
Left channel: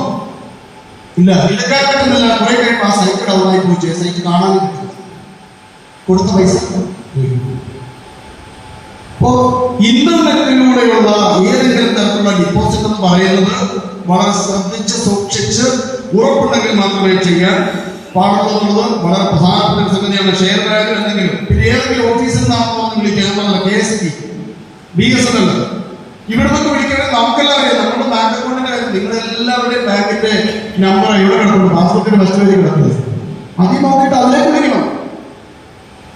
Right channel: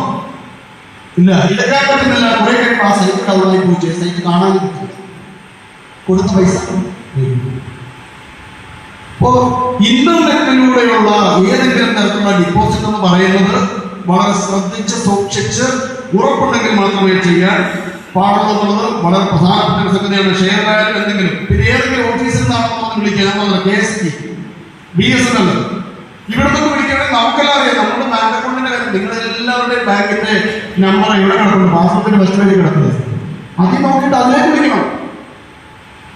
ഇല്ല, എടുക്കാൻ പറ്റുന്നില്ല. കുറെ കഴിയുമ്പോൾ ആ സൈറ്റ് ഡൗണായി പോയി, സൈറ്റ് കാണാൻ കൊടുത്ത പൈസ. അപ്പോ ഇന്റർനെറ്റിലൂടെയുള്ള ഏതെങ്കിലും തരത്തിലുള്ള ഡിപ്പോസിറ്റ് എന്ന് പറയുന്നത് വളരെ ശ്രദ്ധിച്ച് സൂക്ഷിച്ച് ഉറപ്പുണ്ടെങ്കിൽ മാത്രമേ ചെയ്യാൻ പാടുള്ളത്. വളരെ പ്രധാനപ്പെട്ട ഒരു സംഗതിയാണ്. ഷെയർ ബാങ്കിൽ എന്തെങ്കിലും പിന്നെ ഏതെങ്കിലും ഓഫീസിൽ നിന്നാണെന്ന് വിളിക്കുക, KSK, BSNL ഇവിടെ നിന്ന് വിളിക്കണമെങ്കിൽ നമുക്കെല്ലാം അറിയാം. നമ്മുടെ ബാങ്ക് അക്കൗണ്ടിന്റെ കാര്യം നിങ്ങളെല്ലാവരുടെയും ബാങ്കിന്റെ നമ്പർ ഇവിടെ കിടക്കുന്നു, പാസ്ബുക്കിന്റെ ഫസ്റ്റ് പേജിൽ കിടക്കുന്നത്. അതിൽ നോക്കിയിട്ട് അതിലേക്ക് വിളിക്കണം.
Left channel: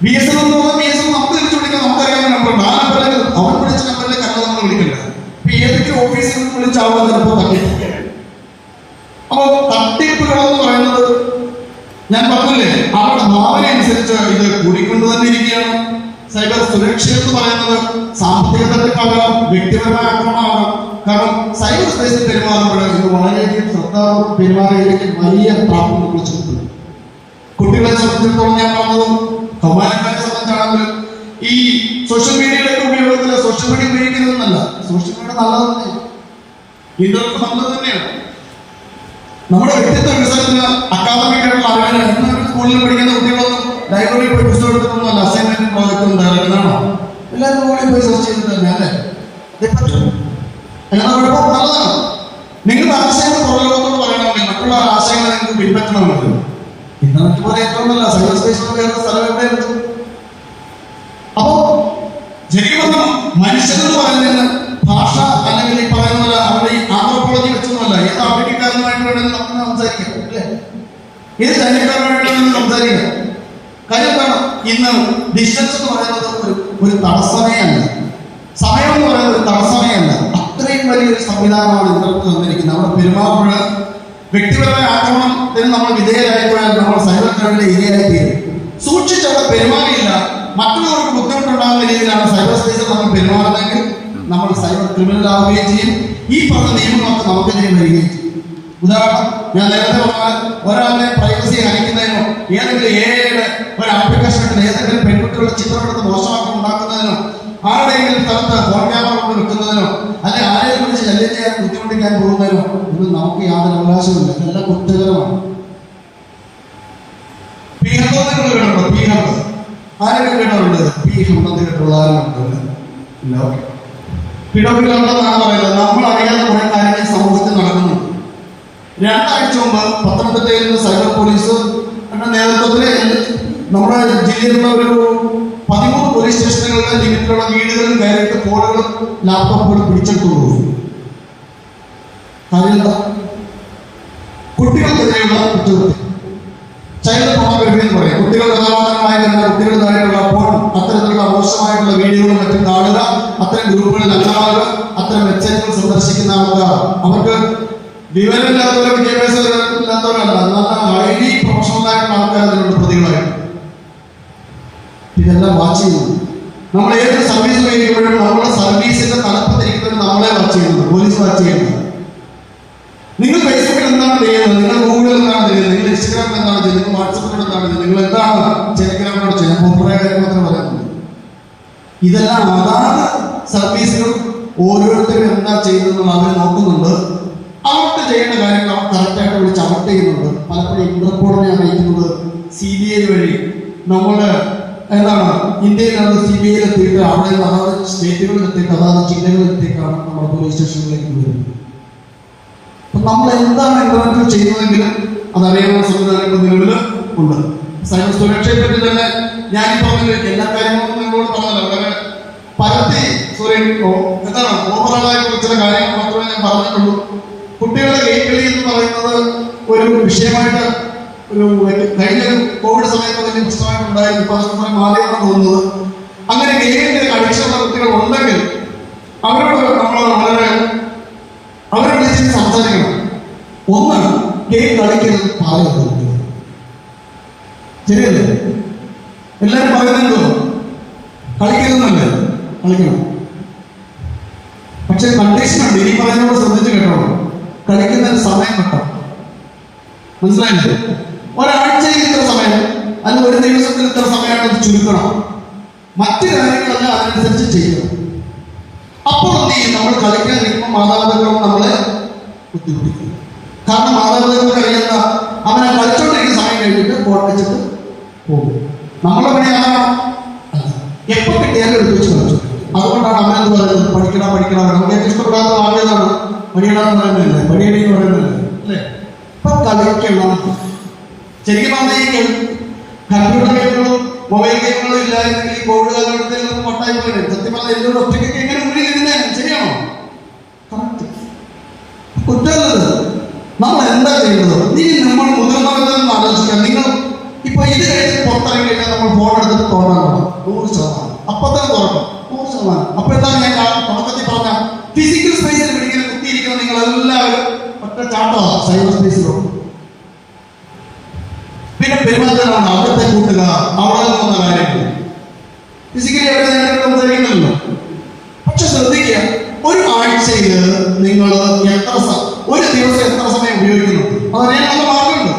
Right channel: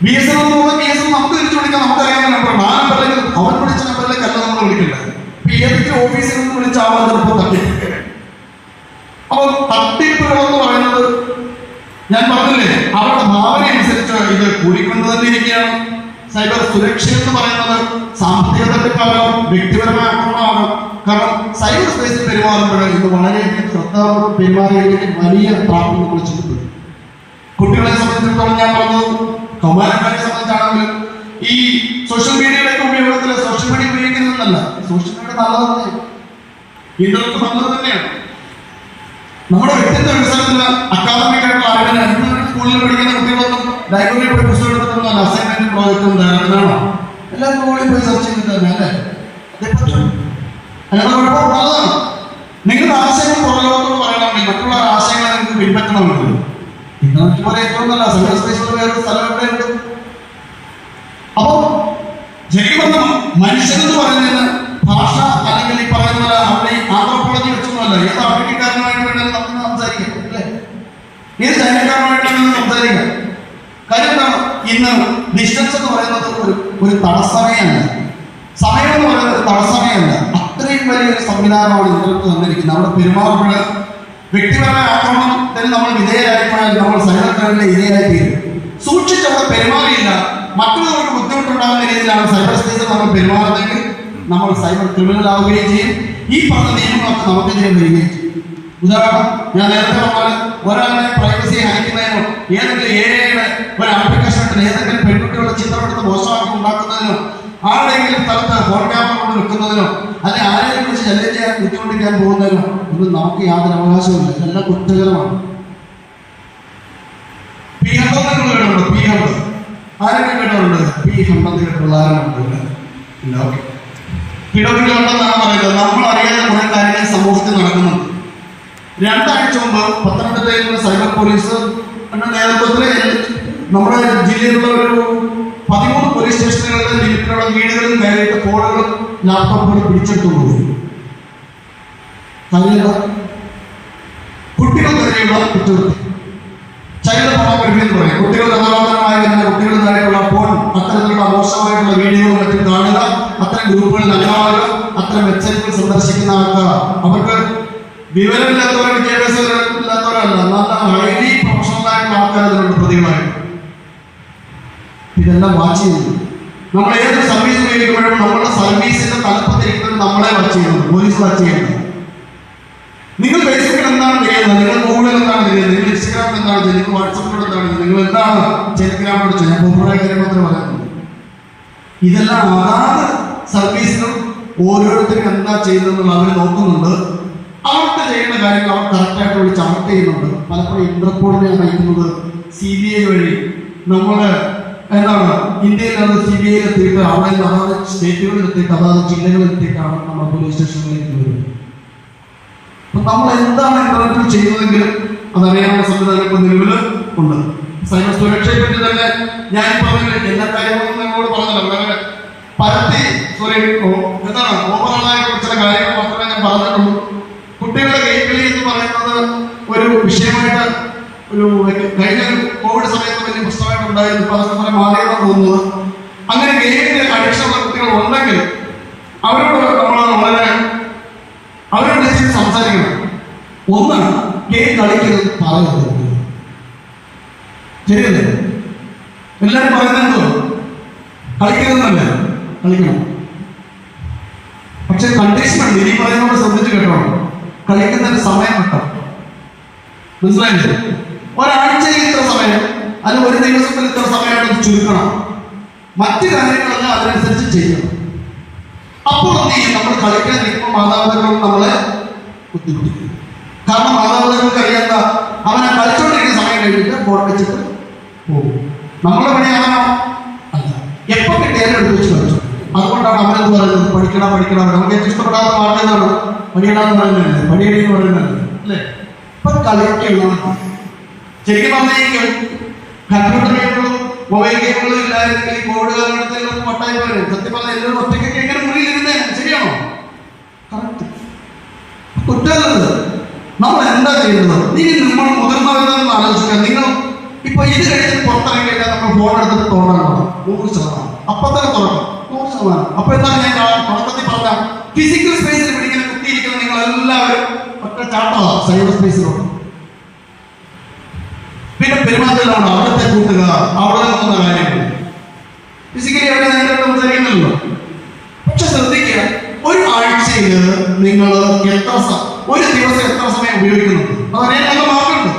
BSNL കേസ് നമുക്ക് തിരിച്ചു വിളിക്കാൻ നമുക്കറിയാവുന്ന നമ്പറുണ്ട്. ആ നമ്പറിലേക്ക് അവർ വിളിച്ച നമ്പറിലേക്ക് അല്ല നമ്മൾ വിളിക്കുന്നത്. ഇപ്പൊ ഏതെങ്കിലും ഓഫീസിൽ നിന്ന് വിളിച്ചാവുമ്പോൾ ചിലപ്പോൾ തട്ടിപ്പ്. അപ്പോൾ തട്ടിപ്പുകളെന്ന് പറയുന്നത് ഞാൻ പറഞ്ഞില്ലേ, അവരുടെ ഭാവന അനുസരിച്ച് ഇത് കൂടിക്കൊണ്ട് തന്നെ ഇരിക്കുകയാണ്. സൈബർ സുരക്ഷ എന്ന് പറയുന്നത് സാമ്പത്തിക തട്ടിപ്പാകാം, വ്യക്തിപരമായ ആക്രമണമാകാം. കാരണം സൈബർ സ്പേസിൽ പെരുമാറുമ്പോൾ ഇത് വളരെയധികം ശ്രദ്ധാപൂർവ്വം പെരുമാറിയതിലേക്ക് വലിയ പ്രാപ്തി വിളിച്ചിട്ടുണ്ട്. കുട്ടികളെ സംബന്ധിച്ചിടത്തോളം ഞാൻ പറഞ്ഞത് കൗമാരക്കാരെ സംബന്ധിച്ചാണെങ്കിൽ ഈ സോഷ്യൽ മീഡിയയുടെ ഉപയോഗത്തിൽ സോഷ്യൽ മീഡിയ ഉപയോഗിക്കുന്നതെന്നല്ല, സോഷ്യൽ മീഡിയ നല്ലതാണ്, ഇന്റർനെറ്റ് നല്ലത് തന്നെയാണ്. നമ്മുടെ വ്യക്തിത്വ വികസനത്തിന് അക്കാദമിക്കായിട്ടുള്ള അറിവിന് സ്കൂളിൽ പഠിക്കുന്ന കുട്ടികളൊന്നും ലൈബ്രറിയിൽ പോയി പുസ്തകം എടുത്തിട്ടൊന്നുമല്ല. അസൈൻമെന്റും പ്രോജക്റ്റും എന്താണോ എല്ലാം ഗൂഗിളിൽ പോയി സെർച്ച് ചെയ്തിട്ട് അല്ലേ പറ്റും. എന്നാ കുഴപ്പം നല്ലതാണ്. നിങ്ങളുടെ ആശയങ്ങൾ പുറകോട്ടെന്ന് പറയണമെങ്കിൽ മറ്റുള്ള ആശയങ്ങളെ നിങ്ങൾക്ക് പിൻപറ്റണമെങ്കിൽ ഇന്റർനെറ്റ് പോലെ ഏറ്റവും നല്ല സൈബർ സ്പേസിൽ വേറെ സ്ഥലം എവിടെയുണ്ട്. അപ്പോ മനുഷ്യനെന്ന് പറയുന്നത് ഭാഷ അല്ലെങ്കിൽ ഈ പറയുന്ന പോലെ അവിടെ ഈ ആന്ത്രോപോളജി വെച്ചൊന്നുമല്ല. ഏത് ആഫ്രിക്കക്കാരനുമായിട്ട് വേണമെങ്കിലും നമുക്ക് സംസാരിക്കാം, അല്ലേ? ഏത് ചൈനക്കാരനുമായിട്ട് വേണമെങ്കിലും സംസാരിക്കാം. കാര്യം എന്താണ്? ഇന്ന് ഡിസ്റ്റൻസ് എന്ന് പറയുന്നത് ഒരു തടസ്സമേ അല്ല. സമയം എന്ന് പറയുന്നത് ഒരു തടസ്സമേ അല്ല. അത്രയും വലിയൊരു സംവിധാനമാണ് ഇന്റർനെറ്റ് തന്നിരിക്കുന്നത്. നമ്മുടെ പെരുമാറുമ്പോൾ വ്യക്തിപരമായ ആക്രമണത്തിന് നമ്മൾ വിധേയരായപ്പോഴാൽ നമ്മൾ സൈബർ ക്രൈമിന്റെ ഇരയായി തീരും. സൂക്ഷിച്ചവിടെ പെരുമാറിയില്ല, മറ്റുള്ളവർക്ക് ബുദ്ധിമുട്ടുണ്ടാകുന്ന രീതിയിലാണ് സൈബർ സ്പേസിൽ നമ്മൾ പെരുമാറുന്നതെങ്കിൽ നമ്മൾ സൈബർ ക്രിമിനൽ ആവുകയും ചെയ്യും. ഈ പറഞ്ഞ നിയമങ്ങളൊക്കെ നമുക്കെതിരെ വരികയും ചെയ്യും. ഉദാഹരണം, ഞാൻ നേരത്തെ പറഞ്ഞാൽ ഒരാളുടെ പ്രൈവസി ഹനിക്കുന്നതിനോ ഏതെങ്കിലും ഏരിയയുടെ ഒരു ആപ്ലിക്കേഷൻ ഇട്ട് ഏതെങ്കിലും പെൺകുട്ടികളുടെ ചിത്രമെടുത്ത് മോശമാക്കി ഉണ്ടാക്കുന്നതിനോ ആരുടെയെങ്കിലും സ്ഥലത്ത് ഫോൺ ക്യാമറ കൊണ്ട് വെക്കുന്നതിനോ അല്ലെ ആരെയും വിളിച്ച് ശല്യം ചെയ്യാൻ ബുദ്ധിമുട്ടിക്കാൻ പോകുന്നതിനോ ഒന്നും നമുക്ക് യാതൊരു അവകാശമില്ല. ഇതെല്ലാം കുറ്റകരമാണ്. ആരൊക്കെ വീടുണ്ട്? പി ഹമ്മദിന്റെ പിള്ളേരുണ്ട്. പിടപിടുണ്ടെന്നാണ് പറയുന്നത്. നമ്മൾ അറിയാതെ കുറെ കാര്യങ്ങൾ സമൂഹത്തിൽ നടക്കുന്നുണ്ട്. 2 ആഴ്ച മുമ്പ് പത്തനംതിട്ടയിൽ നിന്ന് സൈബർ പോലീസ് നേതൃത്വത്തിൽ നമ്മുടെ ജില്ലയിലുള്ള ഒരു 13 പോലീസ് സ്റ്റേഷനുകളിലെ ലിമിറ്റിലുള്ള വീടുകളിൽ കയറിയിട്ട് ഫോണുകളും ലാപ്ടോപ്പുകളും പിടിച്ചെടുത്തുകൊണ്ടുപോയി. കുട്ടികൾക്കെതിരെയുള്ള കുറ്റകൃത്യം, ചൈൽഡ് ഫോട്ടോഗ്രാഫി എന്ന് പറയും. കുട്ടികൾ ബലവന്തരമായി വരുന്ന കുട്ടികളുമായിട്ടുള്ള ഫോൺ, അത്തരത്തിലുള്ള മോശമായിട്ടുള്ള വീഡിയോകളും മറ്റും കാണുക, അത്തരം ഗ്രൂപ്പുകളിൽ അല്ലാതെ അത്തരം വെബ്സൈറ്റുകൾ സന്ദർശിക്കുന്ന ആൾക്കാർ അവർക്ക് വിവരമില്ലാത്തവരും വിദ്യാഭ്യാസമില്ലാത്തവരല്ല, നല്ല ഹൈലി പ്രൊഫഷണലായിട്ടുള്ള ആൾക്കാർ അതിലുള്ള പ്രതികളായിട്ട് ഇതെല്ലാം വാച്ച് ചെയ്യുന്നു. നമ്മൾ ഏതൊരു സർവീസ് ഉപയോഗിക്കുമ്പോഴും നമ്മുടെ സർവീസിന്റെ തലപ്പത്തിരിക്കുന്നത് നമ്മളെ വാച്ച് ചെയ്യുന്നത്, പോലീസ് വാച്ച് ചെയ്യുന്നത്. നിങ്ങൾ ഫേസ്ബുക്കിൽ എന്താണ് ചെയ്യുന്നത്? നിങ്ങൾ ഗൂഗിളിൽ എന്താണ് ചെയ്യുന്നത്? നിങ്ങൾ ഇൻസ്റ്റാഗ്രാമിൽ എന്താണ് ചെയ്യുന്നത്? നിങ്ങൾ വാട്സപ്പിൽ എന്താണ് ചെയ്യുന്നത്? നിങ്ങൾ എന്താണ് ടെലിഗ്രാമിലൂടെ ചെയ്യാൻ പൊതുവായ കാര്യം മാത്രം പറയുന്നത്? ഇതെല്ലാം അതാത് സർവീസുകൾ ഓരോരുത്തരും എന്താ ചെയ്യുന്നതെന്ന് അവർ നോക്കുന്നുണ്ട്. അവർക്ക് ചെയ്യുന്ന കാര്യങ്ങൾ അവർ കറക്റ്റായിട്ട് വിളിച്ച് അവർക്ക് ചെയ്യുന്നുണ്ട്. പലപ്പോഴും ഇന്റർപോളിനെ അറിയിക്കുന്നത് CBI വഴി നമ്മുടെ എന്താണ് ഇന്ത്യയിലാണ് CBI എത്തിയിട്ട് അവിടെ അതാത് സ്റ്റേറ്റുകളിൽ എത്തിയിട്ട് അതാത് ജില്ലകളിൽ എത്തിയിട്ടാണ് നമ്മുടെ പോലീസ് സ്റ്റേഷനിലേക്ക് വരുന്നത്. നമ്മൾ എന്താണ് ഇന്റർനെറ്റിൽ ചെയ്യുന്നതെങ്കിലും അതറിയാനുള്ള സംവിധാനങ്ങൾ നിലവിൽ ഉണ്ട്. സൈബർ സുരക്ഷയെ പറ്റി തന്നെ ഞാൻ പറഞ്ഞ എല്ലാ കാര്യങ്ങളും നിങ്ങളോട് പറഞ്ഞല്ലോ. വളരെ പരത്തി എന്താണ് ഓവറോളായിട്ട് ചില കാര്യങ്ങൾ മാത്രമേ ഞാൻ പറഞ്ഞിട്ടുള്ളൂ. കുട്ടികളുടെ ഗെയിം കളി എന്ന് പറയുന്നത് ഒരു വിഷയമായിട്ട് ഒരു കഴിഞ്ഞ കോവിഡ് സമയത്ത് വലിയ പ്രശ്നമായിട്ട് ഉണ്ടായിരുന്നു. ഇപ്പൊ അതൊക്കെ മാറിയെന്നാണ് തോന്നുന്നത്. അങ്ങനെ ഗെയിമിന്റെ അഡിക്ഷനുള്ള കുട്ടികൾ ഉണ്ടെങ്കിൽ അവരോട് നമ്മൾ വളരെ അവരോട് സംസാരിക്കണം. ഒന്ന്, ഗെയിം കളിക്കുന്നത് പറയുന്നത് ശരിയല്ലേ? എല്ലാവരും പറയുന്നുണ്ടോ കളിക്കുന്നതല്ല? കളിക്കണം, പക്ഷെ കണ്ടീഷൻ ഉണ്ട്. ഇനി പറയുന്നതോട് ശ്രദ്ധിച്ചു കേട്ടോ. കളിക്കുന്നതിന് സമയം കിട്ടും, മനസ്സിലായില്ലേ? ഒരാഴ്ചയിൽ ഇത്ര സമയം അല്ലെങ്കിൽ ഒരു ദിവസത്തിൽ ഇത്ര സമയമായിട്ട് ചുരുക്കണം. മറ്റു കാര്യങ്ങളെല്ലാം അതിനനുസരിച്ച് ചെയ്യണം. അപ്പോൾ നമ്മൾ കളിക്കാൻ നിൽക്കുമ്പോൾ മാതാപിതാക്കൾ നമ്മളെ ബുദ്ധിമുട്ടിക്കും. കാരണം മാതാപിതാക്കൾക്ക് അറിയാത്ത അവനെ കളിച്ചോണ്ടിരിക്കുന്ന സമയം കഴിഞ്ഞിട്ട് ഫോൺ വെച്ചിട്ട് പോകും. നമ്മളെ പണിയാണോ? അല്ല, എപ്പോൾ കിട്ടിയാലും എടുത്ത് വെച്ച് കളിച്ചു. അതുകൊണ്ടാണ് അമ്മ എന്ന് പറയുന്നത് പഠിക്കണം പഠിക്കണം. നമുക്ക് ഏറ്റവും ഇഷ്ടപ്പെടാത്ത മാറിയതാണ് പണിയിടാന്ന് പറയുന്നതല്ലേ, പണിയടിയെന്ന് പറയുന്നതല്ലേ, അല്ലേ? ഇപ്പൊ കളിക്കണം. ശരിക്കും പറഞ്ഞെങ്കിൽ കമ്പ്യൂട്ടർ ഗെയിമുകളും മൊബൈൽ ഗെയിമുകളും ഇല്ലായിരുന്നെങ്കിൽ കോവിഡ് കാലഘട്ടത്തിൽ പട്ടായി പോലും സത്യം പറഞ്ഞാൽ എല്ലാവരും ഒറ്റയ്ക്ക് എങ്ങനെ മുന്നിൽ ഇരുന്നേ? ശരിയാണോ? കുറ്റമല്ലത്. നമ്മൾ എന്താ ചെയ്യുന്നത്? നമ്മൾ മുതിർന്നവരെന്ന് ആലോചിക്കുക. നിങ്ങൾ ഇപ്പൊ ഇത് കഴിഞ്ഞ് പുറത്തിറങ്ങി കഴിഞ്ഞാൽ നമ്മൾ ഫോൺ എടുത്തിട്ട് തോന്നാനാണ് 100%. അപ്പൊ തന്നെ തുറക്കും 100%. അപ്പൊ എന്താണ് ഞാൻ തുടക്കത്തിൽ പറഞ്ഞ ഫിസിക്കൽ സ്പേസിൽ പിടിക്കുന്ന കുത്തിയിരിക്കുന്ന നിങ്ങൾ എല്ലാവരും ഒറ്റ ചാട്ടമാണ് സൈബർ സ്പേസിലോട്ട്. പിന്നെ പെരുമാറ്റമാണ് അവിടുത്തെ കൂട്ടുക, അവിടെ പോകുന്ന കാര്യങ്ങൾ ഫിസിക്കലി അവിടെ നേരിട്ട് സംസാരിക്കുന്നില്ലല്ലോ. പക്ഷെ ശ്രദ്ധിക്കുക, ഒരു ആഴ്ചയിൽ നിങ്ങൾ ഒരു ദിവസം എത്ര സമയം ഉപയോഗിക്കുന്നുണ്ട്? അതറിയാൻ നല്ല മാർഗമുണ്ട്.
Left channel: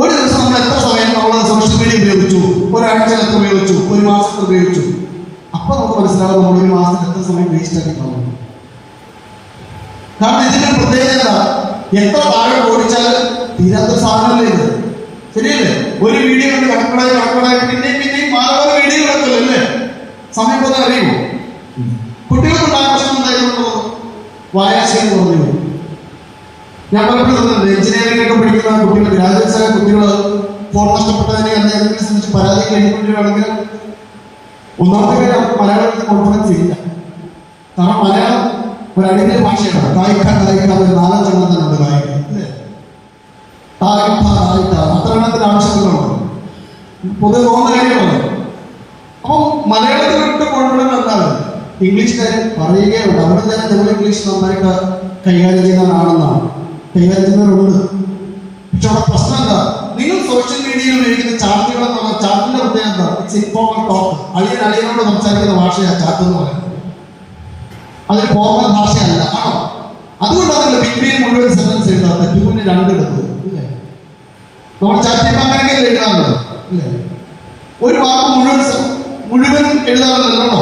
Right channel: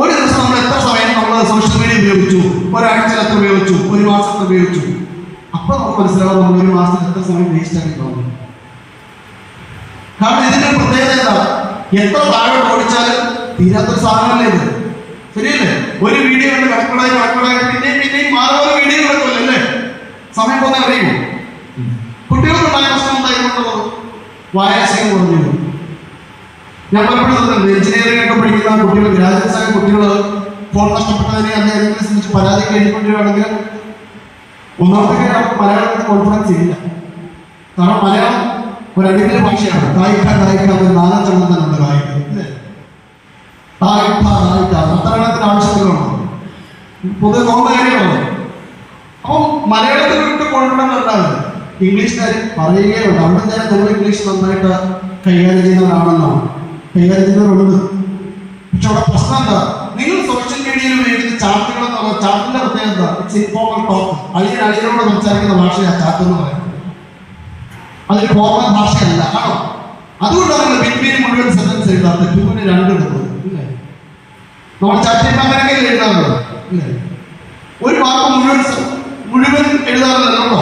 ഒരു ദിവസം നമ്മൾ എത്ര സമയം നമ്മൾ സോഷ്യൽ മീഡിയ ഉപയോഗിച്ചു, ഒരാഴ്ചയിൽ എത്ര ഉപയോഗിച്ചു, ഒരു മാസത്തിൽ ഉപയോഗിച്ചു. അപ്പൊ നമുക്ക് മനസ്സിലാവും നമ്മൾ ഒരു മാസത്തിൽ എത്ര സമയം വേസ്റ്റ് ആക്കിയിട്ടുണ്ടാവും. കാരണം ഇതിന്റെ പ്രത്യേകത എത്ര താഴെ ഓടിച്ചാലും തീരാത്ത സാധനമല്ലേ ഇത്? ശരിയല്ലേ? ഒരു വീഡിയോ കണ്ട് കടക്കടായി പിന്നെയും മാനവ വീഡിയോ കിടക്കുമല്ലോ, അല്ലേ? സമയം പോലെ അറിയുമോ? കുട്ടികൾക്കുണ്ടായ പ്രശ്നം എന്തായിരുന്നു? വായനശീലം കുറഞ്ഞു. ഞാൻ പലപ്പോഴും എഞ്ചിനീയറിംഗ് ഒക്കെ പഠിക്കുന്ന കുട്ടികൾ, ഗ്രാജുവേറ്റ്സ് ആയ കുട്ടികൾ ഫോൺ നഷ്ടപ്പെട്ടതിനെ അതിനെ സംബന്ധിച്ച് പരാതി കഴിഞ്ഞിട്ടുണ്ടെങ്കിലും ഒന്നാമത്തെ കാര്യം അവർക്ക് മലയാളത്തിൽ കോൺഫിഡൻസ് ഇല്ല. കാരണം മലയാളം ഒരു അടിമല ഭാഷയാണ്. കായ്ക്കാൻ ഒരു നാലഞ്ചെണ്ണം തന്നെ ഉണ്ട് കായ്ക്കാൻ. അത്തരണത്തിന് ആവശ്യത്തിലുണ്ട് പൊതുവെ തോന്നുന്ന കാര്യമാണ്. അപ്പം മലയാളത്തിൽ വിട്ട് കോൺഫിഡൻസ് അല്ലാതെ ഇംഗ്ലീഷുകാർ പറയുകയുണ്ട്. അവിടെ ഞാൻ നിങ്ങൾ ഇംഗ്ലീഷ് നന്നായിട്ട് കൈകാര്യം ചെയ്യുന്നവരാണെന്നാണ്, കൈകാര്യം ചെയ്യുന്നവരുണ്ട്. പക്ഷെ അവിടെ പ്രശ്നം എന്താ, നിങ്ങൾ സോഷ്യൽ മീഡിയയിൽ ഉപയോഗിക്കുന്ന ചാറ്റുകൾ എന്നുള്ള ചാറ്റിന്റെ പ്രത്യേകത എന്താ? It's informal talk. അളിയനോട് സംസാരിക്കുന്ന ഭാഷയാണ് ചാറ്റ് എന്ന് പറയുന്നത്. അതൊരു ഫോർമൽ ഭാഷയല്ല. ആണോ? അതുകൊണ്ടാണ് നിങ്ങൾ ബിറ്റ്വീൻ മുഴുവൻ സെന്റൻസ് എഴുതാത്ത ട്യൂവിന് 2 എടുത്തത്. ഇല്ലേ? നമ്മൾ ചാറ്റിന്റെ അമേരിക്കയിൽ എഴുതാറുണ്ട്. ഇല്ലേ? ഒരു വാക്ക് മുഴുവൻ എഴുതാറുണ്ടല്ലോ.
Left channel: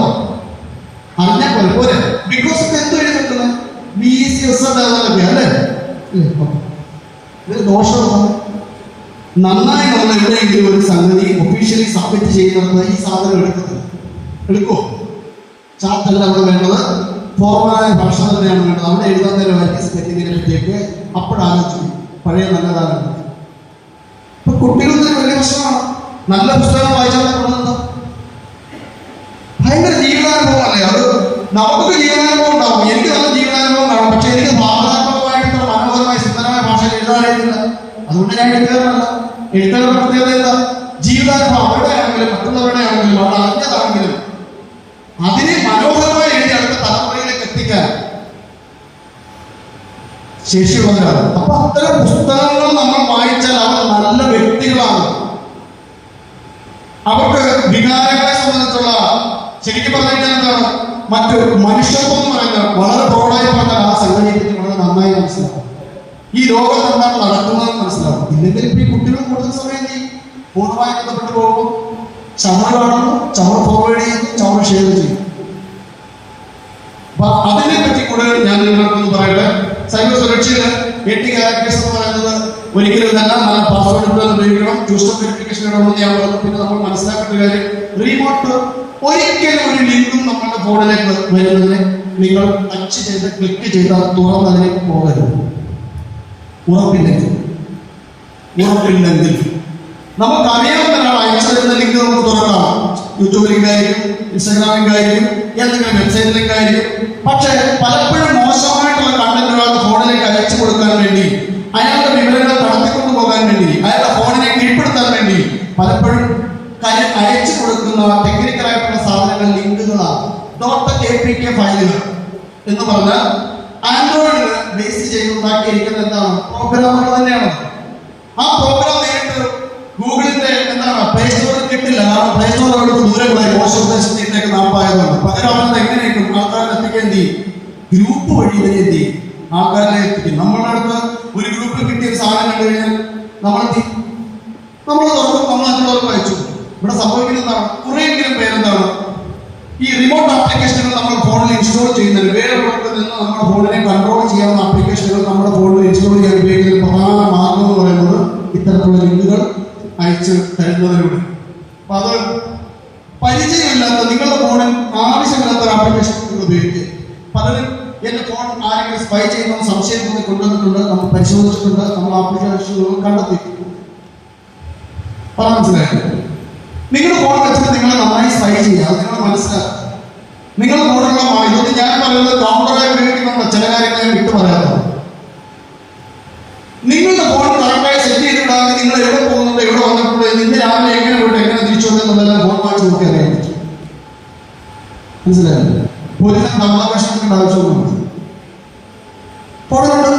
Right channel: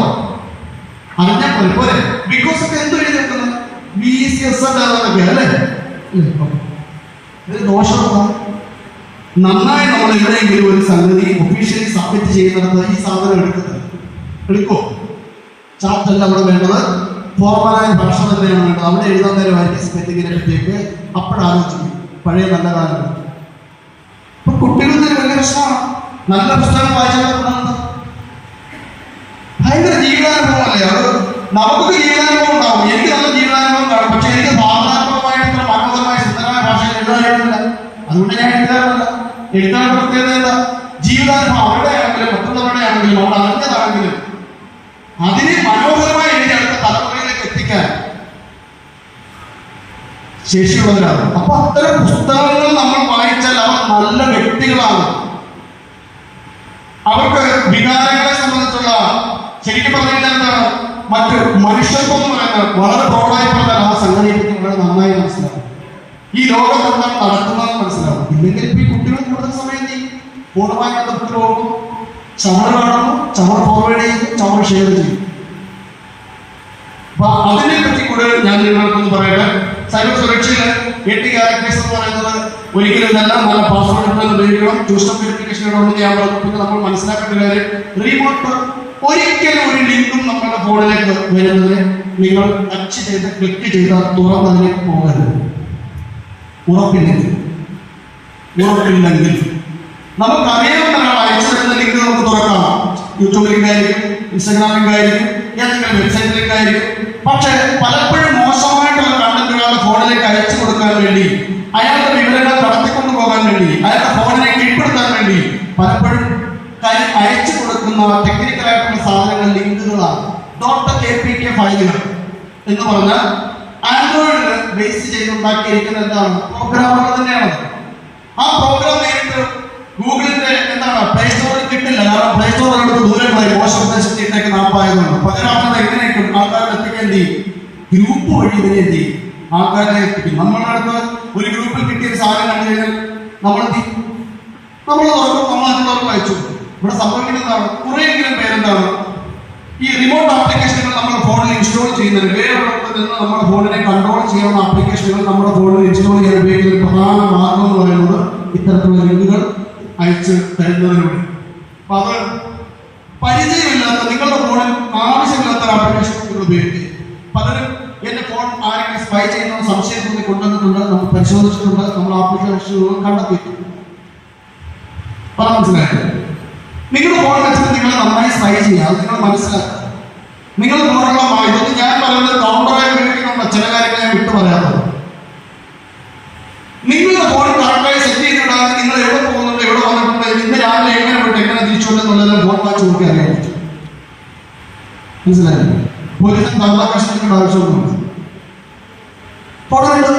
അറിഞ്ഞാൽ പോലെ പോലെ ബിക്കോസ് ഇത് എന്ത് എഴുതി വെക്കുന്നത് BCS അല്ലേ? ഇതിന് ദോഷമാണ്. നന്നായി നമ്മൾ എവിടെയെങ്കിലും ഒരു സംഗതി ഒഫീഷ്യലി സബ്മിറ്റ് ചെയ്യുന്നത് ഈ സാധനം എടുക്കുമോ? ചാർട്ടല്ല നമ്മൾ വേണ്ടത്, ഫോർമലായ ഭാഷ തന്നെയാണ് വേണ്ടത്. അവിടെ എഴുതാൻ വൈദ്യസ് പറ്റിയതിനെ പറ്റിയൊക്കെ അപ്പോഴാലോചിച്ചു പഴയ നല്ല കാലം. ഇപ്പൊ കുട്ടികൾക്ക് വലിയ പ്രശ്നമാണ്. നല്ല പുസ്തകം വായിച്ചാൽ ഭയങ്കര ജീവിതാനുഭവമല്ലേ അത്. നമുക്ക് ജീവിതാനുഭവം ഉണ്ടാവും, എനിക്ക് നല്ല ജീവിതാനുഭവം കാണാം. പക്ഷെ എനിക്ക് ഭാവനാത്മകമായിട്ട് മനോഹരമായ സുന്ദരമായ ഭാഷയിൽ എഴുതാറില്ല. അതുകൊണ്ട് ഞാൻ എഴുതാറില്ല. എഴുതാനുള്ള പ്രത്യേകത എന്താ? ജീവിതാനുഭവം അവരുടെ ആണെങ്കിലും മറ്റുള്ളവരുടെ ആണെങ്കിലും അവിടെ അറിഞ്ഞതാണെങ്കിലും അതിനെ മനോഹരമായി എഴുതി അടുത്ത തലമുറയിലേക്ക് എത്തിക്കാൻ ശേഷിയുള്ളവരാണ്. അപ്പൊ അത്തരം പുസ്തകങ്ങൾ നമ്മൾ വായിച്ചാൽ അവർ നല്ല വ്യക്തികളാണ്. അവർക്ക് വികാരങ്ങളെ സംബന്ധിച്ചുള്ള ശരിക്കും പറഞ്ഞാൽ എന്താണ് മറ്റു മനുഷ്യത്വം എന്ന് പറയുന്നത് വളരെ തോടായി പറഞ്ഞാൽ ആ സംഘടനയ്ക്ക് വളരെ നന്നായി മനസ്സിലാക്കും. ഈ ലോകം എന്താണ് നടക്കുന്നതെന്ന് മനസ്സിലാക്കും. ഇല്ലെങ്കിൽ ഇപ്പൊ ഈ കുട്ടികൾ കൂടുതൽ സമയം ചെയ്യും, പൂർണ്ണമായി ബന്ധപ്പെട്ട് പോകും. ചവർ കാണുന്നു, ചവർ ഫോർവേഡ് ചെയ്യുന്നു, ചവർ ഷെയർ ചെയ്യും. അപ്പൊ അതിനെ പറ്റി കൂടുതൽ ഞാൻ നിങ്ങൾക്കൊന്ന് പറയട്ടെ. സൈബർ സുരക്ഷയില് 8 ക്യാരക്ടേഴ്സ് എന്ന് പറയുന്നത് ഒരിക്കലും നല്ല പാസ്വേഡ് ഉപയോഗിക്കണം. ടു സ്റ്റെപ്പ് വെരിഫിക്കേഷൻ ഇടണമെന്ന് ഞാൻ പറഞ്ഞു. പിന്നെ നമ്മൾ മനസ്സിലാക്കേണ്ട കാര്യം, റിമോട്ട് ഒരിക്കലും ഒരു ലിങ്കും നമ്മുടെ ഫോണിലേക്ക് വരുന്നതിന് നിങ്ങൾ ടച്ച് ചെയ്ത് ക്ലിക്ക് ചെയ്താൽ തുറന്നതിലേക്ക് പോകരുത്. ഉറപ്പില്ലെങ്കിൽ നമുക്ക് അറിയാവുന്ന ഒരാൾ അയച്ചു തരുന്ന ലിങ്ക് നമുക്ക് തുറക്കാം. യൂട്യൂബ് ലിങ്ക് ആയിരിക്കും, ഇൻസ്റ്റാഗ്രാം ലിങ്ക് ആയിരിക്കും, ഏതെങ്കിലും വെബ്സൈറ്റ് ലിങ്ക് ആയിരിക്കും. പക്ഷെ പലപ്പോഴും മോശമായിട്ടുള്ള കണ്ടന്റുകൾ ഫോണിലേക്ക് അയച്ചു കൊടുക്കാൻ വേണ്ടി, അയാളുടെ വിവരങ്ങൾ കടത്തിക്കൊണ്ടു പോകാൻ വേണ്ടി, അയാളുടെ ഫോണിനെ കീഴ്പ്പെടുത്താൻ വേണ്ടി പലപ്പോഴും അയച്ചു കൊടുക്കുന്ന ടെക്നിക്കലായിട്ടുള്ള സാധനങ്ങൾ ലിങ്കുകളാണ്. .apk ഫയലുകൾ എന്ന് പറഞ്ഞാൽ ആൻഡ്രോയിഡിൽ ബേസ് ചെയ്തുണ്ടാക്കിയിരിക്കുന്ന എന്താണ് പ്രോഗ്രാമുകൾ തന്നെയാണ്. ആ പ്രോഗ്രാം നേരിട്ട് ഗൂഗിളിന്റെ എന്താണ് പ്ലേ സ്റ്റോറിൽ കിട്ടില്ല. കാരണം പ്ലേ സ്റ്റോറിനോട് ദൂരമായി മോശപ്രദേശത്തേക്ക് നാപ്പായതാണ്. പകരം എങ്ങനെയൊക്കെ ആൾക്കാരെ എത്തിക്കാൻ ചെയ്യും? ഗ്രൂപ്പ് വഴി തന്നെ എന്ത് ചെയ്യും? ആൾക്കാരെ എത്തിക്കും. നമ്മളുടെ അടുത്ത് ഒരു ഗ്രൂപ്പിൽ കിട്ടിയ ഒരു സാധനം കണ്ടു കഴിഞ്ഞാൽ നമ്മൾ തുറക്കും, നമ്മൾ മറ്റുള്ളവർക്ക് അയച്ചു. ഇവിടെ സംഭവിക്കുന്നതാണ് കുറെയെങ്കിലും പേരെന്താണ് ഈ റിമോട്ട് ആപ്ലിക്കേഷനുകൾ നമ്മുടെ ഫോണിൽ ഇൻസ്റ്റാൾ ചെയ്യുന്നത്. വേറൊരിടത്ത് നിന്ന് നമ്മുടെ ഫോണിനെ കൺട്രോൾ ചെയ്യാവുന്ന ആപ്ലിക്കേഷനുകൾ നമ്മുടെ ഫോണിൽ ഇൻസ്റ്റാൾ ചെയ്യാൻ ഉപയോഗിക്കുന്ന പ്രധാന മാർഗം എന്ന് പറയുന്നത് ഇത്തരത്തിലുള്ള ലിങ്കുകൾ അയച്ച് തരുന്നതിലൂടെ. അപ്പൊ അത് പരിചയമില്ലാത്ത നിങ്ങളുടെ ഫോണിൽ ആവശ്യമില്ലാത്ത ആപ്ലിക്കേഷനുകൾ ഉപയോഗിക്കുക. പലരും എന്റെ ഫോൺ ആരെങ്കിലും സ്പൈ ചെയ്യുന്ന സംശയം തോന്നി കൊണ്ടുവന്നിട്ടുണ്ട്, നമ്മൾ പരിശോധിച്ചിട്ടുണ്ട്, നമ്മൾ ആപ്ലിക്കേഷനുകൾ കണ്ടെത്തിയിട്ടുണ്ട്. അത് മനസ്സിലാക്കുക. നിങ്ങളുടെ ഫോൺ വെച്ചിട്ട് നിങ്ങൾ നന്നായി സ്പൈ ചെയ്യുക, അത് നിങ്ങൾ മനസ്സിലാക്കുക. നിങ്ങളുടെ ഫോണുള്ള ഇതൊന്നും ഞാൻ പറയുന്നത് കൗണ്ടറായി ഉപയോഗിക്കുന്ന ചില കാര്യങ്ങൾ ഞാൻ വിട്ടു പറയാത്തത്. നിങ്ങളുടെ ഫോൺ കറക്റ്റായി സെറ്റ് ചെയ്തിടാതെ നിങ്ങൾ എവിടെ പോകുന്നുണ്ട്, എവിടെ വന്നിട്ടുണ്ട്, ഇന്ന് രാവിലെ എങ്ങനെ പോയിട്ട് എങ്ങനെ തിരിച്ചു എന്നുള്ളതെല്ലാം ഫോൺ വാങ്ങിച്ച് നോക്കി അറിയാൻ പറ്റും. മനസ്സിലായില്ലേ? പോലീസ് കമ്മ്യൂണിക്കേഷൻ്റെ ആവശ്യമൊന്നുമില്ല. ഫോണുണ്ട്.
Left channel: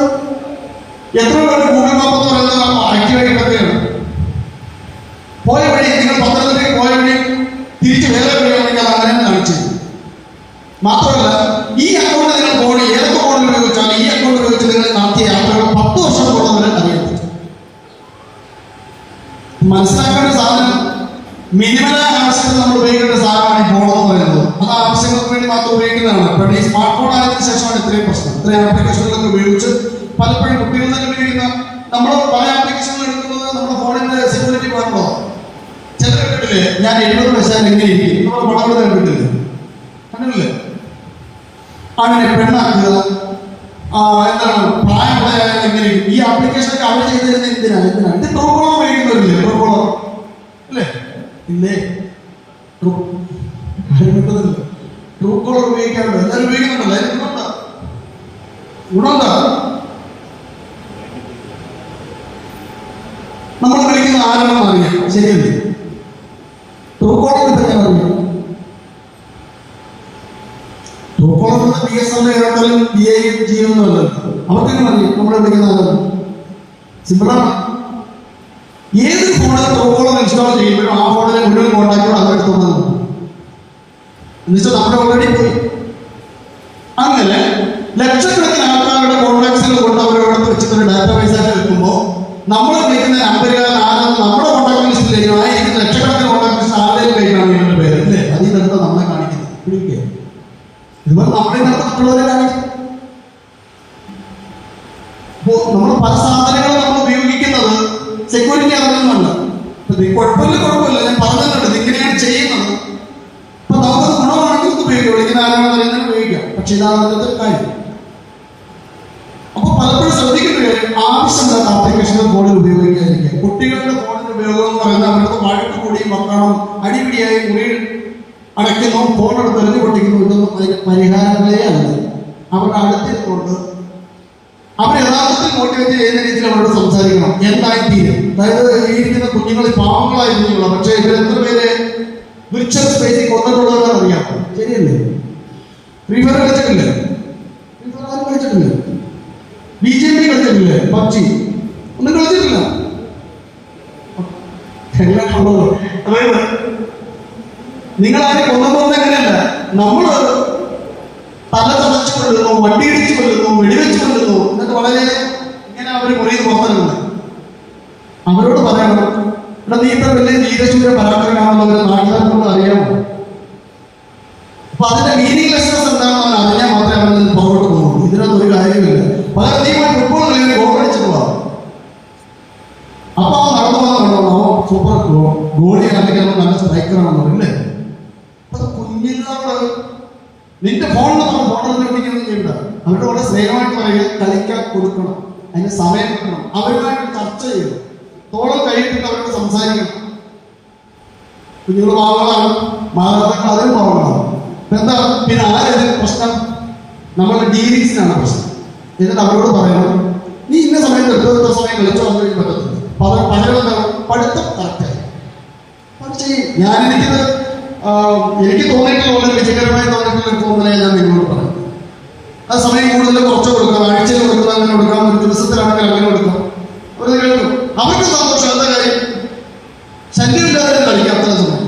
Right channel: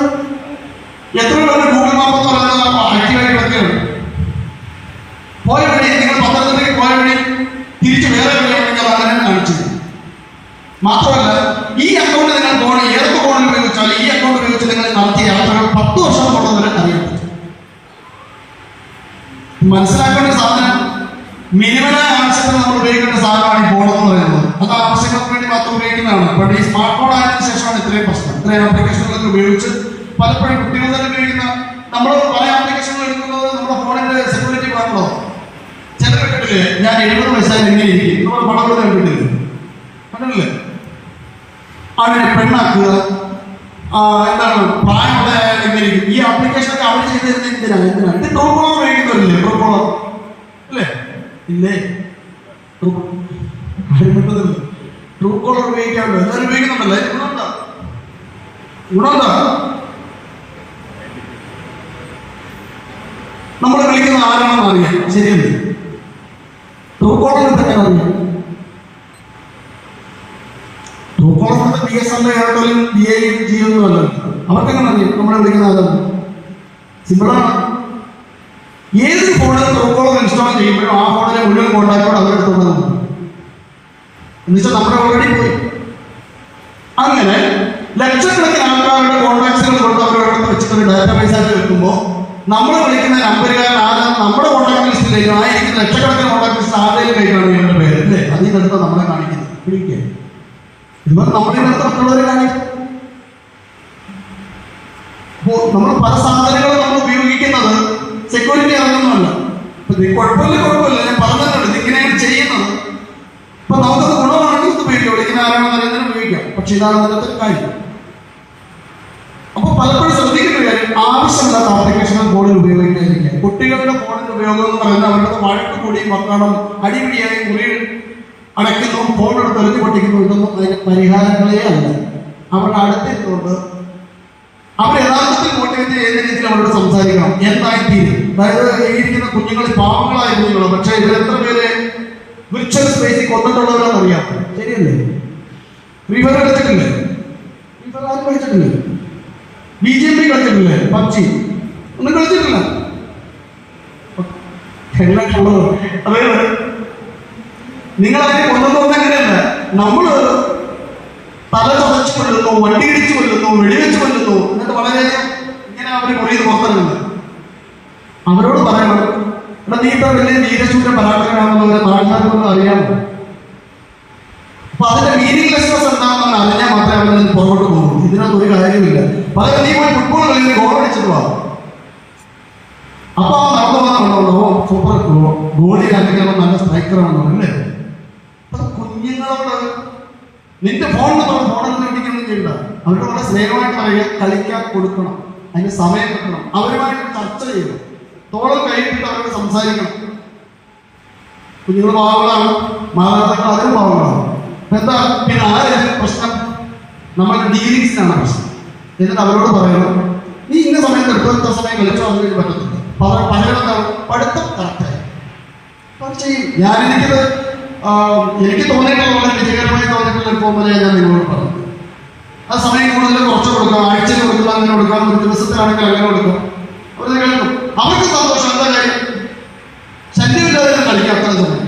എത്ര പേരുടെ ഗൂഗിൾ മാപ്പ് എന്ന് പറയുന്നത് ആക്റ്റീവായി കിടക്കുകയാണ്. പോയ വഴി നിങ്ങൾ പത്തനംതിട്ടയ്ക്ക് പോയ വഴി തിരിച്ച് വേറെ വഴികൾ അങ്ങനെ കാണിച്ചു. മാത്രമല്ല ഈ അക്കൗണ്ട് നിങ്ങൾ ഫോൺ ഏതൊക്കെ ഫോണിൽ ഉപയോഗിച്ചാൽ ഈ അക്കൗണ്ട് ഉപയോഗിച്ച് നിങ്ങൾ നടത്തിയ യാത്രകൾ 10 വർഷം കൊണ്ടുവരെ അറിയാൻ പറ്റും. മനസ്സിലാക്കേണ്ട സാധനം മിനിമലായ ആവശ്യത്തിന് നമ്മൾ ഉപയോഗിക്കേണ്ട സാധനമാണ് ഈ ഫോൺ എന്ന് പറയുന്നത്. അത് ആവശ്യങ്ങൾക്ക് വേണ്ടി മാത്രം ഉപയോഗിക്കുന്നതാണ്. പക്ഷേ ഈ സ്മാർട്ട് ഫോൺ ആയതിനു ശേഷമാണ് ഇത്രയും പ്രശ്നം. ഇത്രയും ആപ്ലിക്കേഷനുകളൊക്കെ ഉപയോഗിച്ച് പലപ്പോഴും കുട്ടികൾ തന്നെ ഉപയോഗിക്കുന്ന നമ്മൾ പല ആപ്ലിക്കേഷനുകൾ എടുക്കുന്നത് നമ്മുടെ ഫോണിന്റെ സെക്യൂരിറ്റി വേണമല്ലോ. ചില വീട്ടില് ഞാൻ 70 വയസ്സായി എങ്ങനെ ഇരിക്കും, നമ്മുടെ പടവുള്ള വീട്ടില് കണ്ടില്ലേ, അതിനെ പെണ്ണാക്കുക, എന്താണ് പ്രായമുള്ള എങ്ങനെ ഈ ആപ്ലിക്കേഷനൊക്കെ അവർ ചെയ്ത് തരുന്ന എന്തിനാണ്? ഇത് ടൂർക്കോളം ഉപയോഗിക്കുന്നവരില്ലേ? ടൂർക്കോളം അല്ലേ? ഇല്ലേ? ട്രൂ കോളർ ഉപയോഗിക്കാറുണ്ട്, എല്ലാവരും ഉപയോഗിക്കുന്നുണ്ടല്ലോ. ഗുണമുണ്ടോ? നമ്മളെ വിളിക്കുന്ന ആരാണെന്ന് അറിയാം, ശരിയല്ലേ? ട്രൂ കോളർ തന്നെ അറിയാം. True collar BSNL, Airtel, DI, Jio ഒന്നും അല്ല. അവർക്കെങ്ങനെ അറിയാം നമ്മളെ വിളിക്കുന്ന ആരാണ്? സിമ്പിളാണ്. ഏത് ഫോണിൽ ട്രൂ കോളർ ഇൻസ്റ്റാൾ ചെയ്യുമ്പോഴും ആ ഫോണിലെ മുഴുവൻ കോൺടാക്റ്റോട് അവരെടുത്തുള്ളത് എന്നുവെച്ചാൽ നമ്മുടെ ഓൾറെഡി പോയി. അങ്ങനെ ലക്ഷക്കണക്കിന് ആൾക്കാരുടെ കോൺടാക്ട്സുകൾ കൊണ്ട് അവരോടൊപ്പം വെച്ചിട്ട് ഡാറ്റാബേസ് ആയിട്ട് വെക്കുമ്പോൾ നമ്മൾ വിളിക്കുന്ന നമ്പറുകാരൻ ആരും നമ്മുടെ കോൺടാക്ട് ലിസ്റ്റിലേക്ക് ആയിരിക്കും. ലക്ഷക്കണക്കിന് കോൺടാക്ട് ലിസ്റ്റ് ആരുടെയും കയ്യിലാണ് ഇവരുടെ പേര്, അല്ലേ? അതിൽ നിന്ന് നമ്മളെ കാണിക്കുന്നത് പിടിക്കുക. ഇതുപോലെ നമ്മുടെ മറ്റുള്ളവരെ കാണിക്കും. അപ്പോൾ നമ്മൾ പല സാധനങ്ങളും നമ്മൾ ഉപയോഗിക്കുന്നത് സെക്യൂരിറ്റി അറിയുന്നുണ്ട്. കുഴപ്പമില്ല, ഞാൻ പറഞ്ഞിട്ടുണ്ട് ഇങ്ങനെയാണ് ചെയ്യുന്നത്. അപ്പൊ നമുക്കത് ഗുണമാണെങ്കിൽ ഇത് ഉപയോഗിക്കാം, വിളിക്കുന്ന ആരാണെന്ന് അറിയുന്നതിന് ഉപയോഗിക്കാം. പക്ഷെ ഇതാണ് അതിനകത്ത് കാര്യം. അപ്പൊ പലപ്പോഴും ശ്രദ്ധിക്കേണ്ട കാര്യം, ആവശ്യമില്ലാത്ത ആപ്ലിക്കേഷനുകൾ ഫോണിൽ ഉപയോഗിക്കാതിരിക്കുക. കുട്ടികളുടെ ഫോണിന്റെ ഉപയോഗം എന്ന് പറയുന്നത് അവരുടെ വഴക്ക് കൂടിയും മക്കളും അടിപിടിയായി മുറിയിൽ അടയ്ക്കുന്നു, ഫോണെടുത്ത് എറിഞ്ഞു പൊട്ടിക്കുന്നു. ഇതൊന്നും അതിന് പരിഹാരങ്ങളേ അല്ല. അവരുടെ അടുത്തിരുന്നുകൊണ്ട് അവർ യഥാർത്ഥത്തിൽ മോട്ടിവേറ്റ് ചെയ്യുന്ന രീതിയിൽ അവരോട് സംസാരിക്കണം. എന്തായിത്തീരും, അതായത് ഇരിക്കുന്ന കുഞ്ഞുങ്ങൾ പാവങ്ങളായിരിക്കുന്നുള്ളൂ. പക്ഷെ ഇവരെത്ര പേര് വിർച്വൽ സ്പേസിൽ കൊന്നിട്ടുള്ളവരെന്ന് അറിയാം, ശരിയല്ലേ? ഫ്രീ ഫയർ കളിച്ചിട്ടില്ലേ? ആരും കളിച്ചിട്ടില്ലേ? BGMI കളിച്ചിട്ടില്ലേ? PUBG ഒന്നും കളിച്ചിട്ടില്ല. അതായത് നിങ്ങളാരും കൊല്ലുന്നത് എങ്ങനെയല്ല, നമ്മള് തല ചതച്ചു കൊല്ലുന്നു, വണ്ടി ഇടിച്ചു കൊല്ലുന്നു, വെടിവെച്ച് കൊല്ലുന്നു. എന്നിട്ട് വളരെ ഇങ്ങനെ അവർ കുറേ പുറത്തുള്ളത്. അവരോട് പറയണം, ഇവിടെ നീ ഇത്ര വലിയ വീരശൂര പരാക്രമമാണെന്നുള്ളവരെ നാട്ടുകാർക്കുള്ള അറിയാമോ? അപ്പൊ അതിന്റെ മീനിങ്ലെസ്നെസ് എന്താണെന്ന് അവൻ അറിഞ്ഞാൽ മാത്രമേ അവൻ നിന്ന് പുറകോട്ട് പോകുള്ളൂ. ഇതിനകത്ത് ഒരു കാര്യമില്ല. പകരം നീ പോയി ഫുട്ബോൾ കളിയിൽ ഗോൾ അടിച്ചിട്ട് പോവാം. അപ്പൊ അവൻ നടന്നു വന്നോ സൂപ്പർ ഗോളിയാണെങ്കിൽ നല്ല സ്ട്രൈക്കറാണെന്ന് പറയല്ലേ? അപ്പൊ കുഞ്ഞുങ്ങളോട് നിന്റെ ഫോണിൽ ഫോണിൽ ഉപയോഗിക്കുകയൊന്നും ചെയ്യണ്ട. അവരുടെ വളരെ സ്നേഹമായിട്ട് പറയുക, കളിക്കാൻ കൊടുക്കണം, അതിന് സമയം കൊടുക്കണം, അവരുമായിട്ട് ചർച്ച ചെയ്യണം, തോളം കഴിയിട്ടിട്ട് അവരോട് സംസാരിക്കണം. കുഞ്ഞുങ്ങൾ പാവങ്ങളാണ്, മാതാപിതാക്കൾ അതിലും പാവങ്ങളാണ്. എന്താ പിന്നെ ആരും പ്രശ്നം? നമ്മളുടെ ഡീലിങ്സിനാണ് പ്രശ്നം. എന്നിട്ട് അവരോട് പറയണം, നീ ഇന്ന സമയത്ത് എടുത്ത സമയം കളിച്ചോ, അത് കഴിഞ്ഞ് പറ്റത്തില്ല. പകരം പഠിത്തം കറക്റ്റായി ചെയ്യും. എനിക്ക് തോന്നിയിട്ടുള്ള വിജയകരമായി തോന്നിയിട്ടുള്ള ഫോമിലെ ഞാൻ നിങ്ങളോട് പറഞ്ഞു. ആ സമയം കൂടുതൽ കുറച്ച് കൊടുക്കാം, ആഴ്ചയിൽ കൊടുക്കാം, അങ്ങനെ കൊടുക്കാം, ഒരു ദിവസത്തിലാണെങ്കിൽ അങ്ങനെ കൊടുക്കാം. അവർ കേൾക്കും, അവർക്ക് സന്തോഷം. എന്താ കാര്യം? ശല്യമില്ലാതെ കളിക്കാം അത്ര സമയം,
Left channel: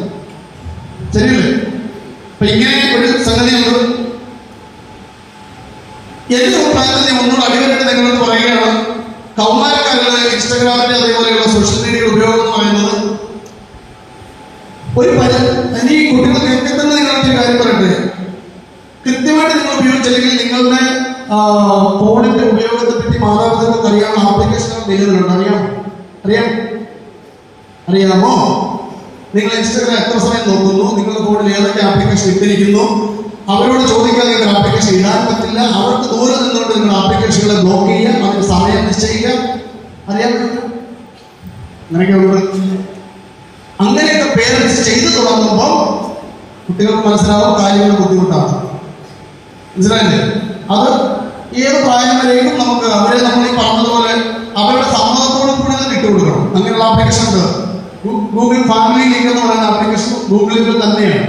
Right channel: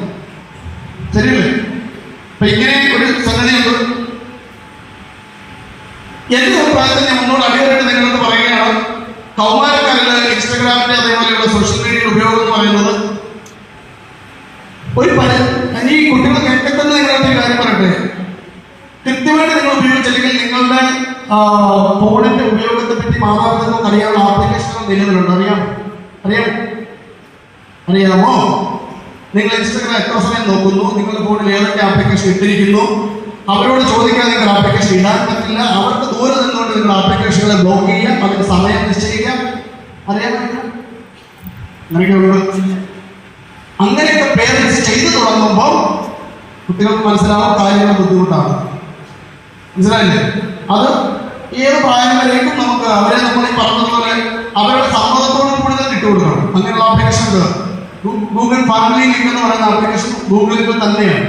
ശരിയല്ലേ? അപ്പൊ ഇങ്ങനെ ഒരു സംഗതിയുണ്ട്. എന്റെ അഭിപ്രായത്തിൽ ഞാൻ മുന്നോട്ട് അടിവരട്ട് നിങ്ങളോട് പറയുകയാണ്, കൗമാരക്കാരുടെ ഇൻസ്റ്റാഗ്രാമിന്റെ അതേപോലെയുള്ള സോഷ്യൽ മീഡിയയുടെ ഉപയോഗം എന്ന് പറയുന്നത് ഒരു ഈ കുട്ടികൾ കേൾക്കുന്ന നിങ്ങളൊരു കാര്യം പറയട്ടെ. കൃത്യമായിട്ട് നിങ്ങൾ ഉപയോഗിച്ചില്ലെങ്കിൽ നിങ്ങളുടെ ഫോണിന്റെ ഉപയോഗത്തെ പറ്റി മാതാപിതാക്കൾക്ക് അറിയാവുന്ന ആപ്ലിക്കേഷനുകൾ നിലവിലുണ്ട്. അറിയാമോ? നിങ്ങൾ ഇൻസ്റ്റാഗ്രാം എത്ര സമയം നോക്കുന്നു, നിങ്ങളുടെ ഫോണിൽ ഏതൊക്കെ ആപ്ലിക്കേഷൻ ഇട്ടിരിക്കുന്നു, അവരോട് ചോദിക്കാതെ നിങ്ങൾ ആപ്ലിക്കേഷൻ ഇടാൻ പറ്റില്ല. അവർക്ക് ദൂരെ നിന്നുകൊണ്ട് നിങ്ങൾ ആപ്ലിക്കേഷനുകളെ ബ്ലോക്ക് ചെയ്യാം, അവർക്ക് സമയം നിശ്ചയിക്കാം. അറിയാൻ പറ്റില്ല. അങ്ങനെയൊക്കെ പേരൻസ് ചെയ്തു തുടങ്ങുമ്പോൾ കുട്ടികൾക്ക് മനസ്സിലാവും കാര്യങ്ങൾ ബുദ്ധിമുട്ടാണ്. മനസ്സിലായില്ലേ? അത് ഏത് പ്രായം വരെയും നമുക്ക് അവരെ നമ്മൾ ഈ പറഞ്ഞതുപോലെ അവരുടെ സമ്മതത്തോടും കൂടി ഇട്ടുകൊടുക്കണം. അങ്ങനെയുള്ള ആപ്ലിക്കേഷൻ ഗൂഗിൾ ഫാമിലി ലിങ്ക് എന്ന് പറയുന്ന ആപ്ലിക്കേഷൻ ഗൂഗിളിൽ തന്നെയാണ്.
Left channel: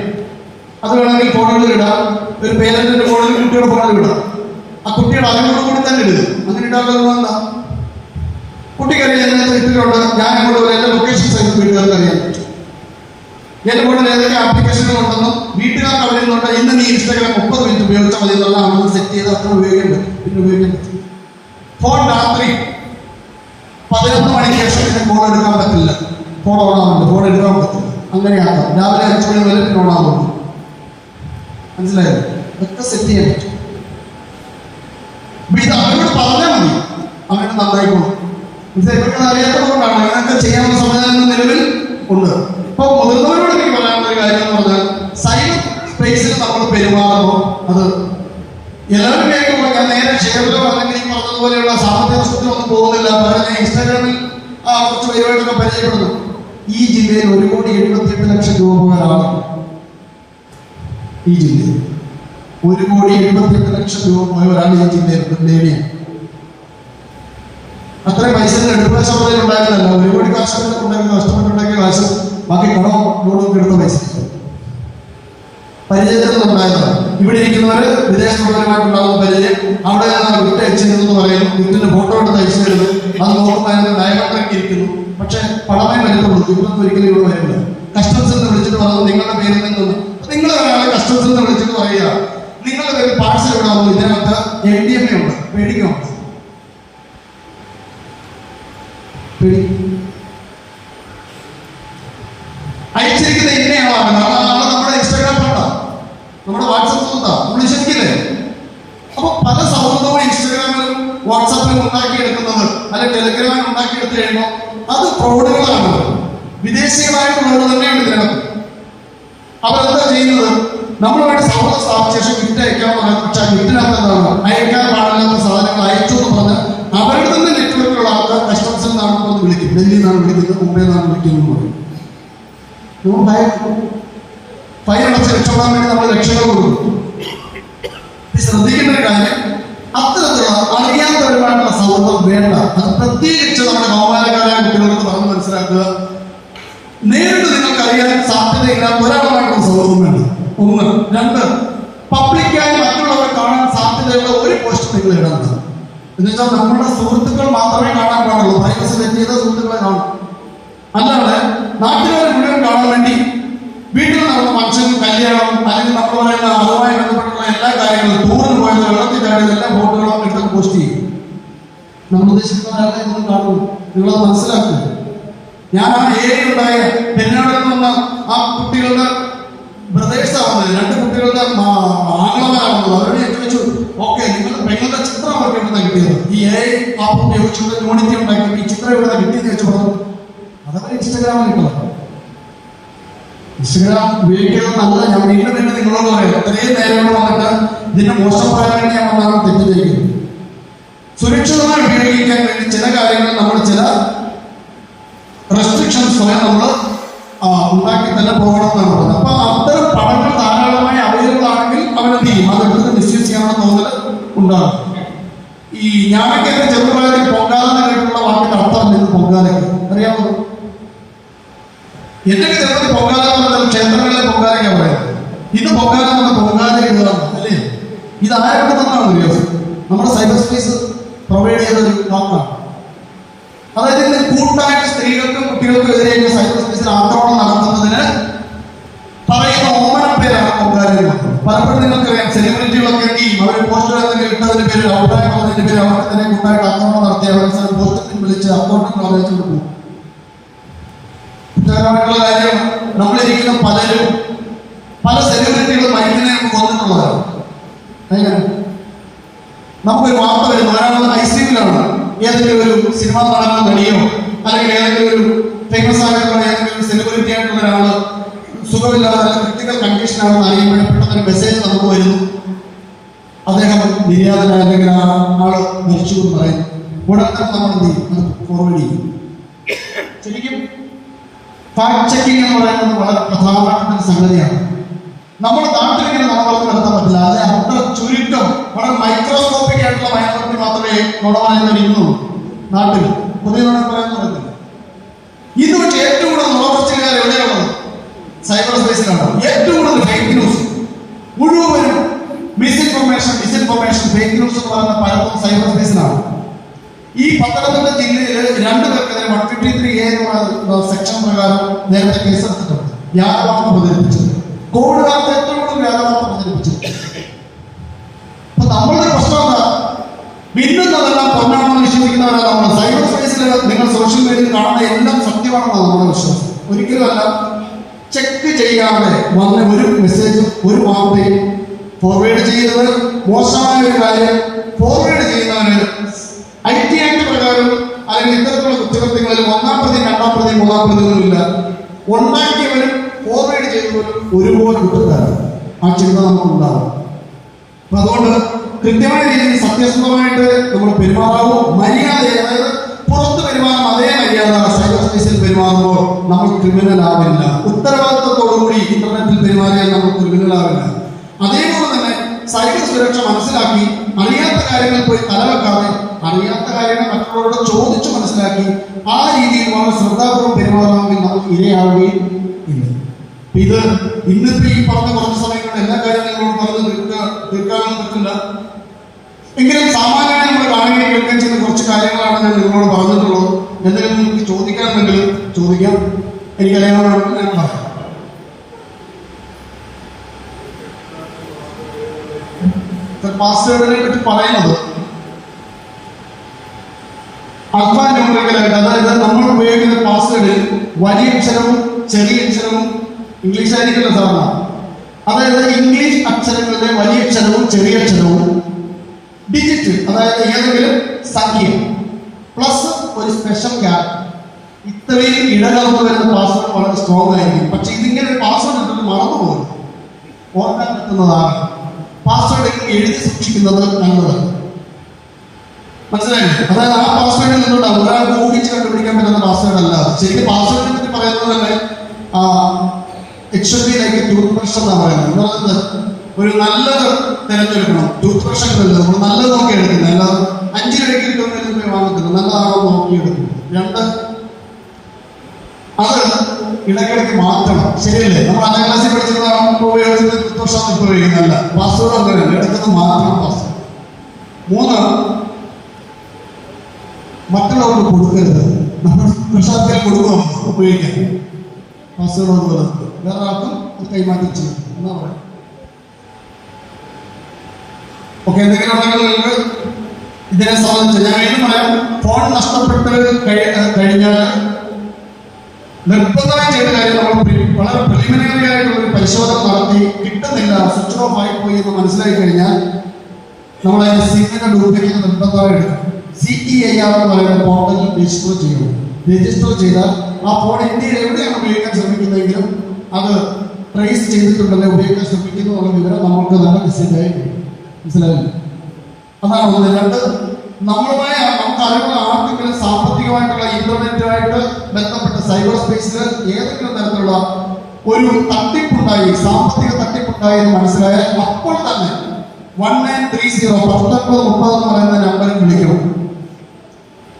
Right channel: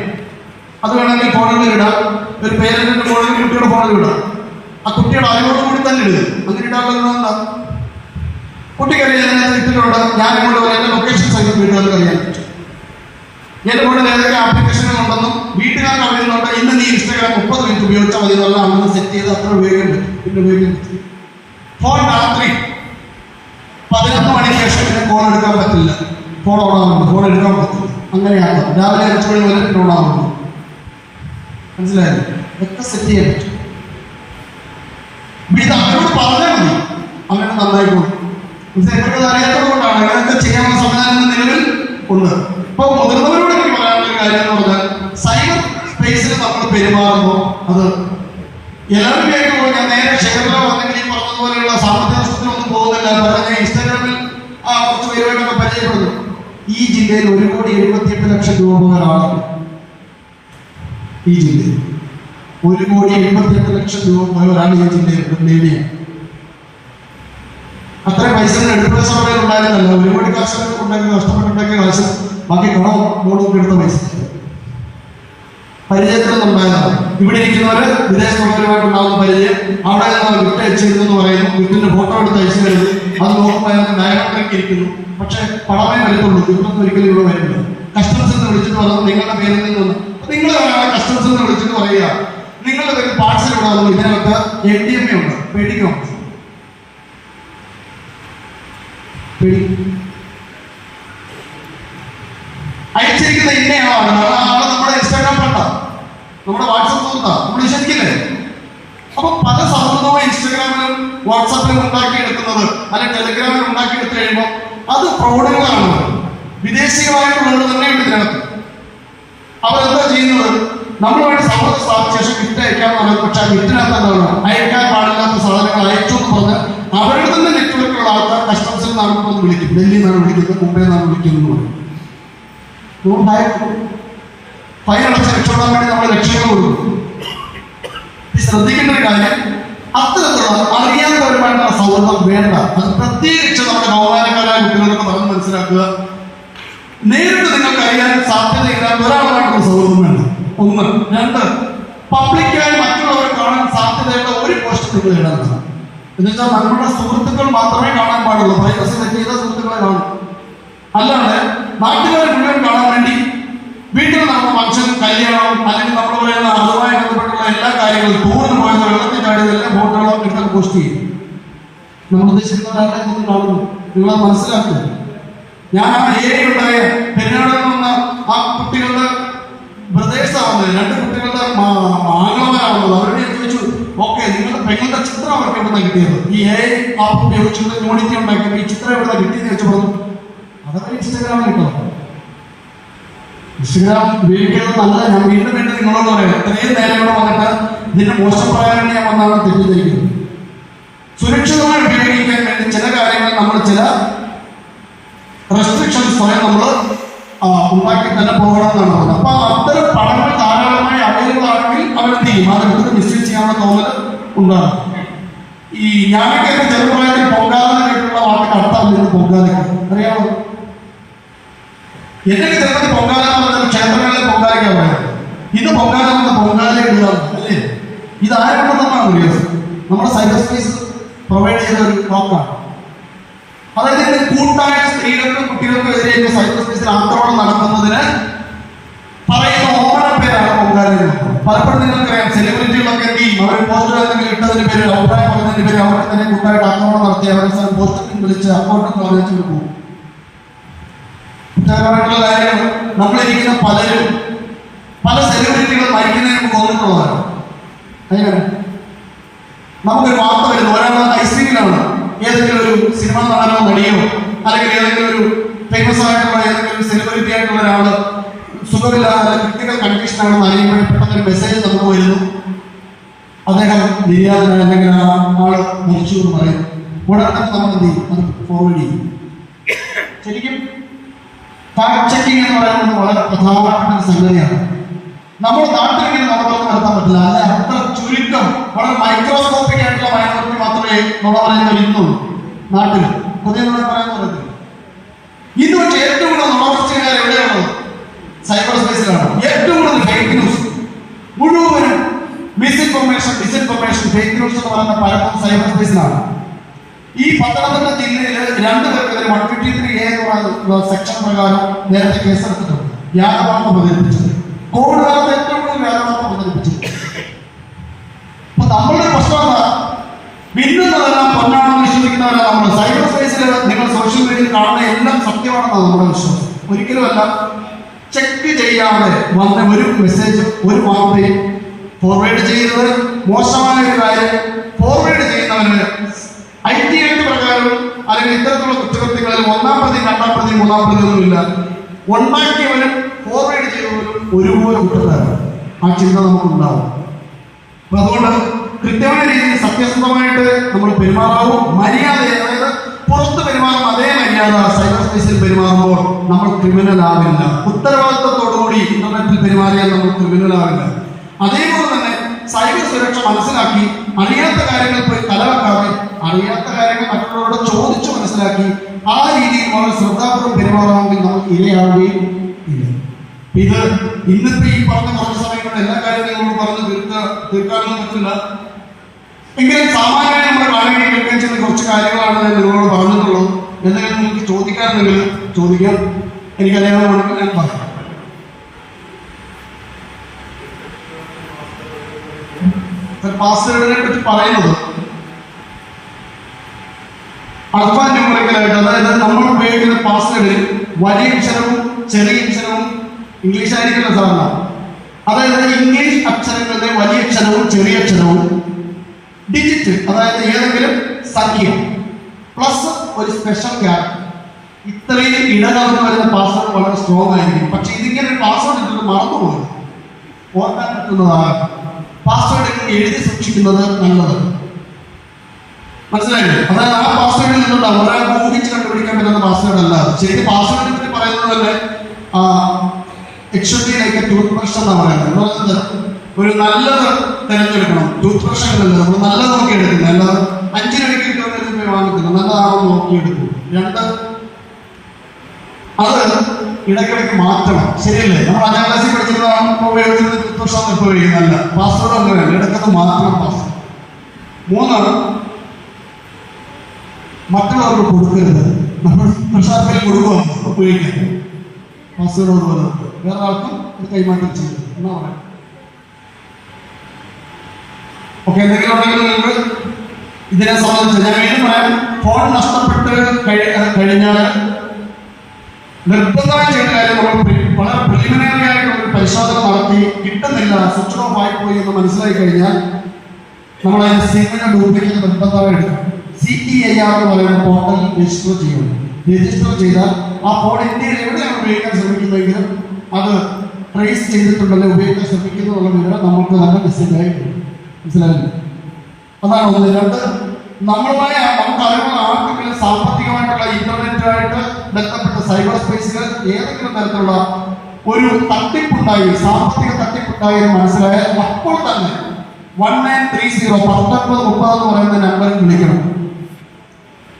അത് വേണമെങ്കിൽ ഫോണുകളിൽ ഇടാം. ഒരു പേരന്റിന്റെ ഫോണിൽ കുട്ടിയുടെ ഫോണിൽ ഇടാം. ആ കുട്ടിയുടെ അറിവോട് കൂടി തന്നെ ഇടുക. അങ്ങനെ ഇടാൻ എന്താ? കുട്ടിക്കറിയാൻ ഇട്ടിട്ടുണ്ട്, ഞാൻ ഇങ്ങോട്ട് എന്റെ ലൊക്കേഷൻ സൈറ്റ് വീട്ടുകാർക്ക് അറിയാൻ പറ്റും. എന്റെ ഫോണിൽ ഏതൊക്കെ ആപ്ലിക്കേഷനുകൾ ഉണ്ടെന്നും വീട്ടുകാർക്ക് അറിയുന്നുണ്ട്. ഇന്ന് നീ ഇൻസ്റ്റാഗ്രാം 30 മിനിറ്റ് ഉപയോഗിച്ചാൽ മതി എന്നുള്ള അങ്ങനെ സെറ്റ് ചെയ്ത് അത്ര ഉപയോഗിക്കാൻ പറ്റും. പിന്നെ ഉപയോഗിക്കാൻ പറ്റും. ഫോൺ രാത്രി 11 മണിക്ക് ശേഷം ഫോൺ എടുക്കാൻ പറ്റില്ല. ഫോൺ ഓണാവുന്നുണ്ട്, ഫോൺ എടുക്കാൻ പറ്റില്ല. അങ്ങനെയാക്കാം. രാവിലെ 5 മണി വരെ പിന്നെ ഓണാവുന്നുണ്ട്. മനസ്സിലായത്? ഇതൊക്കെ സെറ്റ് ചെയ്യാൻ പറ്റും. ഇത് അവരോട് പറഞ്ഞാൽ മതി, അങ്ങനെ നന്നായിക്കോളും. അറിയാത്തതുകൊണ്ടാണ് അങ്ങനെയൊക്കെ ചെയ്യാനുള്ള സംവിധാനങ്ങൾ നിലവിൽ ഉണ്ട്. അപ്പൊ മുതിർന്നവരോട് എനിക്ക് പറയാനുള്ള ഒരു കാര്യം എന്ന് പറഞ്ഞാൽ, സൈബർ സ്പേസിൽ നമ്മൾ പെരുമാറുമ്പോൾ അത് എല്ലാവരും ആയിട്ടുള്ള, ഞാൻ നേരെ ഷെയറിലോ അല്ലെങ്കിൽ ഈ പറഞ്ഞതുപോലെയുള്ള സാമ്പത്തിക നഷ്ടത്തിലൊന്നും പോകുന്നില്ല. പറഞ്ഞ ഇൻസ്റ്റാഗ്രാമിൽ കുറച്ച് പേരുമായിട്ടൊക്കെ പരിചയപ്പെടുന്നു. ഈ ജില്ലയിൽ 1,78,00,000 രൂപ ഒരാളാണ്. ഈ ജില്ലയിൽ 1,88,00,000 ഒരാൾ ഈ ജില്ലയിൽ നേടിയാണ്. അത്രയും പൈസ എടുക്കുന്ന സമയം ഉണ്ടായിരുന്നല്ല. 1 കോടി കാശൊക്കെ ഉണ്ടാക്കി നഷ്ടപ്പെട്ടുണ്ടാക്കിയ കാശ് ബാക്കി കടവും ബോർഡും എടുത്ത പൈസ പരിചയത്തിലുണ്ടായതാണ്. ഇവിടെ ഇരിക്കുന്നവര് വിദേശ മുതലുമായിട്ടുണ്ടാകുന്ന പരിചയം, അവിടെ വിറ്റ് അയച്ചിരുന്നു പറയുന്നു, വിറ്റിന്റെ ഫോട്ടോ എടുത്ത് അയച്ചു വരുന്നു, അത് നോക്കുമ്പോൾ ഡയറക്ടറൊക്കെ ഇരിക്കുന്നു. പക്ഷെ പണമേ വരുന്നുള്ളൂ, ഇവിടുന്ന് ഒരിക്കലും ഇവിടെ വരില്ല. കസ്റ്റംസിൽ നിന്ന് വിളിച്ചിട്ട് പറഞ്ഞു നിങ്ങളുടെ പേരിൽ നിന്ന് നിങ്ങൾ കസ്റ്റംസിൽ നിന്ന് വിളിച്ചിട്ട് പറയുക നിങ്ങളുടെ പേരിൽ പാഴ്സൽ ഇവിടെ വന്നു, ഇതിനകത്ത് NDMA ഉണ്ട്, പേടിക്കണം. അയച്ചിരിക്കുന്ന ഇന്നയാളാണ്, നമ്മുടെ ഇൻസ്റ്റാഗ്രാം കണ്ട, നമ്മുടെ വാട്സപ്പ് നോക്കാം, നമ്മൾ വിശ്വസിക്കില്ലേ? അപ്പൊ പല സൗഹൃദവും ഇൻസ്റ്റാഗ്രാമിലും വാട്സാപ്പിലും ഉണ്ടാക്കിയെടുക്കുന്നത് അല്ലെങ്കിൽ ടെലിഗ്രാമിൽ ഉണ്ടാക്കിയെടുത്ത് കഴിയുമ്പോൾ അത് പ്രൗഢികളാണ്. വിദേശികളായിട്ടുള്ളവർ തന്നെയുണ്ട് ഇതിനകത്ത്. അവരെന്താ ചെയ്യുന്നത്? നമ്മളുമായിട്ട് സൗഹൃദം സ്ഥാപിച്ച ശേഷം ഗിഫ്റ്റ് അയക്കാൻ പറയുന്നത്, പക്ഷെ ആ ഗിഫ്റ്റിനകത്ത് എന്താണ് അയക്കാൻ പാടില്ലാത്ത സാധനങ്ങൾ അയച്ചു എന്ന് പറഞ്ഞ് അവരുടെ തന്നെ നെറ്റ്വർക്കുള്ള ആൾക്കാർ കസ്റ്റംസിൽ നിന്നാണ് വിളിക്കും, ഡൽഹിയിൽ നിന്നാണ് വിളിക്കുന്നത്, മുംബൈയിൽ നിന്നാണ് വിളിക്കുന്നത് പറയും. ഫൈൻ അടച്ച് രക്ഷപ്പെടാൻ വേണ്ടി നമ്മൾ രക്ഷകൾ കൊടുക്കും. ശ്രദ്ധിക്കേണ്ട ഒരു കാര്യം, അത്തരത്തിലുള്ള അറിയാത്തവരുമായിട്ടുള്ള സൗഹൃദം വേണ്ട. അത് പ്രത്യേകിച്ച് നമ്മുടെ കൗമാരക്കാരായ കുട്ടികൾക്ക് പറഞ്ഞു മനസ്സിലാക്കുക. നേരിട്ട് നിങ്ങൾക്ക് അറിയാൻ സാധ്യതയില്ലാത്ത ഒരാളുമായിട്ടുള്ള സൗഹൃദം വേണ്ട. 1. 2, പബ്ലിക്കായി മറ്റുള്ളവർ കാണാൻ സാധ്യതയുള്ള ഒരു പോസ്റ്റ് നിങ്ങൾ ഇടണം. എന്നുവെച്ചാൽ നമ്മുടെ സുഹൃത്തുക്കൾ മാത്രമേ കാണാൻ പാടുള്ളൂ. പ്രൈവസി ചെയ്ത സുഹൃത്തുക്കളെ കാണും. അല്ലാതെ നാട്ടുകാരെ മുഴുവൻ കാണാൻ വേണ്ടി വീട്ടിൽ നടന്ന ഫംഗ്ഷൻ, കല്യാണം, അല്ലെങ്കിൽ നമ്മൾ പറയുന്ന അതുമായി ബന്ധപ്പെട്ടുള്ള എല്ലാ കാര്യങ്ങളും, ടൂറിന് പോയത്, വെള്ളത്തിൽ ചാടിയത്, എല്ലാ ഫോട്ടോകളും ഇതൊക്കെ പോസ്റ്റ് ചെയ്യും. നമ്മൾ ഉദ്ദേശിക്കുന്നതല്ല ഇത് കാണുന്നു. നിങ്ങളത് മനസ്സിലാക്കുക. ഞാൻ ആ ഏരിയയിലുണ്ടായ പെരുന്നാളിൽ നിന്ന് വന്ന ആ കുട്ടികളുടെ ബ്രദേഴ്സാവുന്നത്, 2 കുട്ടികളുടെ ആംഗ്ലമാരാവുന്നത്, അവരുടെ ചോദിച്ചു, ഓക്കെ നിങ്ങളുടെ പെങ്ങളുടെ ചിത്രം അവർക്ക് എവിടെ കിട്ടിയത്? ഈ ആപ്പ് ഉപയോഗിച്ചു യൂണിറ്റി ഉണ്ടാക്കിയപ്പോൾ ഈ ചിത്രം എവിടെ കിട്ടിയെന്ന് വെച്ചു പറഞ്ഞു. അതൊക്കെ ഇൻസ്റ്റാഗ്രാമിൽ കിട്ടും. ഇൻസ്റ്റാഗ്രാം ഉപയോഗിക്കുന്നത് നല്ലത്. ഞാൻ വീണ്ടും വീണ്ടും നിങ്ങളോട് പറയാം, ഇത്രയും നേരം വന്നിട്ട് ഇതിന്റെ മോശം പറയാൻ വേണ്ടി ഞാൻ വന്നാണ് തെറ്റിദ്ധരിക്കുന്നത്. സുരക്ഷിതമായി ഉപയോഗിക്കാൻ വേണ്ടി ചില കാര്യങ്ങൾ നമ്മൾ ചില റെസ്ട്രിക്ഷൻസ് സ്വയം നമ്മൾ ഉണ്ടാക്കി തന്നെ പോകണമെന്നാണ് പറഞ്ഞത്. അപ്പൊ അത്തരം പടങ്ങൾ ധാരാളമായി അവൈലബിൾ ആണെങ്കിൽ അവരെന്ത് ചെയ്യും? അതെടുത്ത് മിസ്യൂസ് ചെയ്യാനുള്ള തോന്നൽ ഉണ്ടാകും. ഈ ഞാനൊക്കെ ചെറുപ്രായത്തിൽ പൊങ്കാലെന്ന് കേട്ടിട്ടുള്ള വാക്കിന്റെ അർത്ഥം നിന്ന് പൊങ്കാല അറിയാമോ? എന്നൊക്കെ ചെറുപ്പത്തിൽ പൊങ്കാല എന്ന് പറഞ്ഞാൽ ക്ഷേത്രങ്ങളിലെ പൊങ്കാലയ്ക്കാൻ പറയാം. ഇത് പൊങ്കാല എന്ന പൊങ്കാല ഇടുക അല്ലേ? ഇത് ആരെക്കൊണ്ടെന്നാണ് അറിയാം? നമ്മുടെ സൈബർ സ്പേസ് പ്രൊവൈഡ് ചെയ്ത ഒരു വാക്കാണ്. അതായത് കൂട്ടായിട്ട് സ്ത്രീകൾക്കും കുട്ടികൾക്കും എതിരെയൊക്കെ സൈബർ സ്പേസിൽ ആക്രമണം നടത്തുന്നതിന് പറയുന്ന ഓമന പേരാണ് പൊങ്കാല. പലപ്പോഴും നിങ്ങൾക്കറിയാം, സെലിബ്രിറ്റികളൊക്കെ എന്ത് ചെയ്യും? അവരെ പോസ്റ്റുകൾ എന്തെങ്കിലും ഇട്ടതിന് പേര്, അഭിപ്രായം പറഞ്ഞതിന് പേര് അവർക്ക് തന്നെ കൂട്ടായിട്ട് ആക്രമണം നടത്തി അവരെ പോസ്റ്റിൽ വിളിച്ച് അക്കൗണ്ടിൽ വാങ്ങിച്ചു കൊടുക്കും. കുറ്റകരമായിട്ടുള്ള കാര്യം, നമ്മളിരിക്കുന്ന പലരും പല സെലിബ്രിറ്റികൾ മരിക്കുന്നതിന് മുമ്പ് വന്നിട്ടുള്ളതാണ്. നമുക്കൊരു വാർത്ത വരുന്നു, ഒരാൾ ഐസിയിലാണ്, ഏതെങ്കിലും ഒരു സിനിമാ നടനോ നടിയോ അല്ലെങ്കിൽ ഏതെങ്കിലും ഒരു ഫേമസ് ആയിട്ടുള്ള ഏതെങ്കിലും സെലിബ്രിറ്റി ആയിട്ടുള്ള ഒരാള് സുഖമില്ലാതെ ക്രിട്ടിക്കൽ കണ്ടീഷനാണെന്ന് അറിയുമ്പോൾ പെട്ടെന്നൊരു മെസ്സേജ് നമുക്ക് വരുന്നു, അദ്ദേഹം നിര്യാതനായ അല്ലെങ്കിൽ ആ ആള് മരിച്ചു എന്ന് പറയും. ഉടനെ തന്നെ നമ്മൾ എന്ത് ചെയ്യും? അത് ഫോർവേഡ് ചെയ്യും. ശരിക്കും ഫാക്ട് ചെക്കിംഗ് എന്ന് പറയുന്നത് വളരെ പ്രധാനപ്പെട്ട ഒരു സംഗതിയാണ്. നമ്മുടെ നാട്ടിലിങ്ങനെ നുണപറഞ്ഞ് നടത്താൻ പറ്റില്ല. അല്ലെ അത്ര ചുരുക്കം വളരെ മൈക്രോസ്കോപ്പിക് ആയിട്ടുള്ള മൈനോറിറ്റി മാത്രമേ നുണപറഞ്ഞവർ ഇന്നുള്ളൂ നാട്ടിൽ. പുതിയ നുണ പറയാൻ പറയുന്നത് ഇത്. പക്ഷേ ഏറ്റവും കൂടുതൽ നുണപറച്ചിലുകാർ എവിടെയാണുള്ളത്? സൈബർ സ്പേസിലാണ്. ഏറ്റവും കൂടുതൽ ഫേക്ക് ന്യൂസ്, മുഴുവനും മിസ്ഇൻഫർമേഷൻ, ഫേക്ക് ന്യൂസ് എന്ന് പറയുന്ന പലർക്കും സൈബർ സ്പേസിലാണ്. ഈ പത്തനംതിട്ട ജില്ലയിൽ 2 പേർക്കെതിരെ 153A എന്ന സെക്ഷൻ പ്രകാരം നേരത്തെ കേസെടുത്തിട്ടുണ്ട്. വ്യാജവാർത്ത പ്രചരിപ്പിച്ചത്, കോവിഡ് കാലത്ത് ഏറ്റവും കൂടുതൽ വ്യാജവാർത്ത പ്രചരിപ്പിച്ചത്. അപ്പൊ നമ്മളുടെ പ്രശ്നം എന്താ? ഭിന്നതെല്ലാം പൊന്നാണെന്ന് വിശ്വസിക്കുന്നവരാണ് നമ്മൾ. സൈബർ സ്പേസിൽ നിങ്ങൾ സോഷ്യൽ മീഡിയയിൽ കാണുന്ന എല്ലാം സത്യമാണെന്നാണ് നമ്മുടെ വിശ്വാസം. ഒരിക്കലുമല്ല. ചെക്ക് ചെയ്യാതെ വന്ന ഒരു മെസ്സേജ്, ഒരു വാർത്തയും ഫോർവേഡ് ചെയ്യരുത്. മോശമായ ഒരു കാര്യം ഫോർവേഡ് ചെയ്യുന്നവര് IT ആക്ട് പ്രകാരം അല്ലെങ്കിൽ ഇത്തരത്തിലുള്ള കുറ്റകൃത്യങ്ങളിൽ 1-ാം പ്രതി, 2-ാം പ്രതി, 3-ാം പ്രതി ഒന്നുമില്ല. ഉണ്ടാക്കിയവരും ഫോർവേഡ് ചെയ്തവരും ഒരുപോലെ കുറ്റക്കാരാണ്. ആ ചിന്ത നമുക്കുണ്ടാവും. അപ്പൊ അതുകൊണ്ട് കൃത്യമായ രീതിയിൽ സത്യസന്ധമായിട്ട് നമ്മൾ പെരുമാറാവും. മര്യാദ, അതായത് പുറത്ത് പെരുമാറും അതേ മര്യാദ സൈബർ സ്പേസിൽ പെരുമാറുമ്പോൾ നമ്മൾ ക്രിമിനൽ ആവില്ല. ഉത്തരവാദിത്വത്തോടുകൂടി ഇന്റർനെറ്റിൽ പെരുമാറിയാൽ നമ്മൾ ക്രിമിനൽ ആവില്ല. അതേപോലെ തന്നെ സൈബർ സുരക്ഷ മനസ്സിലാക്കി അറിയാത്ത കാര്യങ്ങളിൽ പോയി തലവെക്കാതെ അറിയാത്ത കാര്യങ്ങൾ മറ്റുള്ളവരോട് ചോദിച്ചു മനസ്സിലാക്കി ആ രീതിയിൽ വളരെ ശ്രദ്ധാപൂർവ്വം പെരുമാറുകയാണെങ്കിൽ നമുക്ക് ഇരയാവുകയും ഇല്ല. ഇത് ഇന്നിപ്പോ ഈ പറഞ്ഞ കുറച്ച് സമയങ്ങളിൽ എല്ലാ കാര്യങ്ങളും പറഞ്ഞ് തീർക്കാനൊന്നും പറ്റില്ല. എങ്കിലും സാമാന്യമായി നമ്മൾ കാണുകയും കേൾക്കാൻ ചെയ്യുന്ന കുറച്ച് കാര്യങ്ങളാണ് ഞാൻ നിങ്ങളോട് പറഞ്ഞിട്ടുള്ളത്. എന്തെങ്കിലും നിങ്ങൾക്ക് ചോദിക്കാറുണ്ടെങ്കിൽ ചോദിക്കാം, എനിക്കറിയാവുന്നതാണെങ്കിൽ ഞാൻ പറയാം. പാസ്വേഡിനെ പറ്റി പറയുന്നത് അൽഫാന്യൂമറിക്കലായിട്ട്, അതായത് നമ്മൾ ഉപയോഗിക്കുന്ന പാസ്വേഡിൽ വലിയ അക്ഷരവും ചെറിയ അക്ഷരവും ഇംഗ്ലീഷ് ആയിരിക്കില്ല സാധാരണ. അതായത് ഇംഗ്ലീഷ് അക്ഷരങ്ങളിലെ വലിയ അക്ഷരവും ചെറിയ അക്ഷരവും ഡിജിറ്റ്, അതായത് ഏതെങ്കിലും സംഖ്യ പ്ലസ് ഒരു സ്പെഷ്യൽ ക്യാരക്ടർ, ഇത്രയും ഇടകലർന്ന് വരുന്ന പാസ്വേഡ് വളരെ സ്ട്രോങ് ആയിരിക്കും. പക്ഷെ ഇതിങ്ങനെ ഒരു പാസ്വേഡ് ഇട്ടിട്ട് മറന്നുപോകും, ഓർക്കാൻ പറ്റുന്നതാണ്. പാസ്വേഡ് എഴുതി സൂക്ഷിക്കുന്നത് നല്ലതാണ്. മനസ്സിലായില്ലേ? അതായത് ആ പാസ്വേഡിൽ നിന്നുണ്ടാവും ഒരാൾക്ക് ഊഹിച്ച് കണ്ടുപിടിക്കാൻ പറ്റുന്ന പാസ്വേഡ് അല്ല. ശരിക്കും പാസ്വേഡ് പറ്റി പറയുന്നത് തന്നെ എക്സ്ട്രീയിലേക്ക് ടൂത്ത് ബ്രഷ് എന്നാണ് പറയുന്നത്. ഒരു നല്ലത് തിരഞ്ഞെടുക്കണം. ടൂത്ത് ബ്രഷ് നമ്മൾ നല്ലത് നോക്കി എടുക്കുന്നത്, അല്ലാതെ 5 രൂപയ്ക്ക് കിട്ടുന്ന വാങ്ങിക്കുന്നത് നല്ലതാണോ നോക്കിയെടുക്കുന്നത്. 2, അത് ഇടയ്ക്കിടയ്ക്ക് മാറ്റണം. ശരിയല്ലേ? നമ്മൾ 5ാം ക്ലാസ്സിൽ പഠിച്ചിരുന്ന ഉപയോഗിക്കുന്നത് ടൂത്ത് ബ്രഷ് ഉപയോഗിക്കുന്നതല്ല. പാസ്വേഡ് അങ്ങനെയല്ല, ഇടയ്ക്കൊക്കെ മാറ്റണം പാസ്വേഡ്. 3, മറ്റുള്ളവർക്ക് കൊടുക്കരുത്. നമ്മൾ പ്രസാദത്തിൽ കൊടുക്കണം ഉപയോഗിക്കാൻ. പാസ്വേഡ് പോലെ വേറെ ആൾക്കും കൈമാറ്റം ചെയ്യും എന്നാ പറയാം. ഓക്കെ, എന്തെങ്കിലും ഉണ്ടെങ്കിൽ നിങ്ങൾക്ക് ഇതിനെ സംബന്ധിച്ച് ഞാൻ വീണ്ടും പറയാം. ഫോൺ നഷ്ടപ്പെട്ട് കഴിഞ്ഞാൽ നിർബന്ധമായി ചെയ്ത കാര്യം നമ്മൾ വളരെ പ്രിലിമിനറി ആയിട്ടുള്ള ഒരു പരിശോധന നടത്തി കിട്ടുന്നില്ല, സ്വിച്ച് ഓഫ് ആയിപ്പോയി എന്ന് മനസ്സിലാക്കി കഴിഞ്ഞാൽ നമ്മൾ അതിന്റെ സിമ്മിനെ ഡ്യൂപ്ലിക്കേറ്റ് നിർബന്ധമായി എടുക്കണം. CEIR എന്ന് പറയുന്ന പോർട്ടൽ രജിസ്റ്റർ ചെയ്യുന്നത്. രജിസ്റ്റർ ചെയ്താൽ ആ ഫോൺ ഇന്ത്യയിൽ എവിടെയാണ് ഉപയോഗിക്കാൻ ശ്രമിക്കുന്നതെങ്കിലും അത് ട്രേസ് ചെയ്തിട്ടുണ്ടല്ലോ ഉപയോഗിക്കാൻ ശ്രമിക്കുന്നു എന്നുള്ള വിവരം നമുക്ക് നല്ല മെസ്സേജായി മനസ്സിലായില്ല. അതാണ് ഒന്ന്. 2, നമ്മളുമായി നമുക്ക് അറിവുള്ള ആർക്കെങ്കിലും സാമ്പത്തികമായിട്ടുള്ള ഇന്റർനെറ്റുമായിട്ട് ബന്ധപ്പെട്ട സൈബർ സ്പേസിൽ ഏതെങ്കിലും തരത്തിലുള്ള ഒരു തട്ടിപ്പുണ്ടായി, സാമ്പത്തിക തട്ടിപ്പുണ്ടായി എന്ന് മനസ്സിലായാൽ അപ്പോൾ തന്നെ 1930 1930 എന്ന് പറയുന്ന നമ്പറിൽ വിളിക്കണം.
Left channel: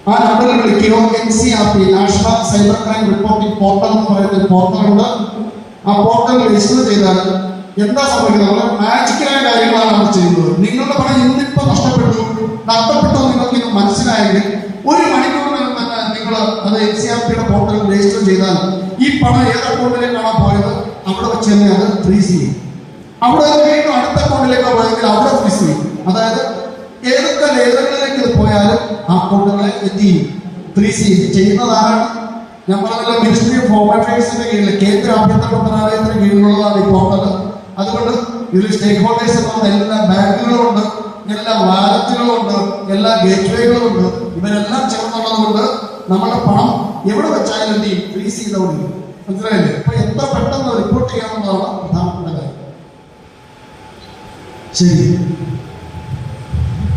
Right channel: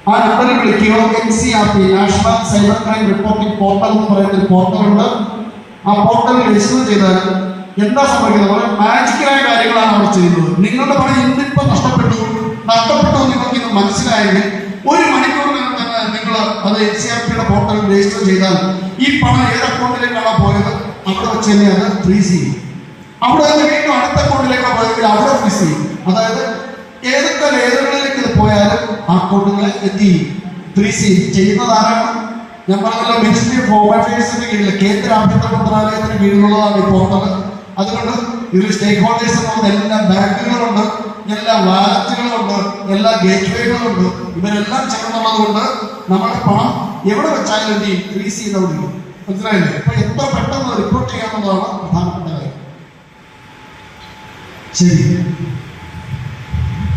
ആ നമ്പറിൽ വിളിക്കുകയോ NCRP national cyber crime reporting portal എന്ന് പറയുന്ന ഒരു പോർട്ടലുണ്ട്. ആ പോർട്ടലിൽ രജിസ്റ്റർ ചെയ്താൽ എന്താ സംഭവിക്കുന്നത്? വളരെ മാജിക്കലായ കാര്യങ്ങളാണ് അവർ ചെയ്യുന്നത്. നിങ്ങളുടെ പണം ഇന്നിപ്പോൾ നഷ്ടപ്പെട്ടു നിങ്ങൾക്ക് ഇത് മനസ്സിലായെങ്കിൽ 1 മണിക്കൂറിനകം തന്നെ നിങ്ങൾ അത് NCRPയുടെ പോർട്ടലിൽ രജിസ്റ്റർ ചെയ്താൽ ഈ പണം ഏത് അക്കൗണ്ടിലേക്കാണോ പോയത് അവിടെ വെച്ച് തന്നെ അത് ഫ്രീസ് ചെയ്യും. അവിടെ തന്നെ വീണ്ടും അടുത്ത അക്കൗണ്ടിലേക്ക് പോയെങ്കിൽ അവിടെ ഫ്രീസ് ചെയ്യും. അതായത് ഏതൊക്കെ ലേഖകളിലേക്ക് പോയാലും ആ അക്കൗണ്ടുകളെ ഫ്രീസ് ചെയ്യുന്നതാണ്. ഞാൻ പറഞ്ഞല്ലോ, മിനിസ്ട്രി ഓഫ് ഹോം അഫയേഴ്സിന്റെ കീഴിൽ കേന്ദ്ര ആഭ്യന്തര മന്ത്രാലയത്തിന് കീഴിലുള്ളതാണ് ഈ പോർട്ടൽ. അതുകൊണ്ട് ഇതിൽ സ്റ്റേക്ക് ഹോൾഡേഴ്സ് ഉണ്ടാവുന്ന എല്ലാ ബാങ്കുകളുണ്ട്, എല്ലാ വാലറ്റുകളുണ്ട്, എല്ലാ ഗേറ്റ് വേകളുണ്ട്. ഇവരെല്ലാം ചേർന്നുള്ളതുകൊണ്ട് നമ്മുടെ പണം എവിടെ വെച്ചാലും ഫ്രീസ് ചെയ്തോളൂ. മനസ്സിലായില്ലേ? അപ്പൊ എത്ര പെട്ടെന്ന് റിപ്പോർട്ട് ചെയ്യാവുന്നതാണ് പ്രധാനപ്പെട്ട കാര്യം. ശരി,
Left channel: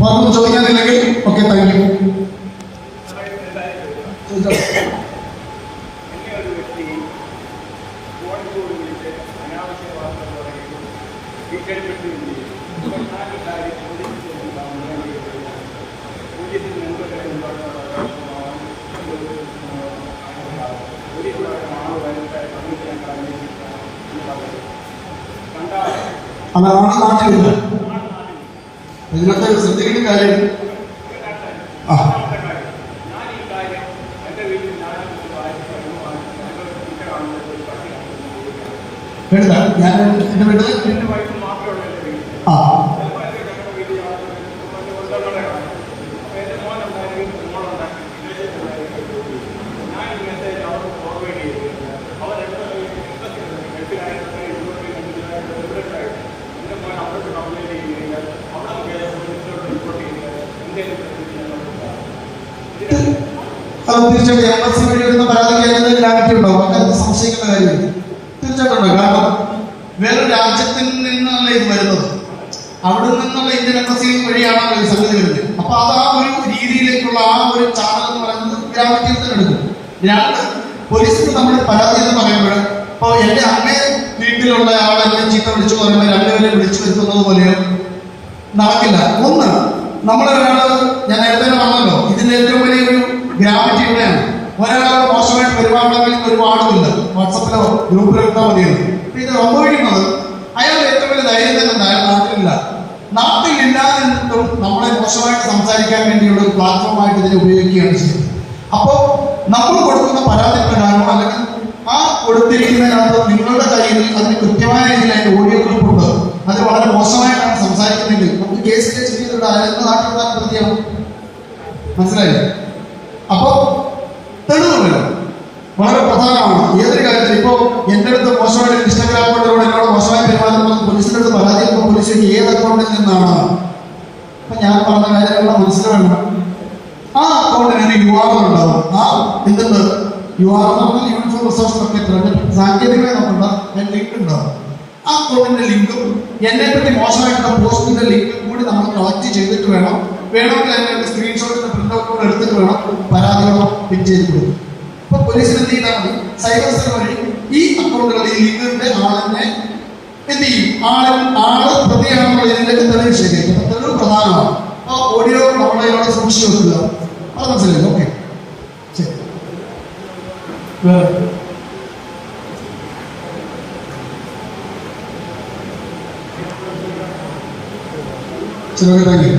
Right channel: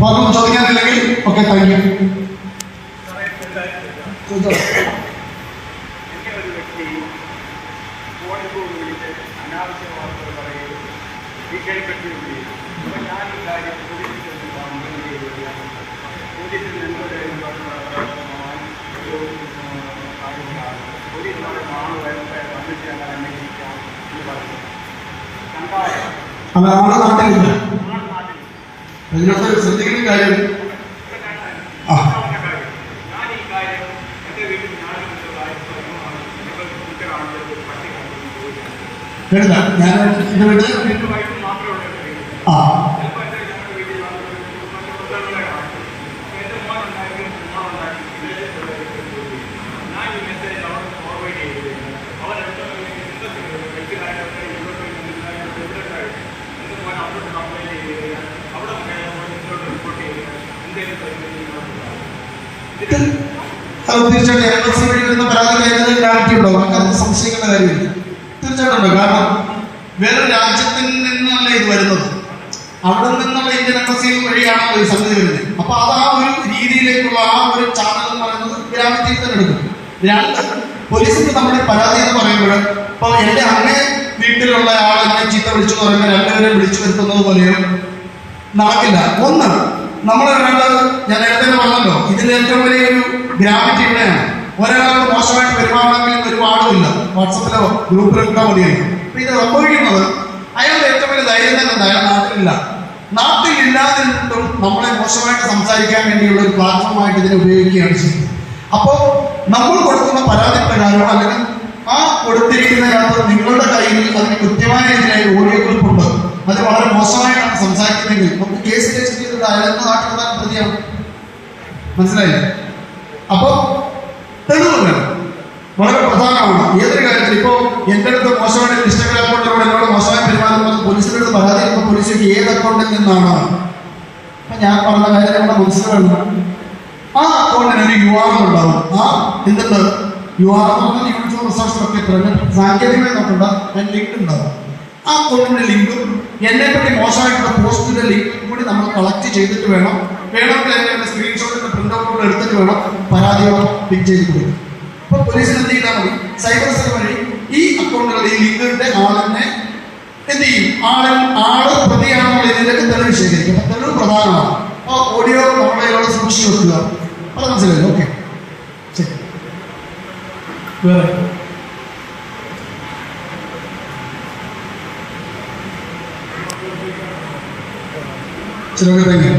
പറഞ്ഞു ചോദിക്കാനില്ലെങ്കിൽ ഓക്കെ, താങ്ക് യു. എന്നെ ഒരു വ്യക്തി ഫോണിൽ കൂടി വിളിച്ച് അനാവശ്യ വാർത്തകൾ പറയുകയും ഭീഷണിപ്പെടുത്തുകയും ചെയ്യും. അപ്പോൾ ഞാൻ ഈ കാര്യം പോലീസിൽ നിന്നോട് പോലീസ് പറയുന്ന ആൾ വന്നിട്ട് ഞങ്ങൾ അന്വേഷിക്കാം എന്ന് പറഞ്ഞു. നാട്ടിലില്ല. ഇതിനകത്ത് ശ്രദ്ധിക്കുന്ന കാര്യം ഞാൻ ഈ കാര്യം എൻ്റെ വീട്ടിൽ ഞാനൊരു വായ്പ പട്ടി എൻ്റെ വൈഫ് മാത്രമുള്ള എൻ്റെ വീട്ടിൽ ചിലപ്പോൾ എൻ്റെ ഞങ്ങളുടെ വീട്ടിൽ ഉണ്ടകളെയാണ്. അപ്പോൾ എൻ്റെ മോനുണ്ടായെങ്കിൽ മോനുണ്ടാക്കി വിദേശത്തുണ്ടായി ഞാൻ ഈ മെസ്സേജ് അവിടെ ഫോർവേഡ് ചെയ്ത് അവരെന്തോ ഗൾഫിലായിട്ടുണ്ട്, യൂറോപ്പിൽ എവിടെയുണ്ടായിട്ട് എൻ്റെ മോൻ അവരോട് കംപ്ലൈൻറ്റ് ചെയ്ത് കഴിഞ്ഞാൽ അവിടെ പോലീസിലോട്ട് റിപ്പോർട്ട് ചെയ്ത് എന്തെങ്കിലും തീർച്ചയായിട്ടും എംബസി വഴി വരുന്ന പരാതി കൈകാര്യം രാജ്യമുണ്ടാവും. അങ്ങനെ സംശയിക്കുന്ന കാര്യമില്ല. തീർച്ചയായിട്ടും. കാരണം വേറെ രാജ്യത്തിൽ നിന്നല്ല ഇത് വരുന്നത്, അവിടെ നിന്നുള്ള ഇന്ത്യൻ എംബസി വഴിയാണല്ലോ ഈ സംഗതി വരുന്നത്. അപ്പൊ അത് ആ ഒരു രീതിയിലേക്കുള്ള ആ ഒരു ചാനൽ എന്ന് പറയുന്നത് ഗ്രാമത്തിൽ തന്നെ എടുക്കും. 2, പോലീസിന് നമ്മുടെ പരാതി എന്ന് പറയുമ്പോൾ ഇപ്പോൾ എന്റെ അങ്ങേ വീട്ടിലുള്ള ആളെന്നെ ചീത്ത വിളിച്ചു പറയുമ്പോൾ രണ്ടുപേരെ വിളിച്ചു വരുത്തുന്നത് പോലെയോ നടക്കില്ല. ഒന്ന്, നമ്മൾ വേണ്ടത്, ഞാൻ നേരത്തെ പറഞ്ഞല്ലോ, ഇതിന്റെ ഏറ്റവും വലിയൊരു ഗ്രാവിറ്റി ഇവിടെയാണ്. ഒരാളോട് മോശമായിട്ട് പെരുമാറണമെങ്കിൽ ഒരു പാടുമില്ല, വാട്സപ്പിലോ ഗ്രൂപ്പിലോ ഇട്ടാൽ മതിയായിരുന്നു. അപ്പൊ ഇത് സംഭവിക്കുന്നത് അയാളുടെ ഏറ്റവും വലിയ ധൈര്യം തന്നെ അയാൾ നാട്ടിലില്ല. നാട്ടിലില്ലാതിട്ടും നമ്മളെ മോശമായിട്ട് സംസാരിക്കാൻ വേണ്ടിയുള്ള ഒരു പ്ലാറ്റ്ഫോമായിട്ട് ഇതിനെ ഉപയോഗിക്കുകയാണ് ചെയ്യുന്നത്. അപ്പോൾ നമ്മൾ കൊടുക്കുന്ന പരാതി പ്രകാരം അല്ലെങ്കിൽ ആ കൊടുത്തിരിക്കുന്നതിനകത്ത് നിങ്ങളുടെ കയ്യിൽ അതിന് കൃത്യമായ രീതിയിലായി ഓഡിയോ ക്ലിപ്പ് ഉണ്ട്, അത് വളരെ മോശമായിട്ടാണ് സംസാരിക്കുന്നതെങ്കിൽ നമുക്ക് കേസ് രജിസ്റ്റർ ചെയ്തിട്ട് അയാൾക്ക് നാട്ടിൽ പ്രതിയാണ്. മനസ്സിലായില്ലേ? അപ്പോ തെളിവുകൾ വളരെ പ്രധാനമാണ് ഏതൊരു കാര്യത്തിൽ. ഇപ്പോൾ എൻ്റെ അടുത്ത് മോശമായിട്ട് ഇൻസ്റ്റാഗ്രാമിലൂടെ എന്നോട് മോശമായി പെരുമാറുന്ന പോലീസിൻ്റെ അടുത്ത് പരാതി ചെയ്യുമ്പോൾ പോലീസിലേക്ക് ഏത് അക്കൗണ്ടിൽ നിന്നാണ്? അപ്പൊ ഞാൻ പറഞ്ഞ കാര്യം മനസ്സിലാണ്, ആ അക്കൗണ്ടിന് ഒരു URL ഉണ്ടാവും. ആ എന്തുണ്ട് URL എന്ന് പറഞ്ഞാൽ യൂണിഫോം റിസോഴ്സ് പ്രൊട്ടക്ടർ സാങ്കേതിക നോക്കണ്ട ലിങ്ക് ഉണ്ടാവും. ആ അക്കൗണ്ടിന്റെ ലിങ്കും എന്നെ പറ്റി മോശമായിട്ടുള്ള പോസ്റ്റിന്റെ ലിങ്കും കൂടി നമ്മൾ കളക്ട് ചെയ്തിട്ട് വേണമെങ്കിൽ അതിന്റെ സ്ക്രീൻഷോട്ടിന്റെ പ്രിന്റ് ഔട്ട് കൂടെ എടുത്തിട്ട് വേണം പരാതിയോടെ പിക്ക് ചെയ്ത് കൊടുക്കും. അപ്പൊ പോലീസിന് എന്ത് ചെയ്താൽ മതി, സൈബർ സെൽ വഴി ഈ അക്കൗണ്ടുകളുടെ ഈ ലിങ്കിന്റെ ആളിനെ എന്ത് ചെയ്യും, ആള് പ്രതിയാണെന്നുള്ള ഇതിലേക്ക് തെളിവ് ശേഖരിക്കും. അപ്പൊ തെളിവ് പ്രധാനമാണ്. അപ്പൊ ഓഡിയോ നമ്മളോട് സൂക്ഷിച്ചു വെക്കുക. അത് മനസ്സിലായി? ഓക്കെ, ശരി. ശരി, താങ്ക് യു.